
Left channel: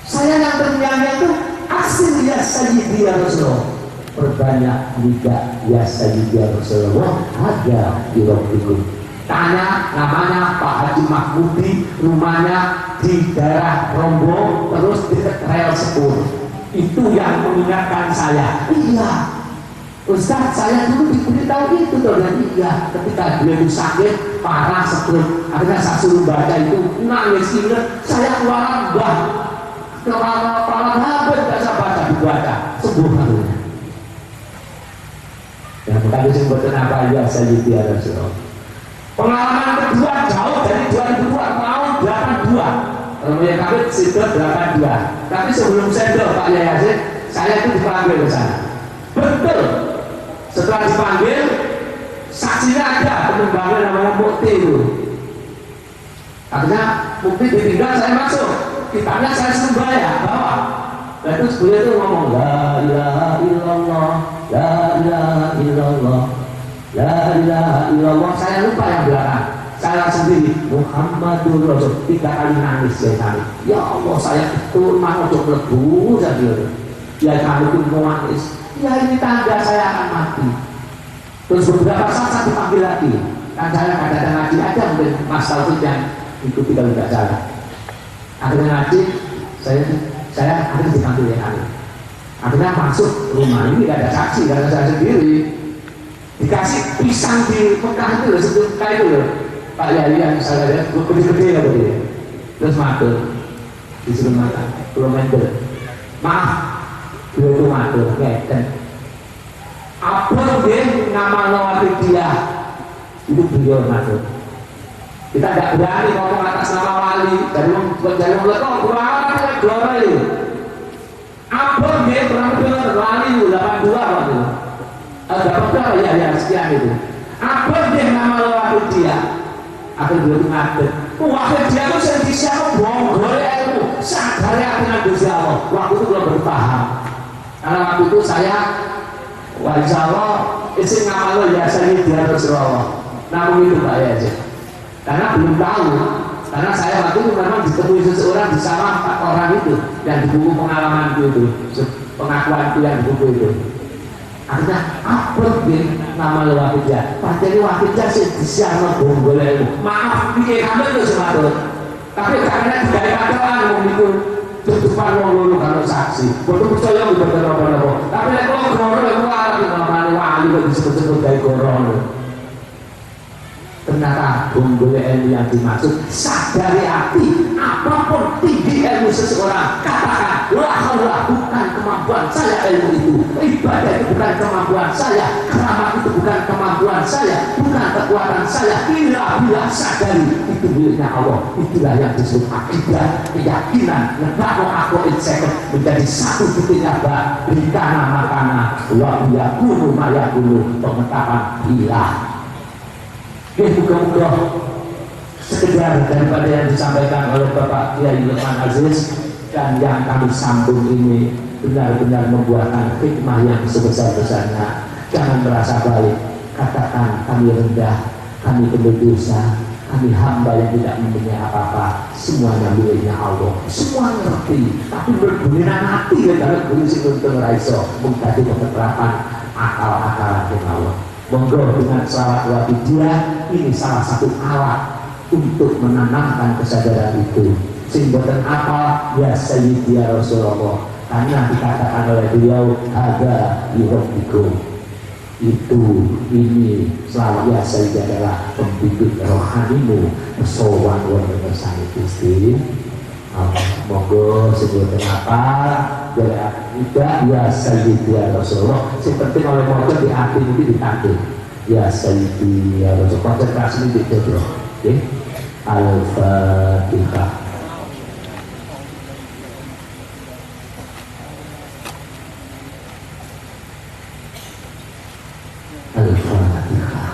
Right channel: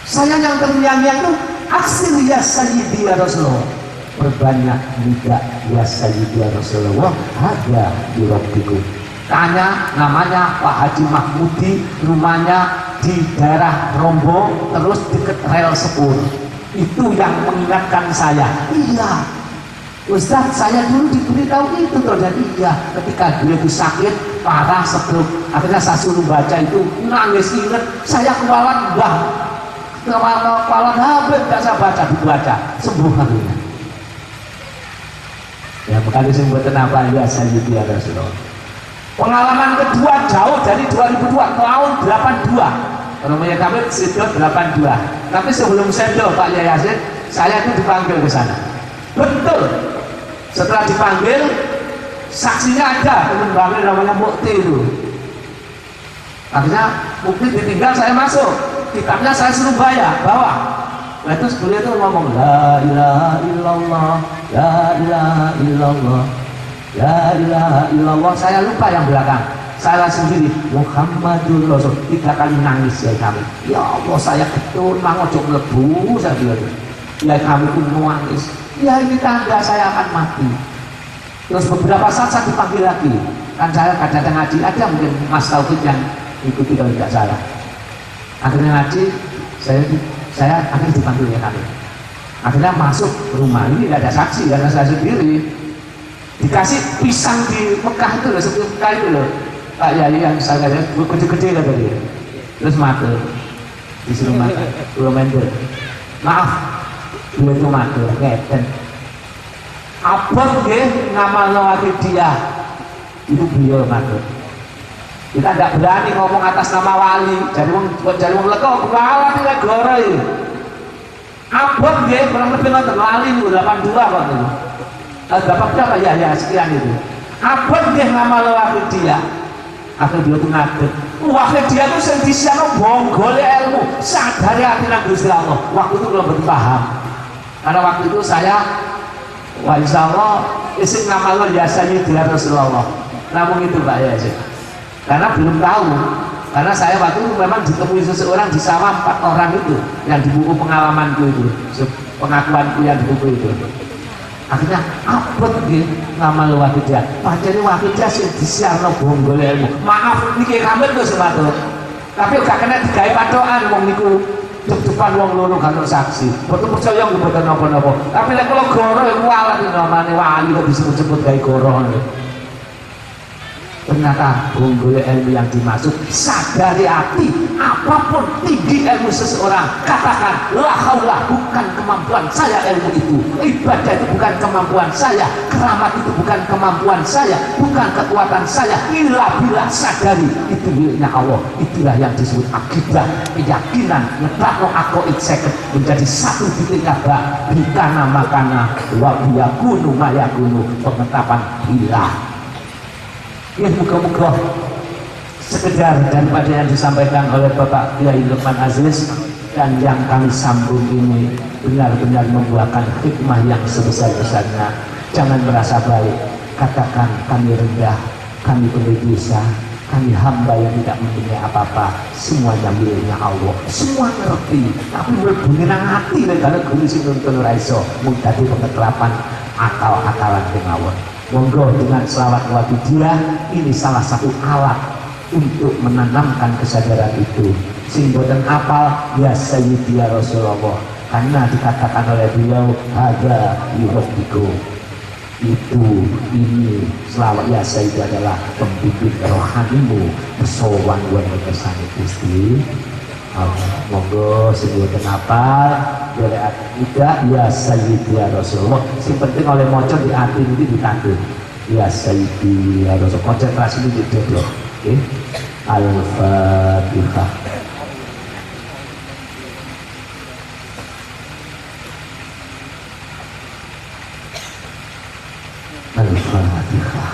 Saya yang bernyanyi itu aksir ya Sayyidi ya Rasulullah. Perbanyak juga ya Sayyidi ya Rasulullah, ada di Rabbikum. Tanya namanya Pak Haji Mahmudi, rumahnya di daerah Rombo, terus dekat rel 10. Itu yang mengingatkan saya. Iya, Ustaz, saya dulu diberitahu itu tuh, dan iya, ketika beliau sakit parah stroke, akhirnya saya suruh baca itu, nangis ingat, saya keluaran kepala habis, saya baca sembuh harinya. Yang tadi saya berkenapa ya Sayyidi ya Rasulullah. Pengalaman kedua jauh dari 2002, tahun 82. Kalau punya kami sudah 82. Tapi sebelum saya Pak Yayasin, saya itu dipanggil ke sana. Betul. Setelah dipanggil, saksinya ada, teman bangun namanya Mukti itu. Artinya Mukti ditinggal, saya masuk. Kitabnya saya suruh bawa. Nah itu beliau itu ngomong la ilaha illallah, la ilaha illallah, la ilaha illallah. Saya lupa yang belakang. Saya sendiri Muhammadur Rasul 3 kali nangis ya kali. Ya Allah, saya betul mau coba lebu saja. Ya kami itu nangis. Ya ini tanda saya akan mati. Terus beberapa saat saya dipanggil lagi. Kan saya kadang-kadang ngaji, ada mungkin Mas Taufik yang ikuti kalau tidak salah. Akhirnya ngaji, saya akhirnya dipanggil ya kali. Akhirnya masuk rumah ini, tidak ada saksi karena saya sendiri. Dikasih pisang di Mekah itu loh, sebelum Mekah itu loh. Pak Yali yang saya lihat gede-gede lah tadi. Terus matur, disuruh makan, kilometer. Maaf, beliau itu matur, ngeten. Apa dia nama wakil dia? Itu beliau matur. Kita tidak berani ngomong atas nama wali. Jadi kok berlawan ya glora ini. Apa dia kurang lebih wali 82 waktu itu. Dapat berapa ya sekian itu. Apa dia nama wakil dia? Aku dulu itu ngatur. Wakil dia itu sendiri bonggol ilmu. Sadari akhirnya Gusti Allah. Waktu itu belum berpaham. Karena waktu itu saya wali Allah isim nama lo ya Sayyidi ya Rasulullah. Namun itu Pak ya. Karena belum tahu. Karena saya waktu itu memang ditemui seseorang di sama 4 orang itu. Dan di buku pengalamanku itu, pengakuanku yang di buku itu. Akhirnya apa nama wakilnya? Padahal wakilnya sih disiarno bonggol ilmu. Maaf, ini kamu itu sebetulnya. Tapi gak kena digaya padoan wong itu. Tutupan wong loro kalau saksi. Boten percaya boten napa-napa. Tapi nek kula goro iku alat namane wali kok disebut-sebut gawe goro. Ternyata bonggol ilmu yang dimaksud sadari hati, apapun tinggi ilmu seseorang, katakan la haula, bukan kemampuan saya ilmu itu, ibadah itu bukan kemampuan saya, keramat itu bukan kemampuan saya, bukan kekuatan saya, illa bila sadari itu miliknya Allah. Itulah yang disebut akidah, keyakinan ngetakno aku insecure menjadi satu titiknya bak bintana makana wa yakunu mayakunu, penetapan hilang. Ya muka-muka sekedar daripada yang disampaikan oleh Bapak Kiai Lukman Aziz dan yang kami sambung ini benar-benar membuahkan hikmah yang sebesar-besarnya. Jangan merasa baik, katakan kami rendah, kami berdosa, Kami hamba yang tidak mempunyai apa-apa, semuanya miliknya Allah. Semua ngerti, tapi berbumiran hati kalau gelis itu untuk raiso mudah di penerapan akal-akalan kemauan. Monggo dengan selawat wa bidirah, ini salah satu alat untuk menanamkan kesadaran itu. Sehingga dan apal ya Sayyidi ya Rasulullah, karena dikatakan oleh beliau ada yurobiku. Itu ini selama biasa itu adalah pembimbing rohanimu persoalan wajah bersama Gusti. Monggo sebelum kenapa biar tidak biasa gitu ya Rasulullah. Yang penting oleh motor di hati ini dikandung biasa itu ya Rasulullah. Konsentrasi ini gitu, oke? Al-Fatihah. Al-Fatihah.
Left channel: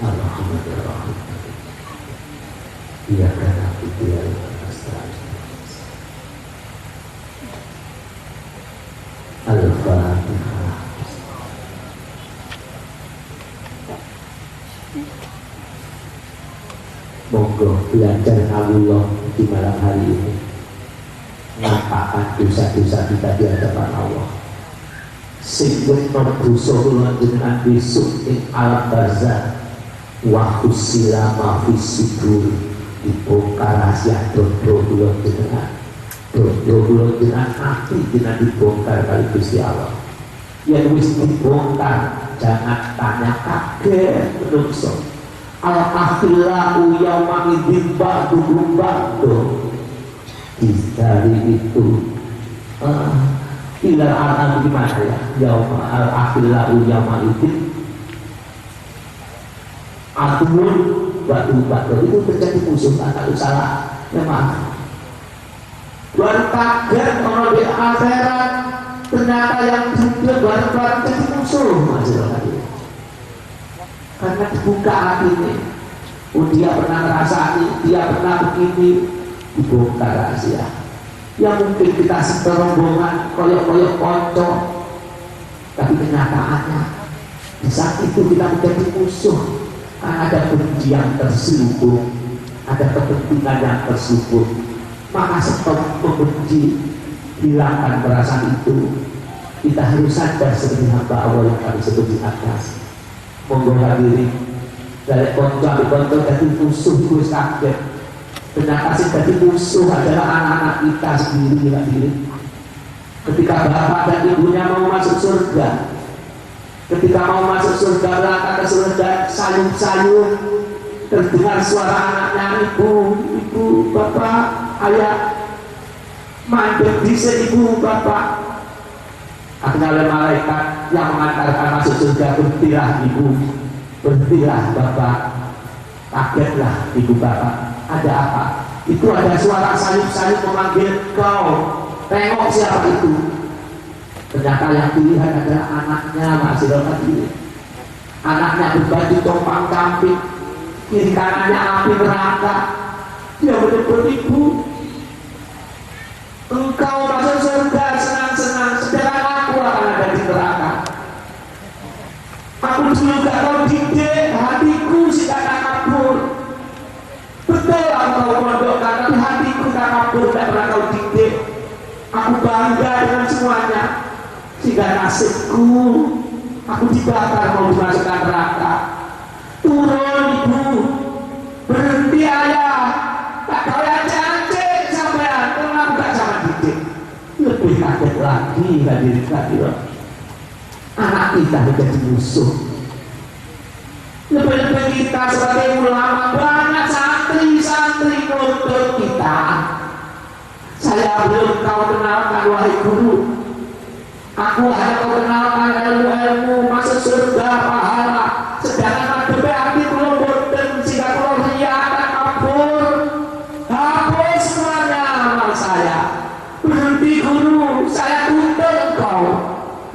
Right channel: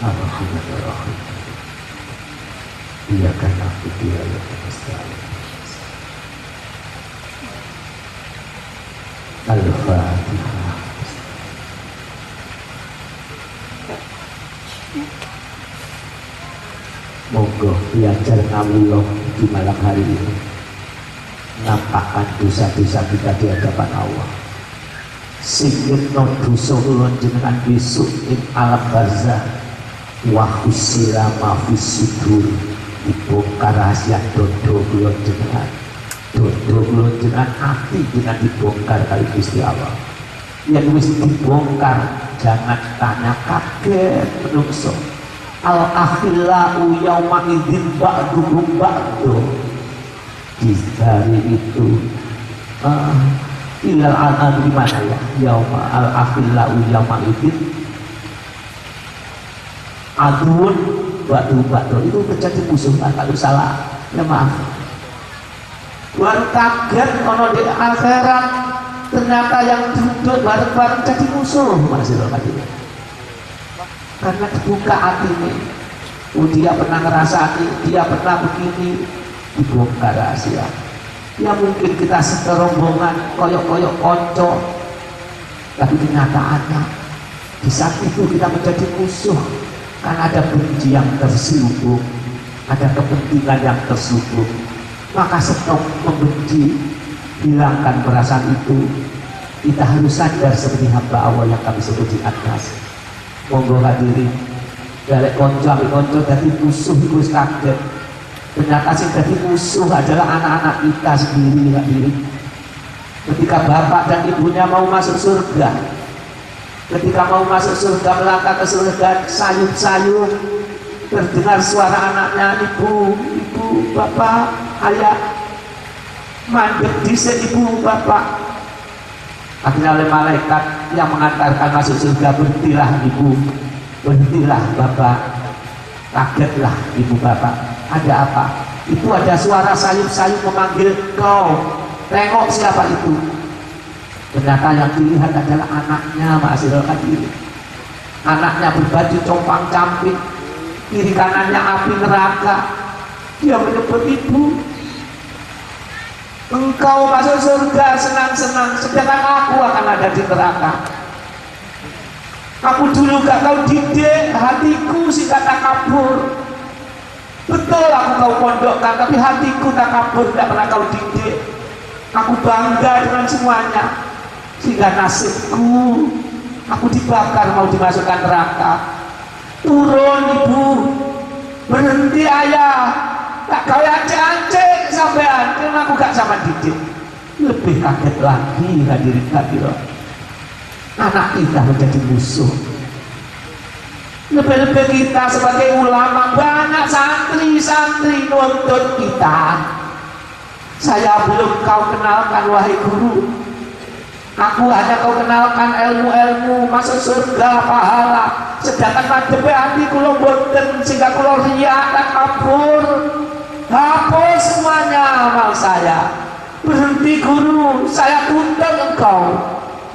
Alhamdulillah. Iya karena dia yang mustahil. Al-Fatihah. Monggo belajar Allah di malam hari ini. Ngapakan dosa-dosa kita di hadapan Allah. Sehingga dosa kula jenengan besok ing alam barzah wa husila ma fisudur, dibongkar rahasia dodo kula jenengan. Dodo kula jenengan hati jenengan dibongkar kali Gusti Allah. Yang wis dibongkar jangan tanya kaget menungso. Al-akhillahu yawma idzin ba'duhum ba'du. Di hari itu ilal anan gimana ya? Yauma al-akhillahu yawma idzin adun ba'du itu terjadi musuh, kalau salah ya maaf. Luar kaget ono di akhirat ternyata yang juga bareng-bareng jadi musuh masih lagi. Karena dibuka hatinya, dia pernah ngerasani, dia pernah begini, dibongkar rahasia. Ya mungkin kita serombongan koyok-koyok konco, tapi kenyataannya di saat itu kita menjadi musuh. Karena ada benci yang terselubung, ada kepentingan yang terselubung. Maka stop membenci, hilangkan perasaan itu. Kita harus sadar seperti hamba Allah yang kami sebut di atas. Monggo hadirin dari konco dari musuh terus kaget. Ternyata sih dari musuh adalah anak-anak kita sendiri hadirin. Ketika bapak dan ibunya mau masuk surga, ketika mau masuk surga, berangkat ke surga, sayup-sayup terdengar suara anaknya, ibu, bapak, ayah, mandek bisa ibu, bapak. Akhirnya oleh malaikat yang mengantarkan masuk surga, berhentilah ibu, berhentilah bapak. Kagetlah ibu bapak, ada apa? Itu ada suara sayup-sayup memanggil kau. Tengok siapa itu. Ternyata yang dilihat adalah anaknya Ma'asyiral hadirin. Anaknya berbaju compang camping, kiri kanannya api neraka. Dia menyebut ibu, engkau masuk surga senang-senang, sedangkan aku akan ada di neraka. Aku dulu gak kau didik, hatiku sih kata kabur. Betul aku kau pondokkan, tapi hatiku tak kabur, tidak pernah kau didik. Aku bangga dengan semuanya. Sehingga nasibku, aku dibakar mau dimasukkan neraka. Turun ibu, berhenti ayah, tak kau ancek sampean, karena aku gak sama didik. Lebih kaget lagi hadirin hadirat, anak kita menjadi musuh. Lebih-lebih kita sebagai ulama, banyak santri-santri nuntut kita. Saya belum kau kenalkan wahai guru, aku hanya kau kenalkan ilmu-ilmu masuk surga pahala, sedangkan madhepe hati kula boten, sehingga kula riyakan kabur. Hapus semuanya amal saya. Berhenti guru, saya tuntut engkau.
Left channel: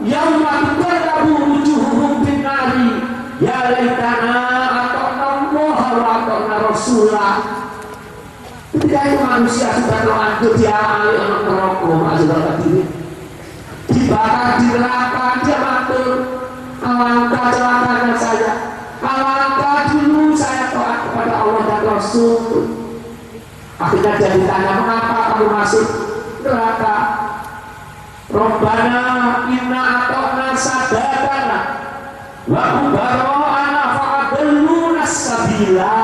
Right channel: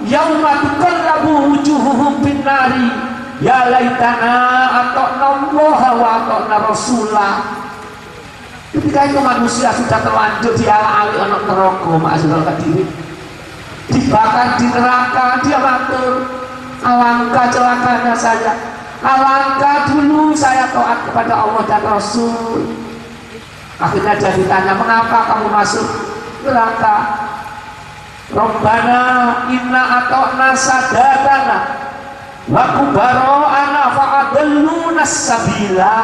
Yauma tuqarrabu wujuhuhum bin nari, ya laitana ata'na Allah wa ata'na Rasulah. Ketika itu manusia sudah terlanjur dialami anak neraka, Ma'asyiral hadirin, dibakar di neraka, dia matur, alangkah celakanya saya, alangkah dulu saya kepada Allah dan Rasul. Akhirnya dia ditanya, mengapa kamu masuk neraka? Rabbana inna ata'na sadatana wa kubara'ana fa'adalluna sabila.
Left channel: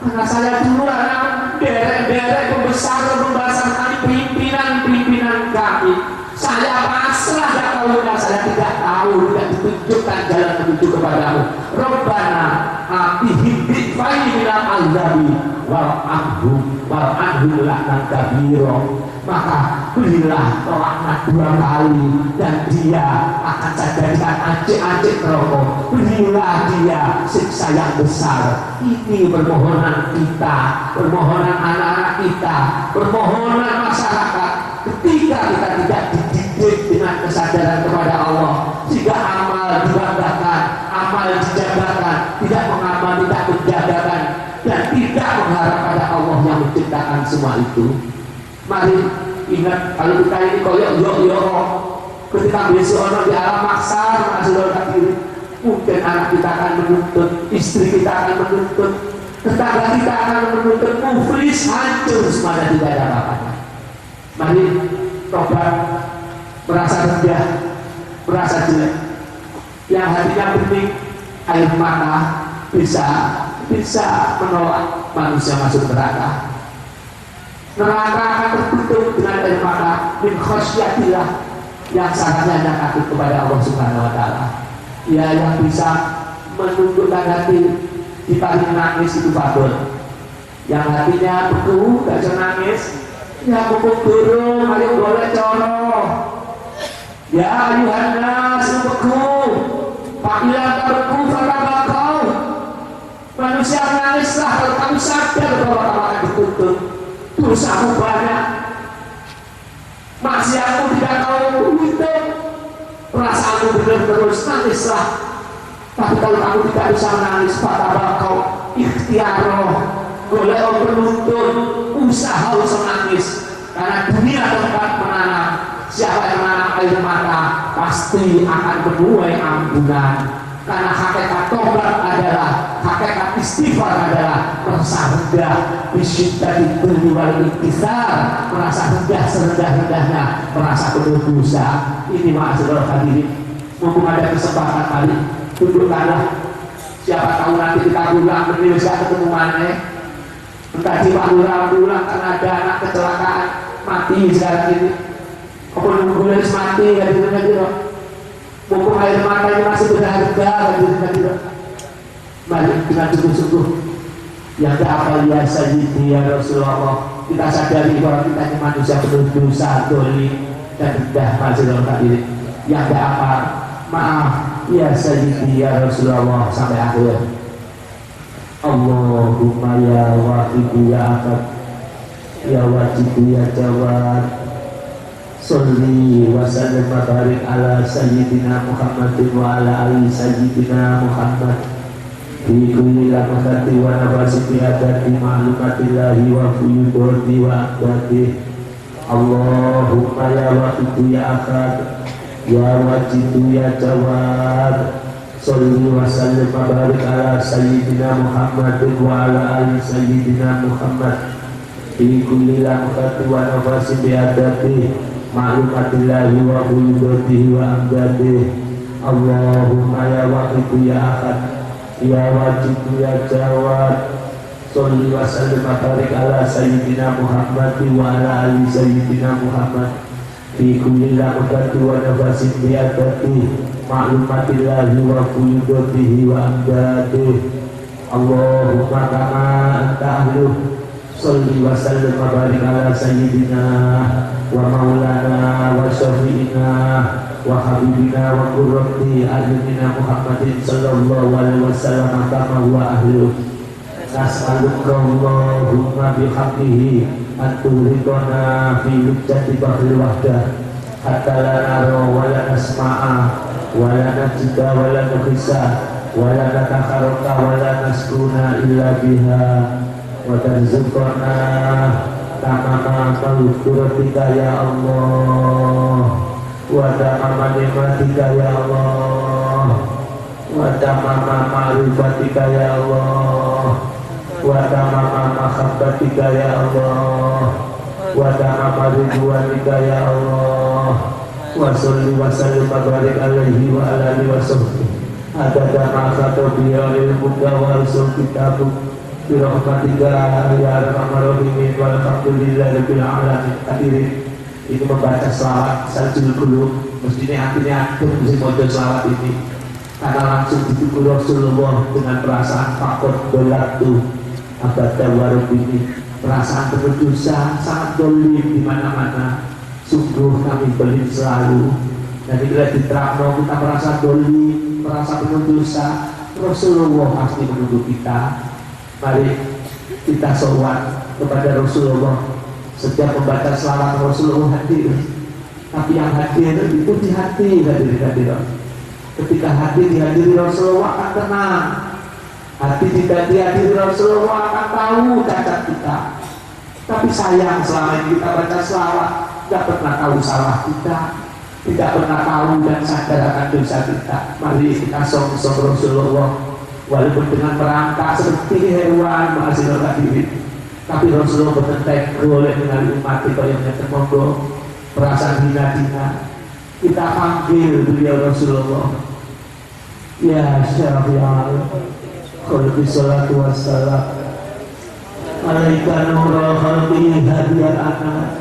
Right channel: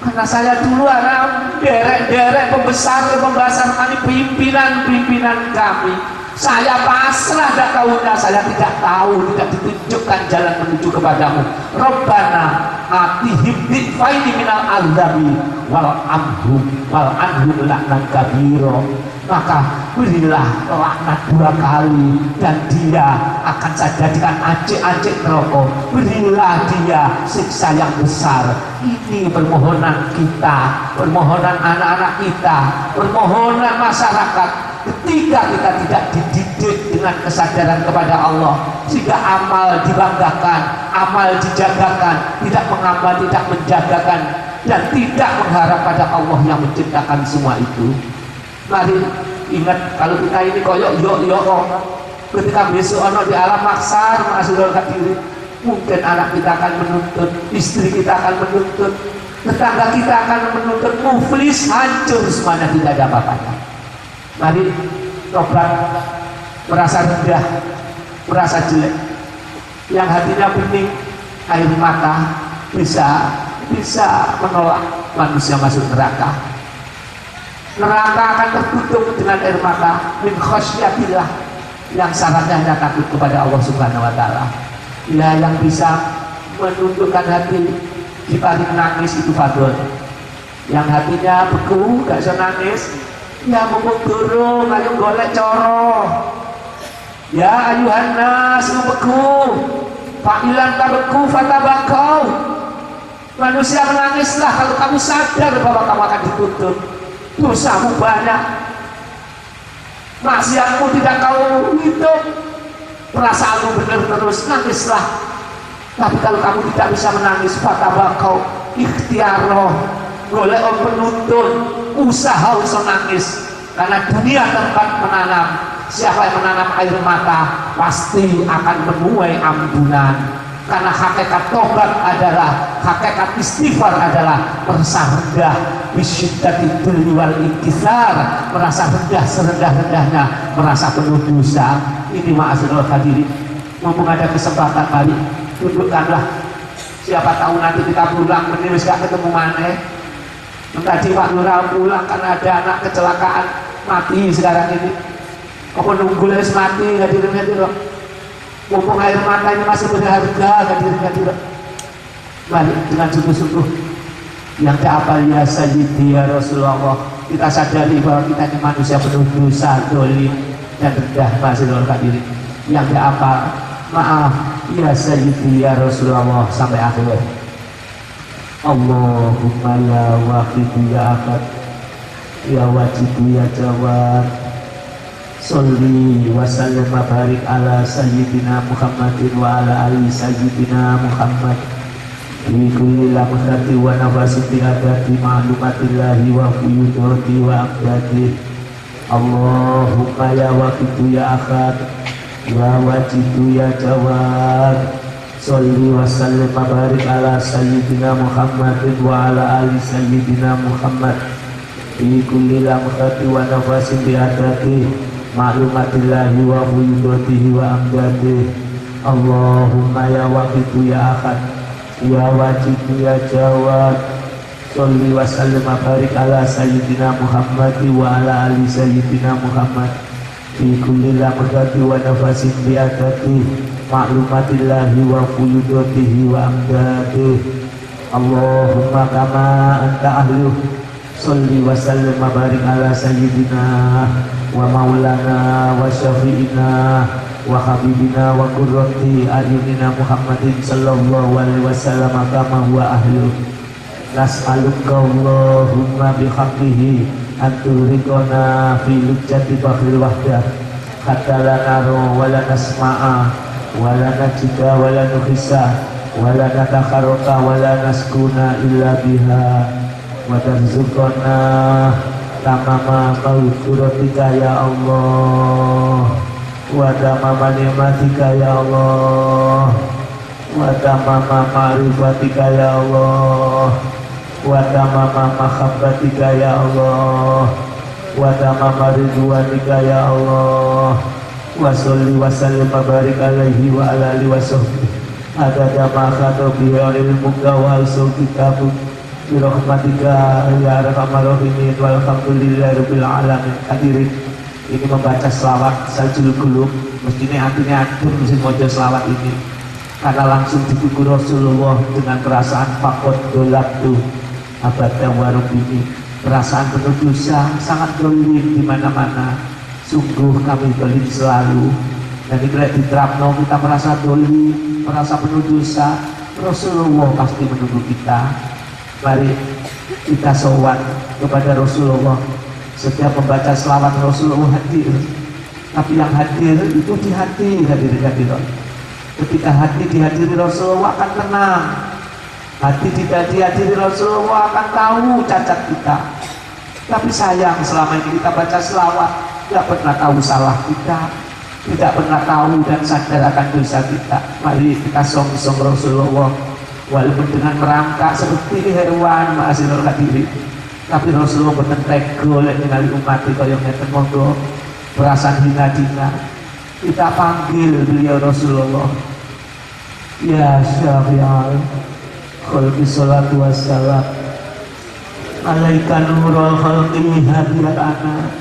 Karena saya dulu anak derek pembesar pembahasan kami, pimpinan kami. Saya pasrah dan kaulah, saya tidak tahu, tidak ditunjukkan jalan menuju kepadamu. Rabbana atihim bitfaini minal azabi wal anhum laknan kabiro. Maka berilah laknat 2 kali dan dia akan saya jadikan acik-acik neraka. Berilah dia siksa yang besar. Ini permohonan kita, permohonan anak-anak kita, permohonan masyarakat. Ketika kita tidak dididik dengan kesadaran kepada Allah, jika amal dibanggakan, amal dijagakan, tidak mengamal, tidak menjagakan, dan tidak mengharap pada Allah yang menciptakan semua itu. Mari ingat, kalau kita ini koyok yo ketika besok anak di alam maksar masih diri, mungkin anak kita akan menuntut, istri kita akan menuntut, tetangga kita akan menuntut, muflis, hancur semuanya, tidak ada apa-apanya. Mari tobat, merasa rendah, merasa jelek, yang hatinya bening, air mata bisa menolak manusia masuk neraka. Neraka akan tertutup dengan air mata min khasyatillah, yang syaratnya hanya takut kepada Allah Subhanahu wa taala. Ya, yang bisa menundukkan hati kita menangis itu fadl. Yang hatinya beku, tidak bisa nangis, ya mumpung durung, ayo golek coro. Ya ayuhan nas beku, fa'ilan tabeku fatabakau. Manusia menangislah kalau kamu sadar bahwa kamu akan dituntut. Dosamu banyak, maksiatmu tidak kau hidup, perasaanmu benar terus, nangislah. Tapi kalau kamu tidak bisa menangis, fatabakau ikhtiaroh, boleh penuntun, usaha nangis. Karena dunia tempat menanam, siapa yang menanam air mata pasti akan menuai ampunan. Karena hakikat tobat adalah, hakikat istighfar adalah merasa rendah, bisyiddatil dzulli wal inkisar, merasa rendah serendah-rendahnya, merasa penuh dosa. Ini ma'asyiral hadirin, mumpung ada kesempatan kali, dudukkanlah. Siapa tahu nanti kita pulang benih sudah ketemu mana. Tadi Pak Lurah pulang karena ada anak kecelakaan mati sekarang ini. Kau nunggu les mati hadirin itu. Mumpung air mata ini masih berharga, hadirin. Mari dengan sungguh-sungguh yang apa ya Sayyidi ya Rasulullah, kita sadari bahwa kita ini manusia penuh dosa, dolim dan rendah, masih hadirin. Yang apa, maaf ya Sayyidi ya Rasulullah sampai akhir. Allahumma ya waqidu ya akad ya wajidu ya jawad, Salli wa sallim wa barik ala Sayyidina Muhammadin wa ala ali Sayyidina Muhammad bi kulli lamhati wa nafasi bi adati ma'lumatillahi wa fuyudati wa abdati. Allahumma ya waqidu ya akad ya wajidu ya jawad, Salli wa sallim wa barik ala Sayyidina Muhammadin wa ala ali Sayyidina Muhammad bi kulli lamhati wa nafasi bi adati ma'lumatillahi wa fuyudatihi wa amdadihi. Allahumma ya waqidu ya akad ya wajidu ya jawad, Salli wa sallim wa barik ala Sayyidina Muhammad wa ala ali Sayyidina Muhammad fi kulli lamhati wa nafasin bi adati ma'lumatillahi wa fuyudatihi wa amdadihi. Allahumma kama anta ahluh, Salli wa sallim wa barik ala Sayyidina wa maulana wa syafi'ina wa habibina wa qurrati a'yunina Muhammadin sallallahu alaihi wasallam kama huwa ahlu. Nas'aluka Allahumma bihaqqihi an turidona fi lujjati bahril wahdah hatta la nara wa la nasma'a wa la najida wa la nuhissa wa la natakharraqa wa la naskuna illa biha wa tarzuqana tamama maghfiratika ya Allah wa tamama nikmatika ya Allah wa tamama ma'rifatika ya Allah mahabbatika ya Allah, wa tamama ridwanika ya Allah, wa sholli wa sallim wa barik alaihi wa ala alihi wa sahbihi adada ma khatabiya ilmuka wa al-sulkitabuk birahmatika ya arhamar rahimin walhamdulillahi rabbil alamin. Hadirin, ini membaca selawat Saljul Qulub mestinya hatinya adem mesti maca selawat ini karena langsung dituku Rasulullah dengan perasaan fakot dolatu abada warubini, perasaan penuh dosa, sangat dolim di mana-mana. Sungguh kami dolim selalu. Jadi bila diterapno kita merasa dolim, merasa penuh dosa, Rasulullah pasti menunggu kita. Mari kita sowan kepada Rasulullah. Setiap membaca selawat Rasulullah hadir, tapi yang hadir itu di hati, hadirin. Ketika hati dihadiri Rasulullah akan tenang. Hati tidak dihadiri Rasulullah akan tahu cacat kita. Tapi sayang selama ini kita baca selawat tidak pernah tahu salah kita, tidak pernah tahu dan sadar akan dosa kita. Mari kita song-song Rasulullah, walaupun dengan merangkak seperti hewan ma'asyarul hadirin, tapi Rasulullah bertentek golek dengan umat kita yang monggo perasaan hina-hina kita panggil beliau Rasulullah. Ya Syafi'al Khalqi salatu wassalam alaika nurul khalqi hadiyat ana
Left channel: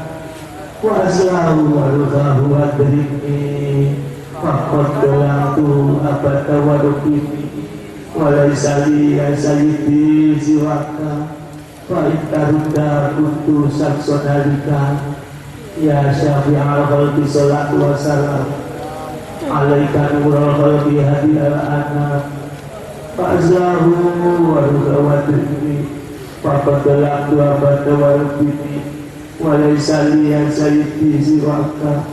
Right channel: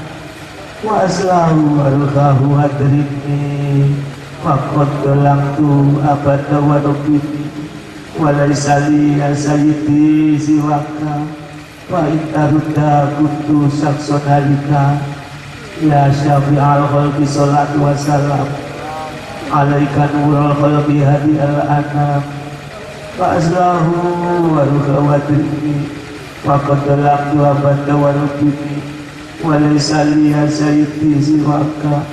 wa aslahu warhahu adrini faqad dalamtu abada wa rukini walaisali asaliti siwaka wa intarudda kuntu saksonalika. Ya Syafi'al Khalqi salatu wassalam alaika nurul khalqi hadiyat ana wa aslahu warhahu adrini faqad dalamtu abada wa rukini walaisali asaliti siwaka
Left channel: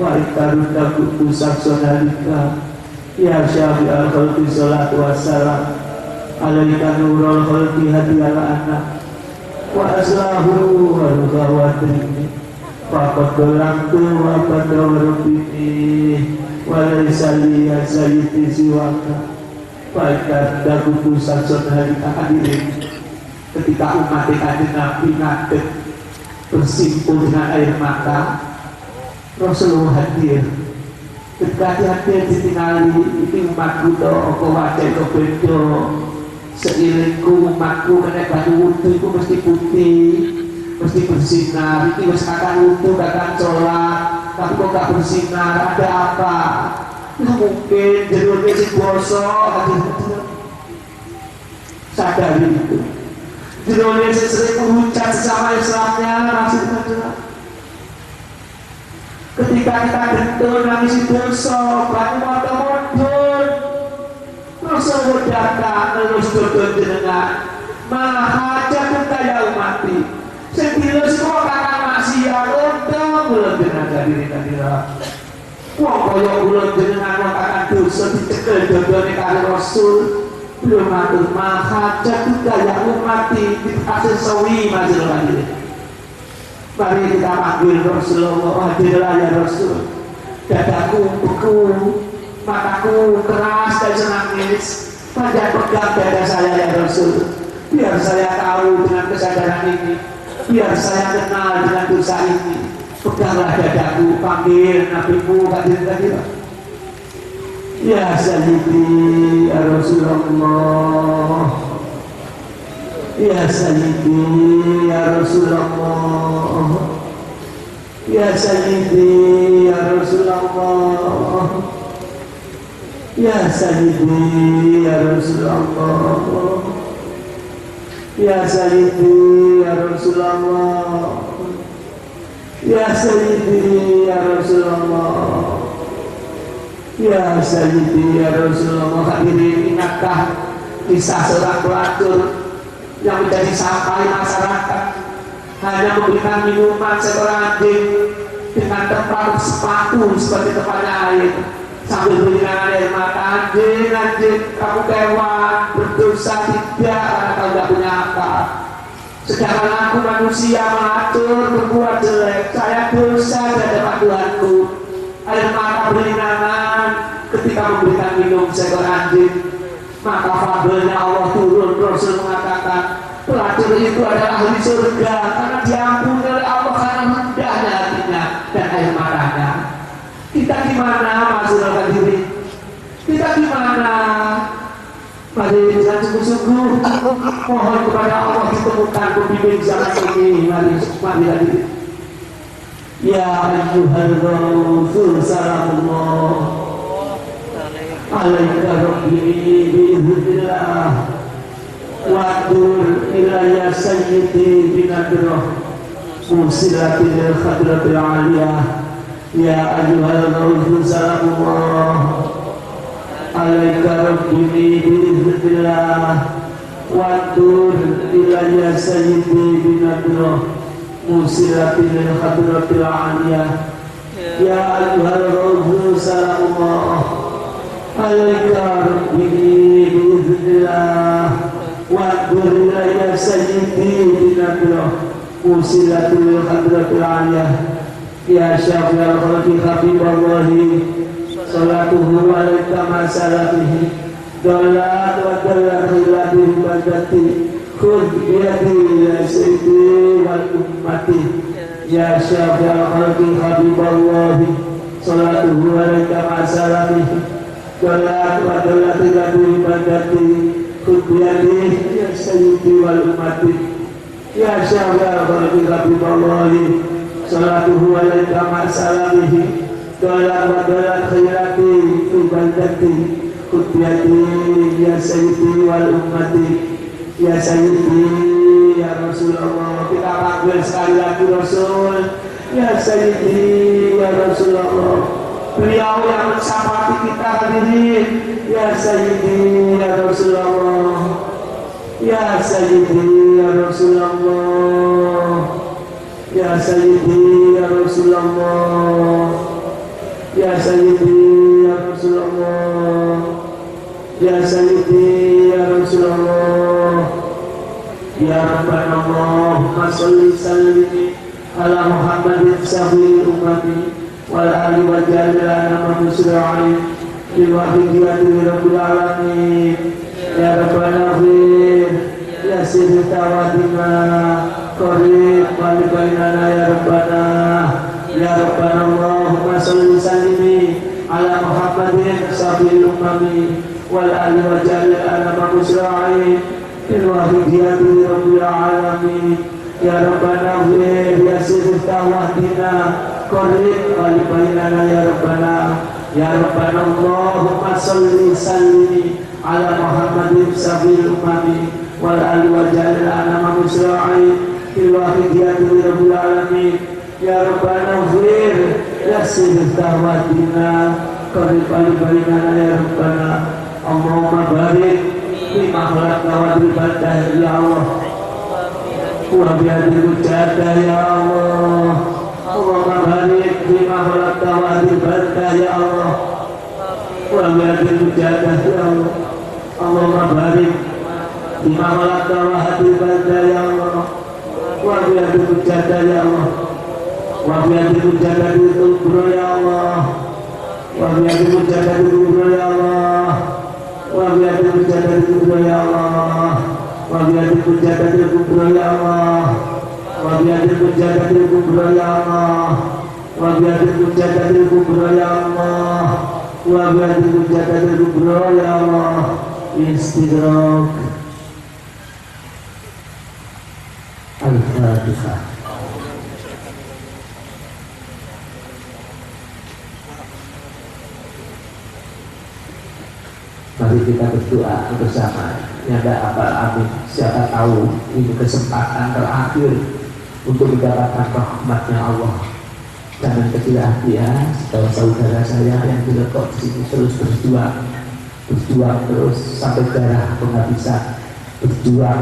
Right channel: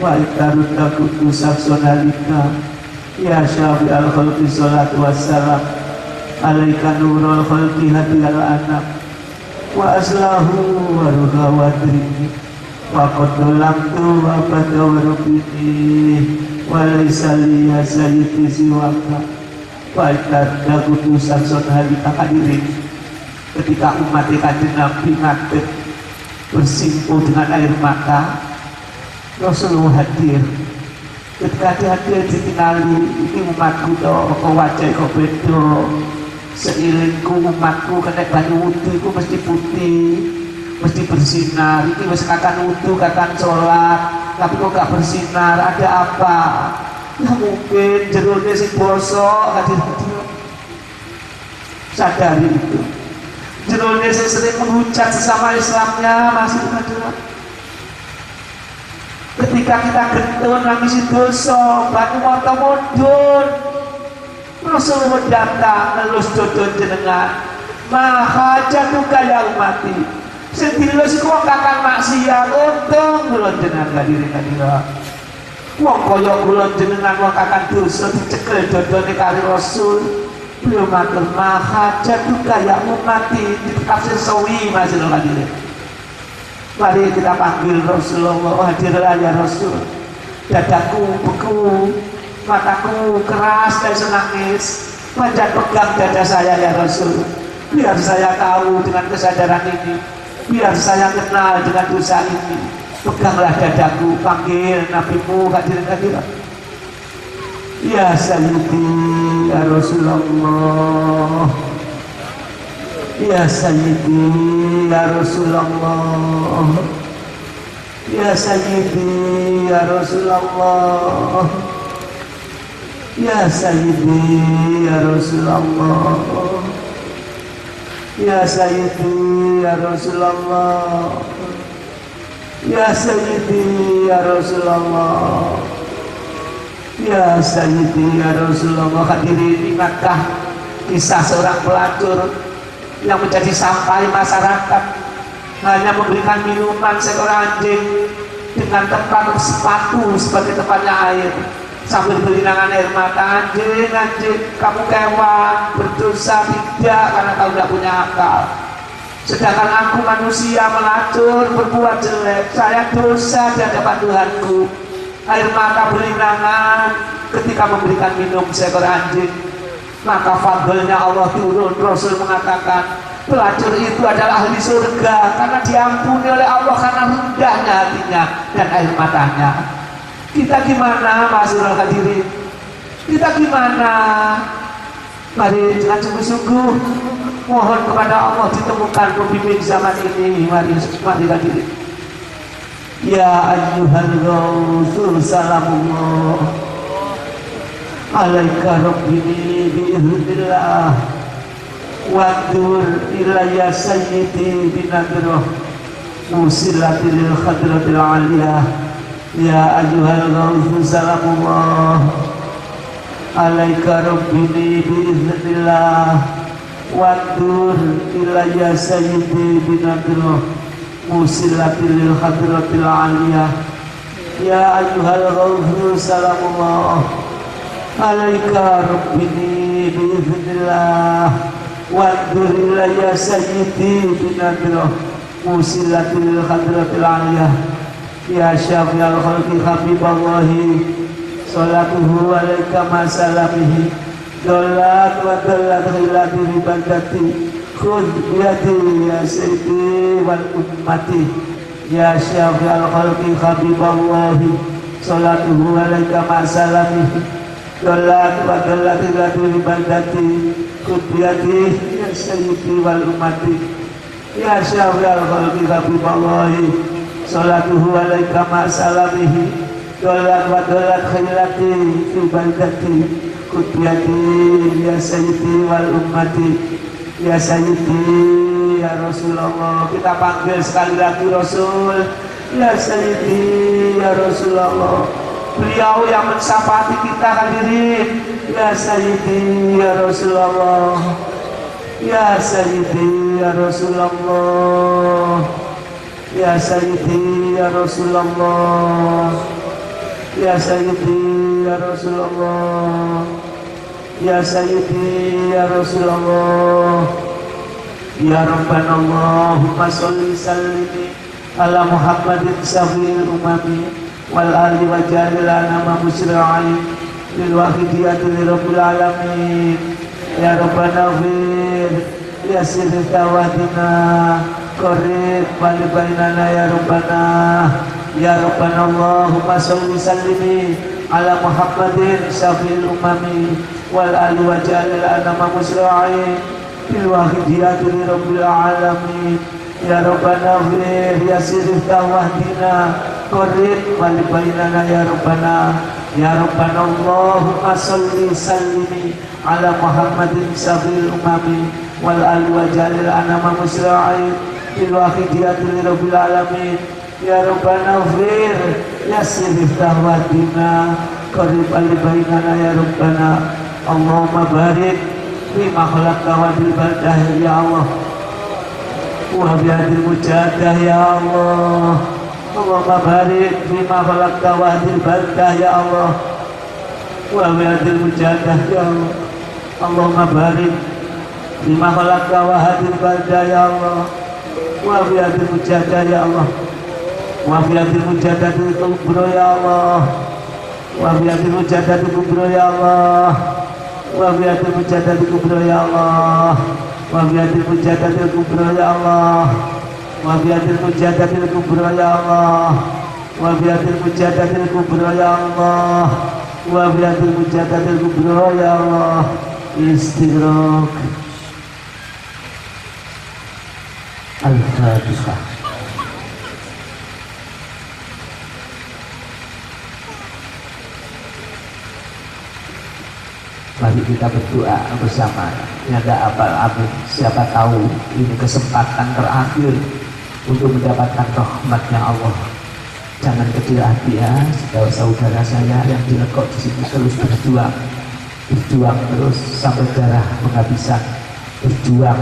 wa intarudda kuntu saksonalika. Ya Syafi'al Khalqi salatu wassalam alaika nurul khalqi hadiyal anak wa aslahu warhahu adrini faqad dalamtu abada wa rukini walaisali asaliti siwaka wa intarudda kuntu saksonalika. Hadirin, ketika umat Kanjeng Nabi ngadeg bersimpuh dengan air mata, Rasulullah hadir. Ketika hadir ditinggali iki umatku to apa wajah kok beda, seiringku umatku kena banyu wudu iku mesti putih, mesti bersinar. Iki wis kakang wudu kakang sholat tapi kok gak bersinar, ada apa? Ya mungkin jeruknya si bosok. Hadir, sadari itu. Jeruknya si sering menghujat sesama Islamnya masih ada. Ketika kita gentun nangisi dosa, bangun mata mudun, Rasulullah datang nelus dodon jenengan, malah hajatu kaya umati. Sedilus kok kakang maksiat, untung bulan jenengan hadirin. Wong kaya bulan jenengan wong kakang dosa dicekel dodone kali Rasul. Belum matur malah hajatu kaya umati dikasih sawi masih lagi. Mari kita panggil Rasulullah, hadirlah ya Rasul. Dadaku beku, mataku keras dan senangis. Wajah pegang dada saya ya Rasul. Biar saya tahu dengan kesadaran ini, biar saya kenal dengan dosa ini. Peganglah dadaku, panggil nabimu, hadir. Ya Sayyidi ya Rasulullah, ya Sayyidi ya Rasulullah, ya Sayyidi ya Rasulullah, ya Sayyidi ya Rasulullah, ya Sayyidi ya Rasulullah, ya Sayyidi ya Rasulullah, ya Sayyidi ya Rasulullah. Hadirin, ingatkah kisah seorang pelacur yang menjadi sampah masyarakat, hanya memberikan minuman seekor anjing dengan tempat sepatu sebagai tempatnya air, sambil berikan air mata. Anjing, kamu kewan, berdosa tidak karena kamu tidak punya akal. Sedangkan aku manusia melacur, berbuat jelek, saya dosa di hadapan Tuhanku. Air mata berinangan ketika memberikan minum seekor anjing, maka fadlnya Allah turun. Rasul mengatakan, Pelacur itu adalah ahli surga karena diampuni oleh Allah karena rendahnya hatinya dan air matanya. Kita gimana, Masyarul hadirin? Kita gimana? Mari dengan sungguh-sungguh mohon kepada Allah ditemukan pemimpin zaman ini. Mari hadirin. Ya ayyuhal ghawthul salamullah alaika rabbi biiznillah wadur ilayya sayyidi binabirah musilatil khadratil aliyah. Ya ayyuhal ghawthul salamullah alaika rabbi biiznillah wadur ilayya sayyidi binabirah musilatil khadratil aliyah. Ya ayyuhal ghawthul salamullah alaika rabbi biiznillah wadur ilayya sayyidi binabirah musilatil khadratil aliyah. Ya syafi'al khalqi habiballahi salatuhu alaika masalabihi dalat wa dalat ilabihi bagati khud biyadi ya sayyidi wal ummati. Ya syafi'al khalqi habiballahi salatuhu alaika masalabihi dalat wa dalat ilabihi bagati khud biyadi ya sayyidi wal ummati. Ya syafi'al khalqi habiballahi salatuhu alaika ma'asalabihi dolat wa dolat khairati fi bandati kubyati ya sayyidi wal ummati. Ya sayyidi ya Rasulullah. Kita panggil sekali lagi Rasul. Ya sayyidi ya Rasulullah. Beliau yang mensafati kita hadirin. Ya sayyidi ya Rasulullah. Ya sayyidi ya Rasulullah. Ya sayyidi ya Rasulullah. Ya sayyidi ya Rasulullah. Ya sayyidi ya Rasulullah. Ya Rabbana Allahumma sholli sallim ala Muhammadin sabil umami wal ali wa jalilana musri'in bil wahidiyati rabbil alamin. Ya Rabbana fir ya sirri tawadina qarib wali bainana ya Rabbana. Ya Rabbana Allahumma sholli sallimi ala Muhammadin sabil umami wal ali wa jalil anama musra'in bil wahidiyati rabbil alamin. Ya Rabbana fir ya sirri tawadina qarib wali bainana ya Rabbana. Ya Rabbana Allahumma sholli sallimi ala Muhammadin sabil umami wal ali wa jalil anama musra'in bil wahidiyati rabbil alamin. Ya Rabbana fir yassir tahwadina qarib al-bainana ya Rabbana. Allahumma barik fi makhlaqka wa bil badah ya Allah wa bi hadil mujadah ya Allah. Allahumma barik fi makhlaqka wa bil badah ya Allah wa bi hadil mujadah ya Allah. Allahumma barik fi makhlaqka wa hadil badah ya Allah wa bi hadil mujadah ya Allah wa bi hadil mujadatil kubra ya Allah wa bi hadil mujadatil kubra ya Allah wa bi hadil mujadatil kubra ya Allah wa bi hadil mujadatil kubra ya Allah wa bi hadil mujadatil kubra ya Allah wa bi hadil mujadatil kubra ya Allah wa bi hadil mujadatil kubra ya Allah. Istidrak Al-Fatihah. Mari kita berdoa bersama. Tiada apa-apa, siapa tahu ini kesempatan terakhir untuk mendapatkan rahmatnya Allah. Jangan kecil hati ya, saudara saya yang dilekok di sini terus berjuang terus sampai darah penghabisan, berjuang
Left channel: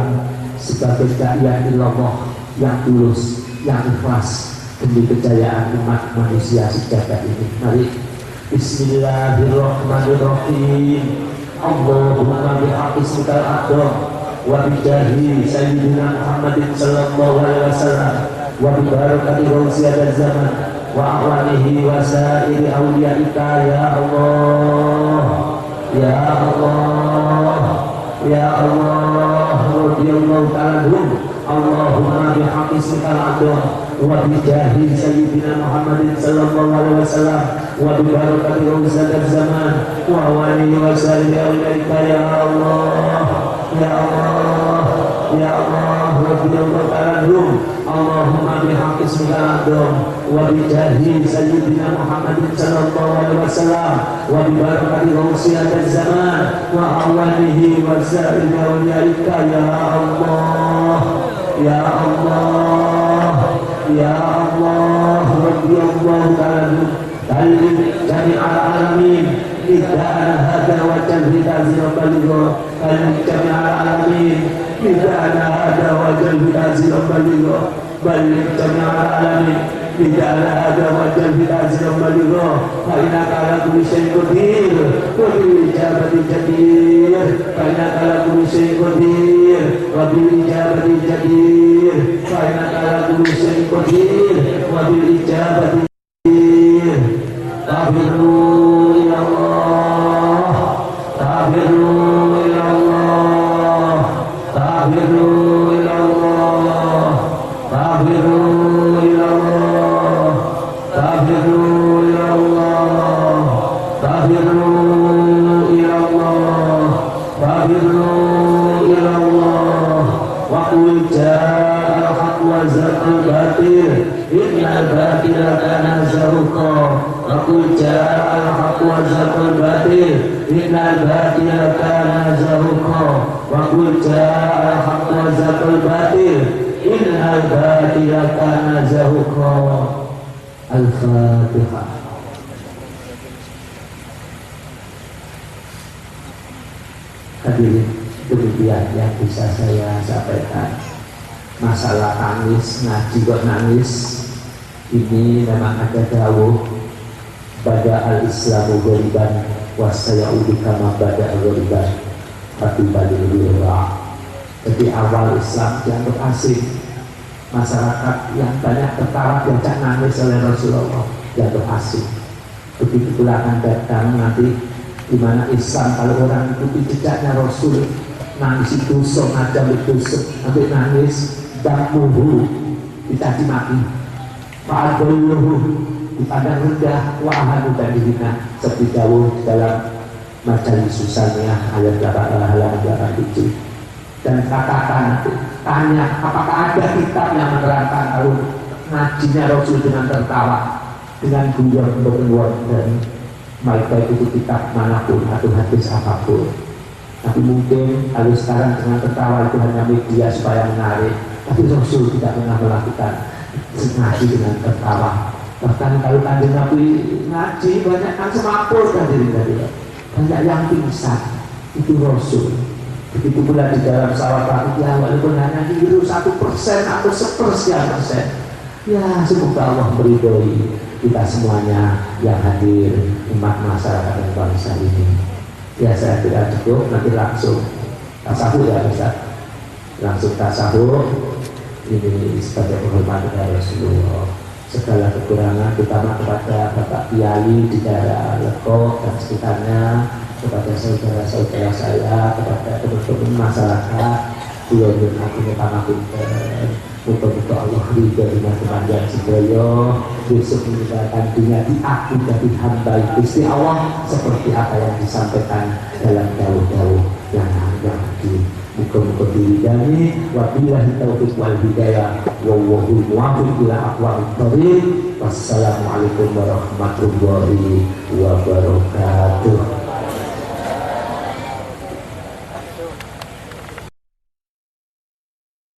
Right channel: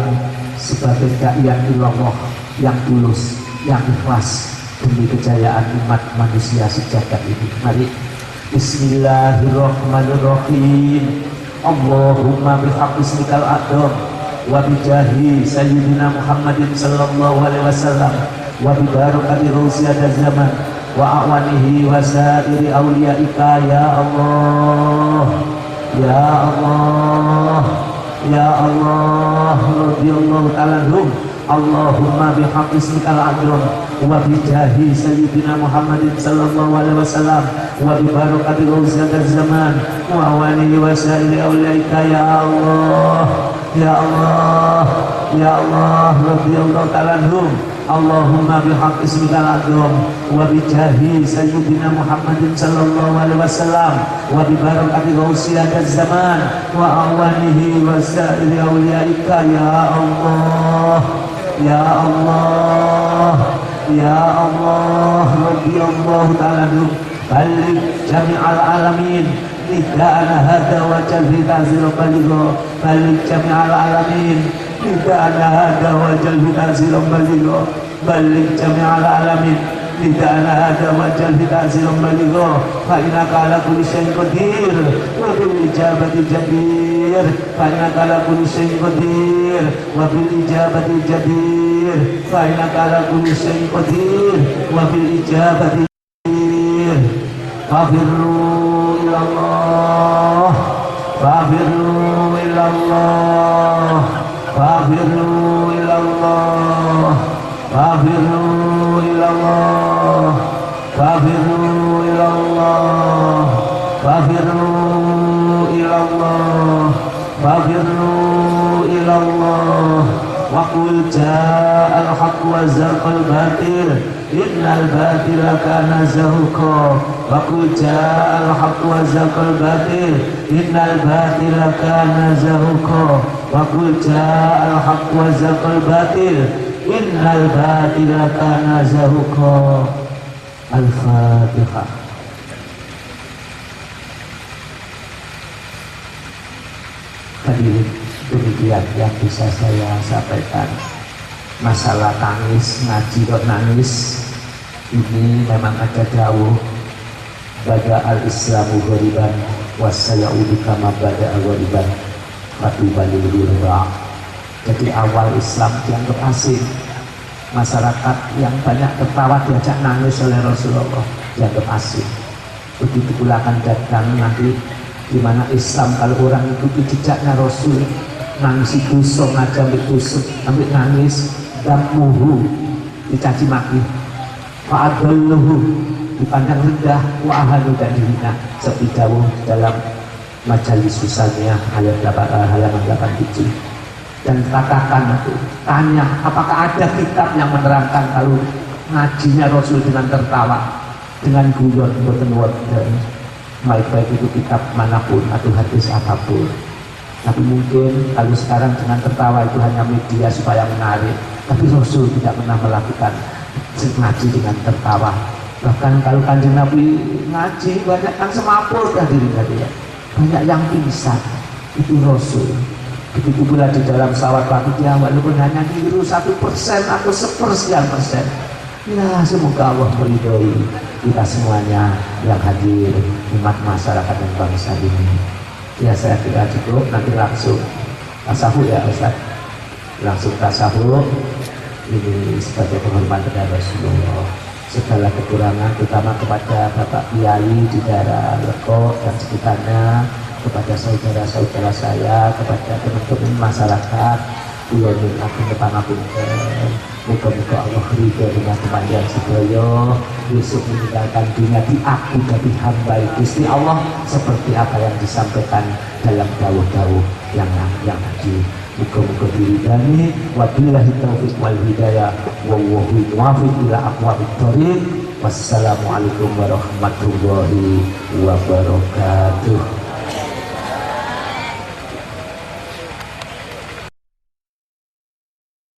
sebagai dai Allah yang tulus, yang ikhlas demi kejayaan umat manusia sejagat ini. Mari Bismillahirrahmanirrahim. Allahumma bihaqqi ismikal a'zam wa bijahi sayyidina Muhammadin sallallahu alaihi wasallam wa bi barakati rausiyatil zaman wa awanihi wa sa'iri awliyaika ya Allah ya Allah ya Allah radhiyallahu ta'ala anhum. Allahumma bihaqqi ismikal a'zam wa bi jahi sayyidina Muhammadin sallallahu alaihi wasallam wa bi barakati rawzat zaman wa awalihi wa sa'ili awliyaika ya Allah ya Allah ya Allah radhiyallahu ta'ala anhum. Allahumma bihaqqi ismikal a'zam wa bi jahi sayyidina Muhammadin sallallahu alaihi wasallam wa bi barakati rawzat zaman wa awalihi wa sa'ili awliyaika ya Allah ya Allah ya Allah radhiyallahu ta'ala anhum. Balik jami'al alamin tidak ana hada wa jalhika zirabaligo. Balik jami'al alamin tidak ana hada wa jalhika zirabaligo. Balik jami'al alamin tidak ana hada wa jalhika zirabaligo. Fa innaka ala kulli syai'in qadir wa bil ijabati jadir. Fa innaka ala kulli syai'in qadir wa bil ijabati jadir. Fa innaka ala kulli syai'in qadir wa bil ijabati jadir. Fafirru ilallah, fafirru ilallah, fafirru ilallah, fafirru ilallah, fafirru ilallah, fafirru ilallah, fafirru ilallah. Wa qul ja'al haqq wa zaqal batil innal batila kana zahuqa. Wa qul ja'al haqq wa zaqal batil innal batila kana zahuqa. Wa qul ja'al haqq wa zaqal batil innal batila kana zahuqa. Al-Fatihah. Hadirin, demikian yang bisa saya sampaikan. Masalah tangis, ngaji kok nangis, ini memang ada dawuh bada al-islamu ghoriban wasayaudu kama bada al-ghoriban tapi balil dirah. Jadi awal Islam dianggap asing, masyarakat yang banyak tertawa diajak nangis oleh Rasulullah dianggap asing. Begitu pula akan datang nanti di mana Islam kalau orang ikuti jejaknya Rasul, nangis itu sok, ngajak itu sok, sampai nangis dan muhu dicaci maki, wa'adalluhu dipandang rendah, wa'ahadu dan dihina, seperti dawuh dalam majalis susahnya ayat halaman 87. Dan katakan, tanya apakah ada kitab yang menerangkan kalau ngajinya Rasul dengan tertawa, dengan guyon dan malaikat itu kitab manapun atau hadis apapun. Tapi mungkin kalau sekarang dengan tertawa itu hanya media supaya menarik, tapi Rasul tidak pernah melakukan ngaji dengan tertawa. Bahkan kalau Kanjeng Nabi ngaji banyak kan semapur kan diri ya, banyak yang pingsan, itu Rasul. Begitu pula di dalam salawat Fatihah walaupun hanya keliru 1% atau 1/1%. Ya semoga Allah meridhoi kita semuanya yang hadir, umat masyarakat dan bangsa ini. Ya saya tidak cukup, nanti langsung tasawuf ya Ustaz. Langsung tasawuf. Ini sebagai penghormatan kepada Rasulullah. Segala kekurangan terutama kepada Bapak Kiai di daerah Lekok dan sekitarnya, kepada saudara-saudara saya, kepada teman-teman masyarakat, beliau minta panapun muka-muka Allah ridho dengan kematian sedoyo, besok meninggalkan dunia diaku dari hamba Gusti Allah seperti apa yang disampaikan dalam dawuh-dawuh yang tadi. Muka-muka diridani, wabillahi taufiq wal hidayah, wallahu muwaffiq ila aqwamit thoriq. Wassalamualaikum warahmatullahi wabarakatuh.